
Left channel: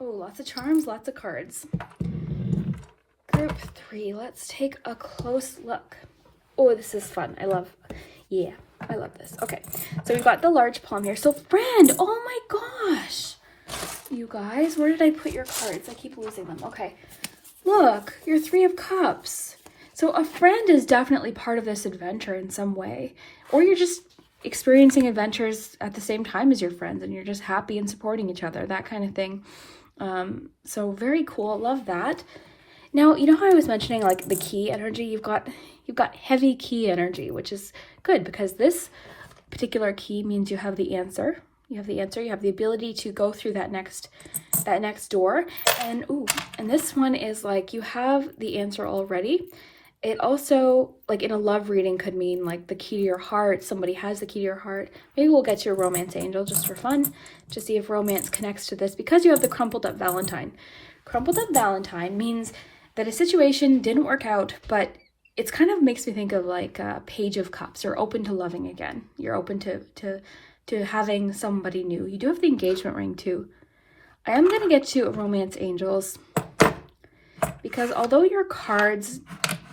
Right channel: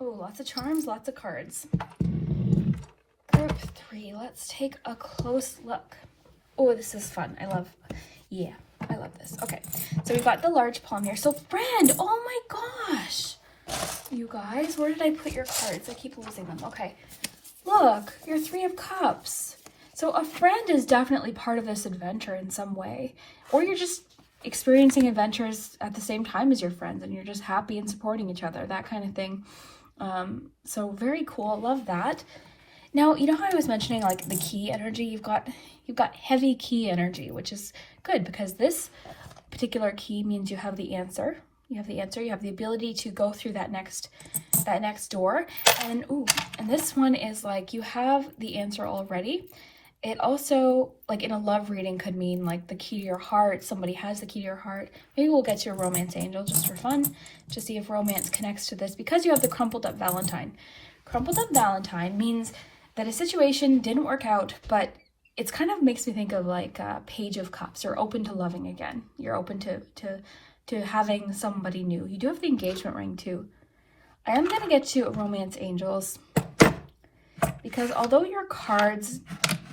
Oh, lots of charms, lots of cards. Group 3, let's take a close look. Oh, this is fun. I love this. Okay, so we've got the large palm here. So friend, oh my gosh. You guys, where did I put your cards? I keep losing them. Okay, look, your 3 of Cups. So a friend is definitely part of this adventure in some way. Or you're just experiencing adventures at the same time as your friends and you're just happy and supporting each other, that kind of thing. So very cool. Love that. Now, you know how I was mentioning like the key energy? You've got heavy key energy, which is good because this particular key means you have the answer. You have the answer, you have the ability to go through that next door. And this one is like you have the answer already. It also, like in a love reading, could mean like the key to your heart. Somebody has the key to your heart. Maybe we'll get to a romance angel just for fun to see if romance connects to this because you have the crumpled up Valentine. Crumpled up Valentine means that a situation didn't work out, but it's kind of makes me think of like a Page of Cups. You're open to loving again. You're open to having somebody new. You do have the engagement ring too. I am going to get to romance angels because although your cards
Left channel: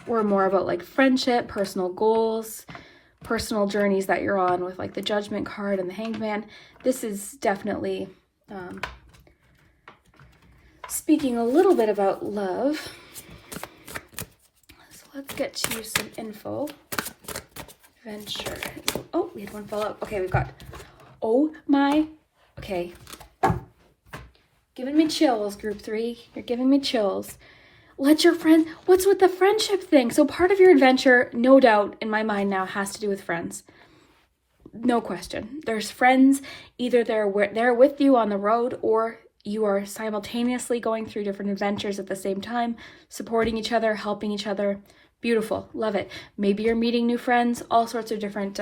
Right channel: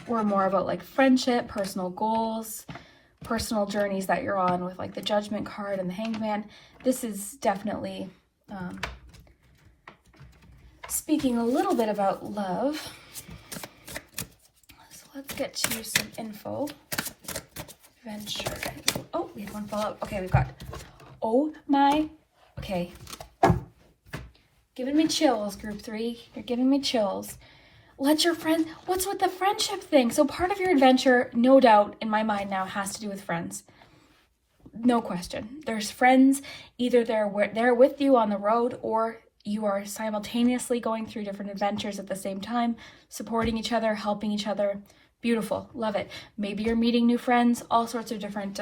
were more about like friendship, personal goals, personal journeys that you're on with like the Judgment card and the Hanged Man, this is definitely speaking a little bit about love. So let's get to some info. Adventure. Oh, we had one fall out. Okay, we've got, okay. Giving me chills, group 3. You're giving me chills. Let your friends, what's with the friendship thing? So part of your adventure, no doubt, in my mind now, has to do with friends. No question. There's friends, either they're with you on the road or you are simultaneously going through different adventures at the same time, supporting each other, helping each other. Beautiful. Love it. Maybe you're meeting new friends, all sorts of different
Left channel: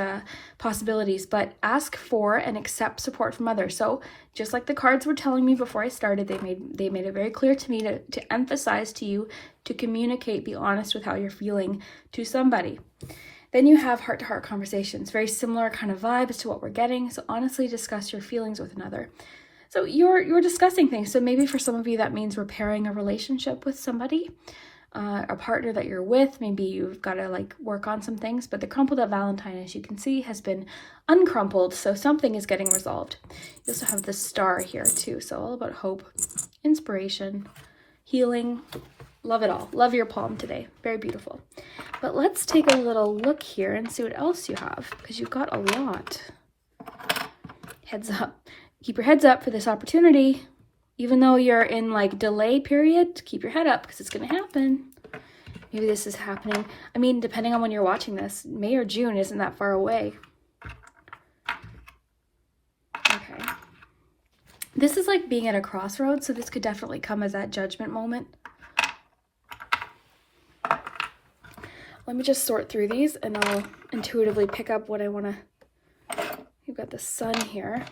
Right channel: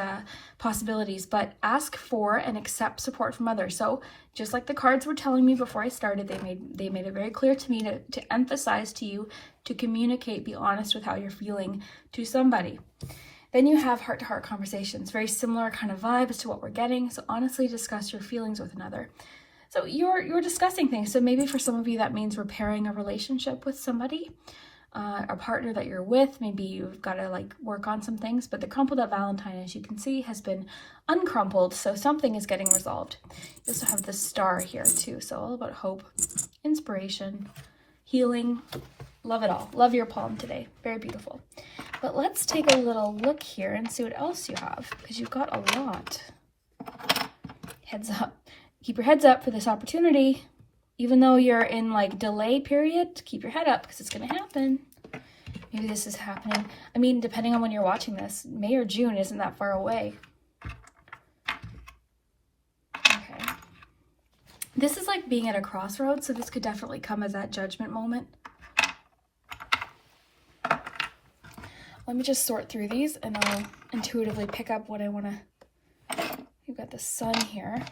possibilities, but ask for and accept support from others. So just like the cards were telling me before I started, they made it very clear to me to emphasize to you to communicate, be honest with how you're feeling to somebody. Then you have heart-to-heart conversations, very similar kind of vibes to what we're getting. So honestly discuss your feelings with another. So you're discussing things. So maybe for some of you that means repairing a relationship with somebody. A partner that you're with, maybe you've got to like work on some things, but the crumpled up Valentine, as you can see, has been uncrumpled, so something is getting resolved. You also have the star here too, so all about hope, inspiration, healing. Love it all. Love your palm today. Very beautiful. But let's take a little look here and see what else you have, because you've got a lot. Heads up. Keep your heads up for this opportunity. Even though you're in like delay period, keep your head up because it's going to happen. Maybe this is happening. I mean, depending on when you're watching this, May or June isn't that far away. Okay. This is like being at a crossroads, so this could definitely come as that judgment moment. Let me just sort through these and I'll intuitively pick up what I want to. You've got the sun here.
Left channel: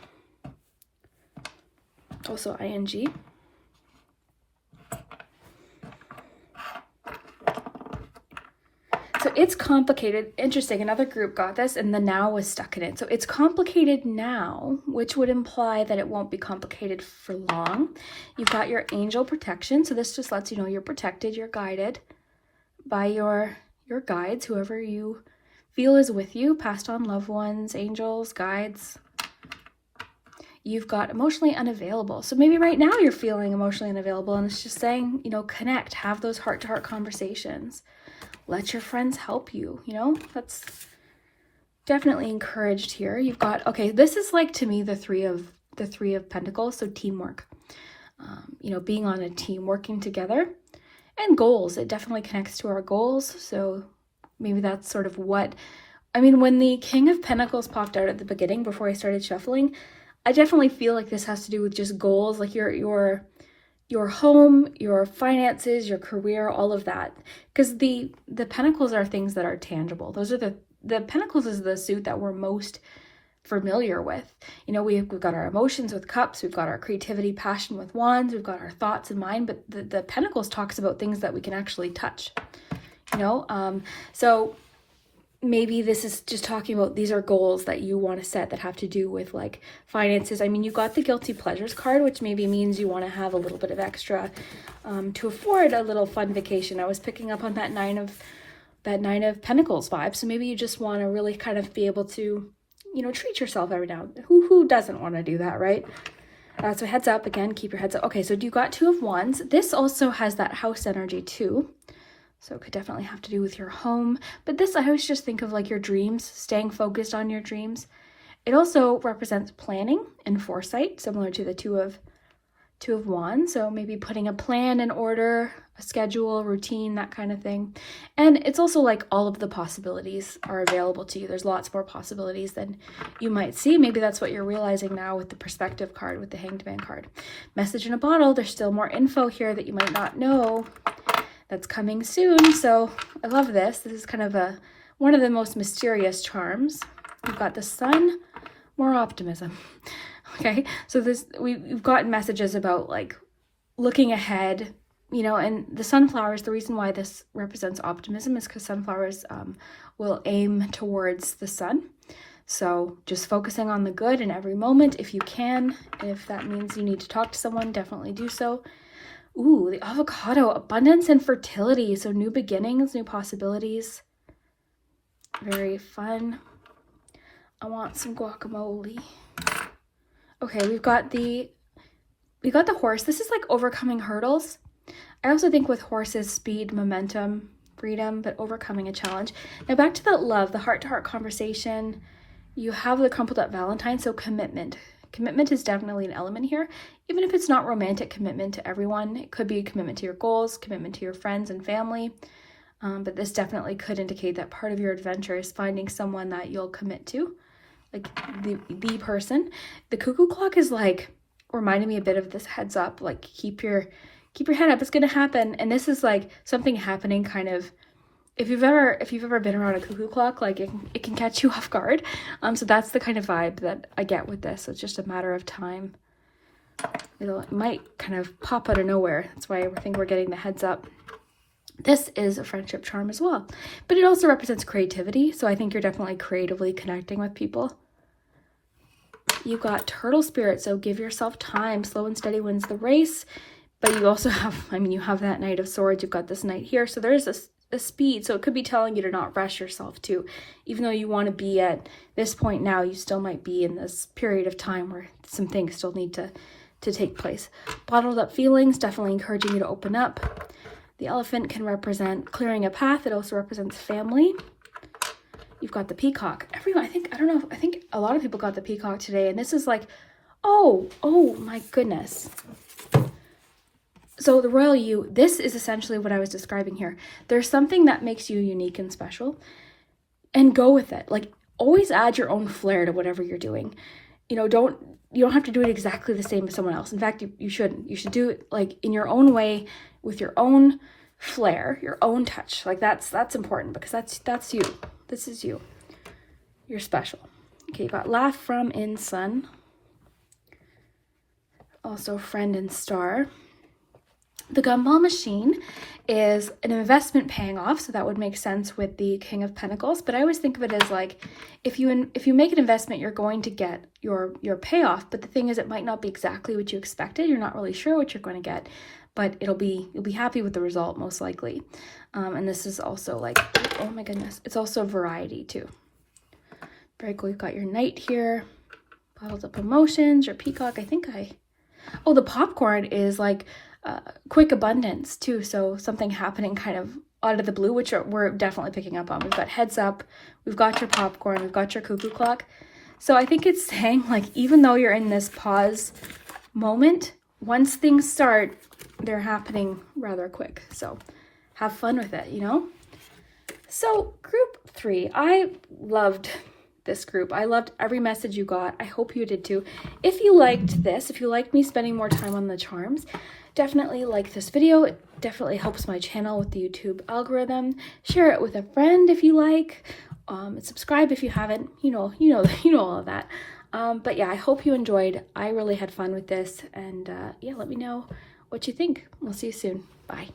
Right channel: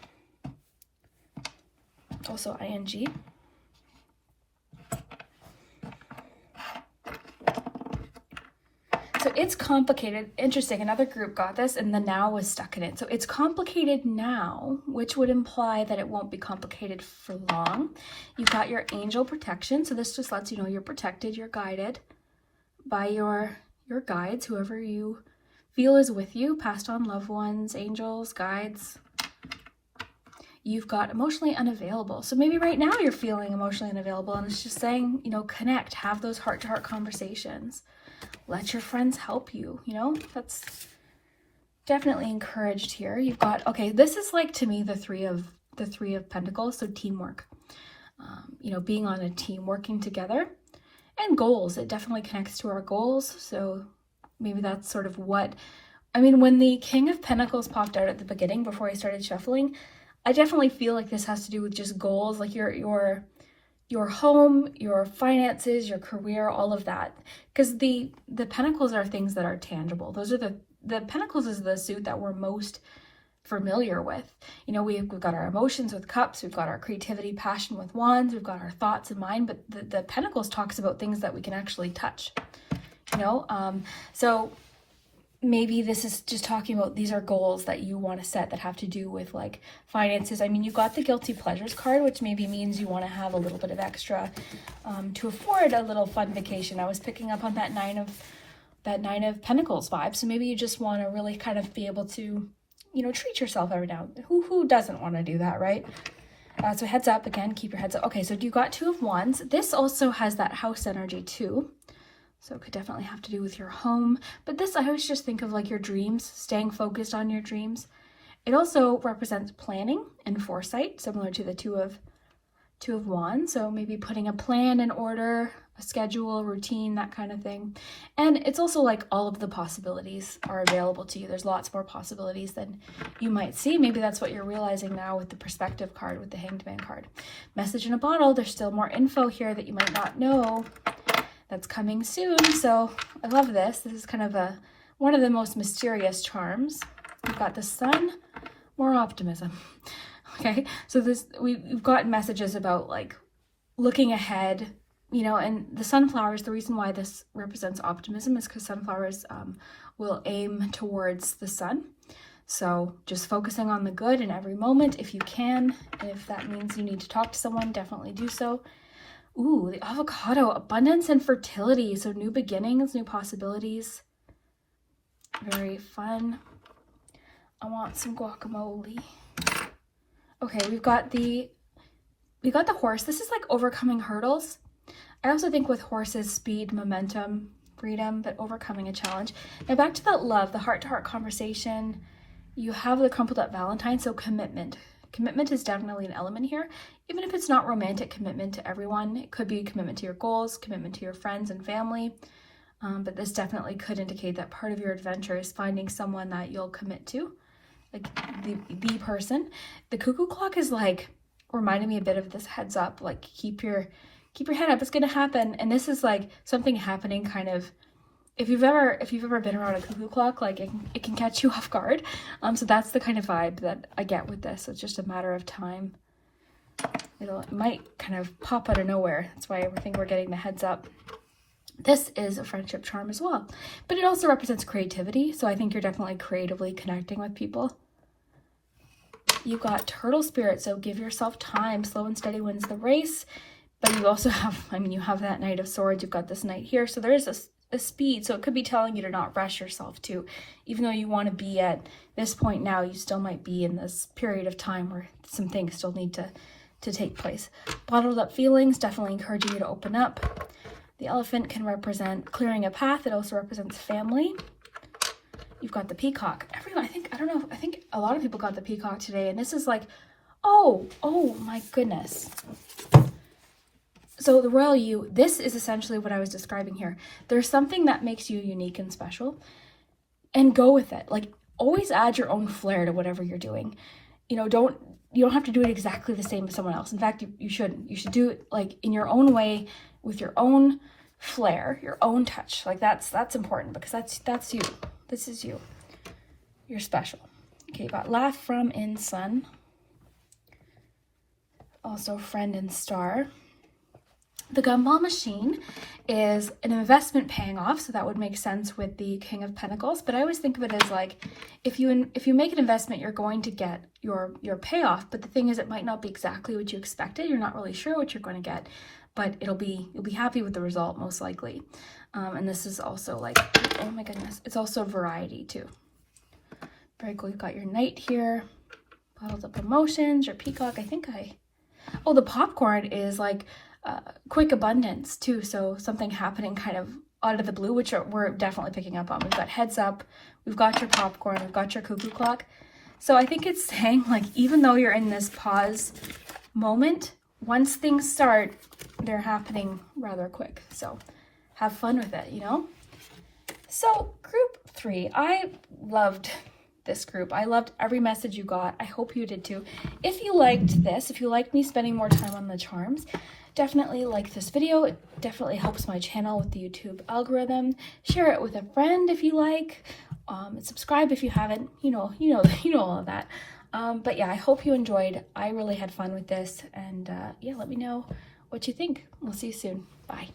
Also ing. So it's complicated. Interesting, another group got this and the now was stuck in it. So it's complicated now, which would imply that it won't be complicated for long. You've got your angel protection. So this just lets you know you're protected, you're guided by your guides, whoever you feel is with you, passed on loved ones, angels, guides. You've got emotionally unavailable. So maybe right now you're feeling emotionally unavailable and it's just saying, you know, connect, have those heart-to-heart conversations. Let your friends help you, you know, that's definitely encouraged here. You've got, okay, this is like to me the three of Pentacles, so teamwork. You know, being on a team, working together. And goals, it definitely connects to our goals. So maybe that's sort of what, I mean, when the King of Pentacles popped out at the beginning before I started shuffling, I definitely feel like this has to do with just goals, like your home, your finances, your career, all of that. Because the pentacles are things that are tangible. Those are the pentacles is the suit that we're most familiar with. You know, we've got our emotions with cups, we've got our creativity, passion with wands, we've got our thoughts in mind, but the pentacles talks about things that we can actually touch, you know? So maybe this is just talking about these are goals that you want to set that have to do with like finances. I mean, you got the guilty pleasures card, which maybe means you want to have a little bit of extra to afford a little fun vacation. I was picking up on that nine of Pentacles vibe. So maybe you just want to really kind of be able to, you know, treat yourself every now and then. Who doesn't want to do that, right? So heads up again, keep your heads up. Okay, so you got Two of Wands. This also has that house energy too. So it could definitely have to do with your home. But this, I always just think of like your dreams, staying focused on your dreams. It also represents planning and foresight, similar to the Two of Wands. So maybe putting a plan in order, a schedule, routine, that kind of thing. And it's also like all of the possibilities are available to you. There's lots more possibilities than you might see. Maybe that's what you're realizing now with the Perspective card, with the Hanged Man card. Message in a bottle. There's still more info here that you might not know that's coming soon. So I love this. This is kind of one of the most mysterious charms. We've got the Sun, more optimism. Okay, so we've gotten messages about like looking ahead, you know, and the sunflowers, the reason why this represents optimism is because sunflowers will aim towards the sun. So just focusing on the good in every moment if you can. If that means you need to talk to someone, definitely do so. Ooh, the Avocado, abundance and fertility. So new beginnings, new possibilities. Very fun. I want some guacamole. Okay, we've got the horse. This is like overcoming hurdles. I also think with horses, speed, momentum, freedom, but overcoming a challenge. Now back to that love, the heart-to-heart conversation. You have the crumpled up Valentine, so commitment. Commitment is definitely an element here. Even if it's not romantic commitment to everyone, it could be a commitment to your goals, commitment to your friends and family. But this definitely could indicate that part of your adventure is finding someone that you'll commit to. Like the person. The cuckoo clock is like reminding me a bit of this heads up, like keep your head up, it's gonna happen. And this is like something happening kind of, if you've ever been around a cuckoo clock, like it can catch you off guard. So that's the kind of vibe that I get with this. It's just a matter of time. It might kind of pop out of nowhere. That's why I think we're getting the heads up. This is a friendship charm as well, but it also represents creativity. So I think you're definitely creatively connecting with people. You've got Turtle Spirit, so give yourself time. Slow and steady wins the race. But you also have, I mean, you have that Knight of Swords. You've got this Knight here. So there is a speed. So it could be telling you to not rush yourself too. Even though you want to be at this point now, you still might be in this period of time where some things still need to take place. Bottled up feelings, definitely encouraging you to open up. The Elephant can represent clearing a path. It also represents family. You've got the Peacock. Everyone, I think a lot of people got the Peacock today. And this is like, oh my goodness. So the Royal You, this is essentially what I was describing here. There's something that makes you unique and special, and go with it. Like, always add your own flair to whatever you're doing. You know, you don't have to do it exactly the same as someone else. In fact, you shouldn't. You should do it like in your own way, with your own flair, your own touch. Like that's important, because that's you. This is you. You're special. Okay, you got Laugh from in Sun. Also Friend and Star. The Gumball Machine is an investment paying off, so that would make sense with the King of Pentacles. But I always think of it as like, if you make an investment, you're going to get your payoff. But the thing is, it might not be exactly what you expected. You're not really sure what you're going to get, but you'll be happy with the result most likely. And this is also like, oh my goodness, it's also variety too. Very cool. We've got your Knight here, Bottled Up Emotions, your Peacock. Oh, the popcorn is like quick abundance too. So something happening kind of out of the blue, which we're definitely picking up on. We've got heads up, we've got your popcorn, we've got your cuckoo clock. So I think it's saying like, even though you're in this pause moment, once things start, they're happening rather quick. So have fun with it, you know? So group 3, I loved this group. I loved every message you got. I hope you did too. If you liked this, if you liked me spending more time on the charms, definitely like this video. It definitely helps my channel with the YouTube algorithm. Share it with a friend if you like. Subscribe if you haven't. You know all of that. But yeah, I hope you enjoyed. I really had fun with this, and yeah, let me know what you think. We'll see you soon. Bye.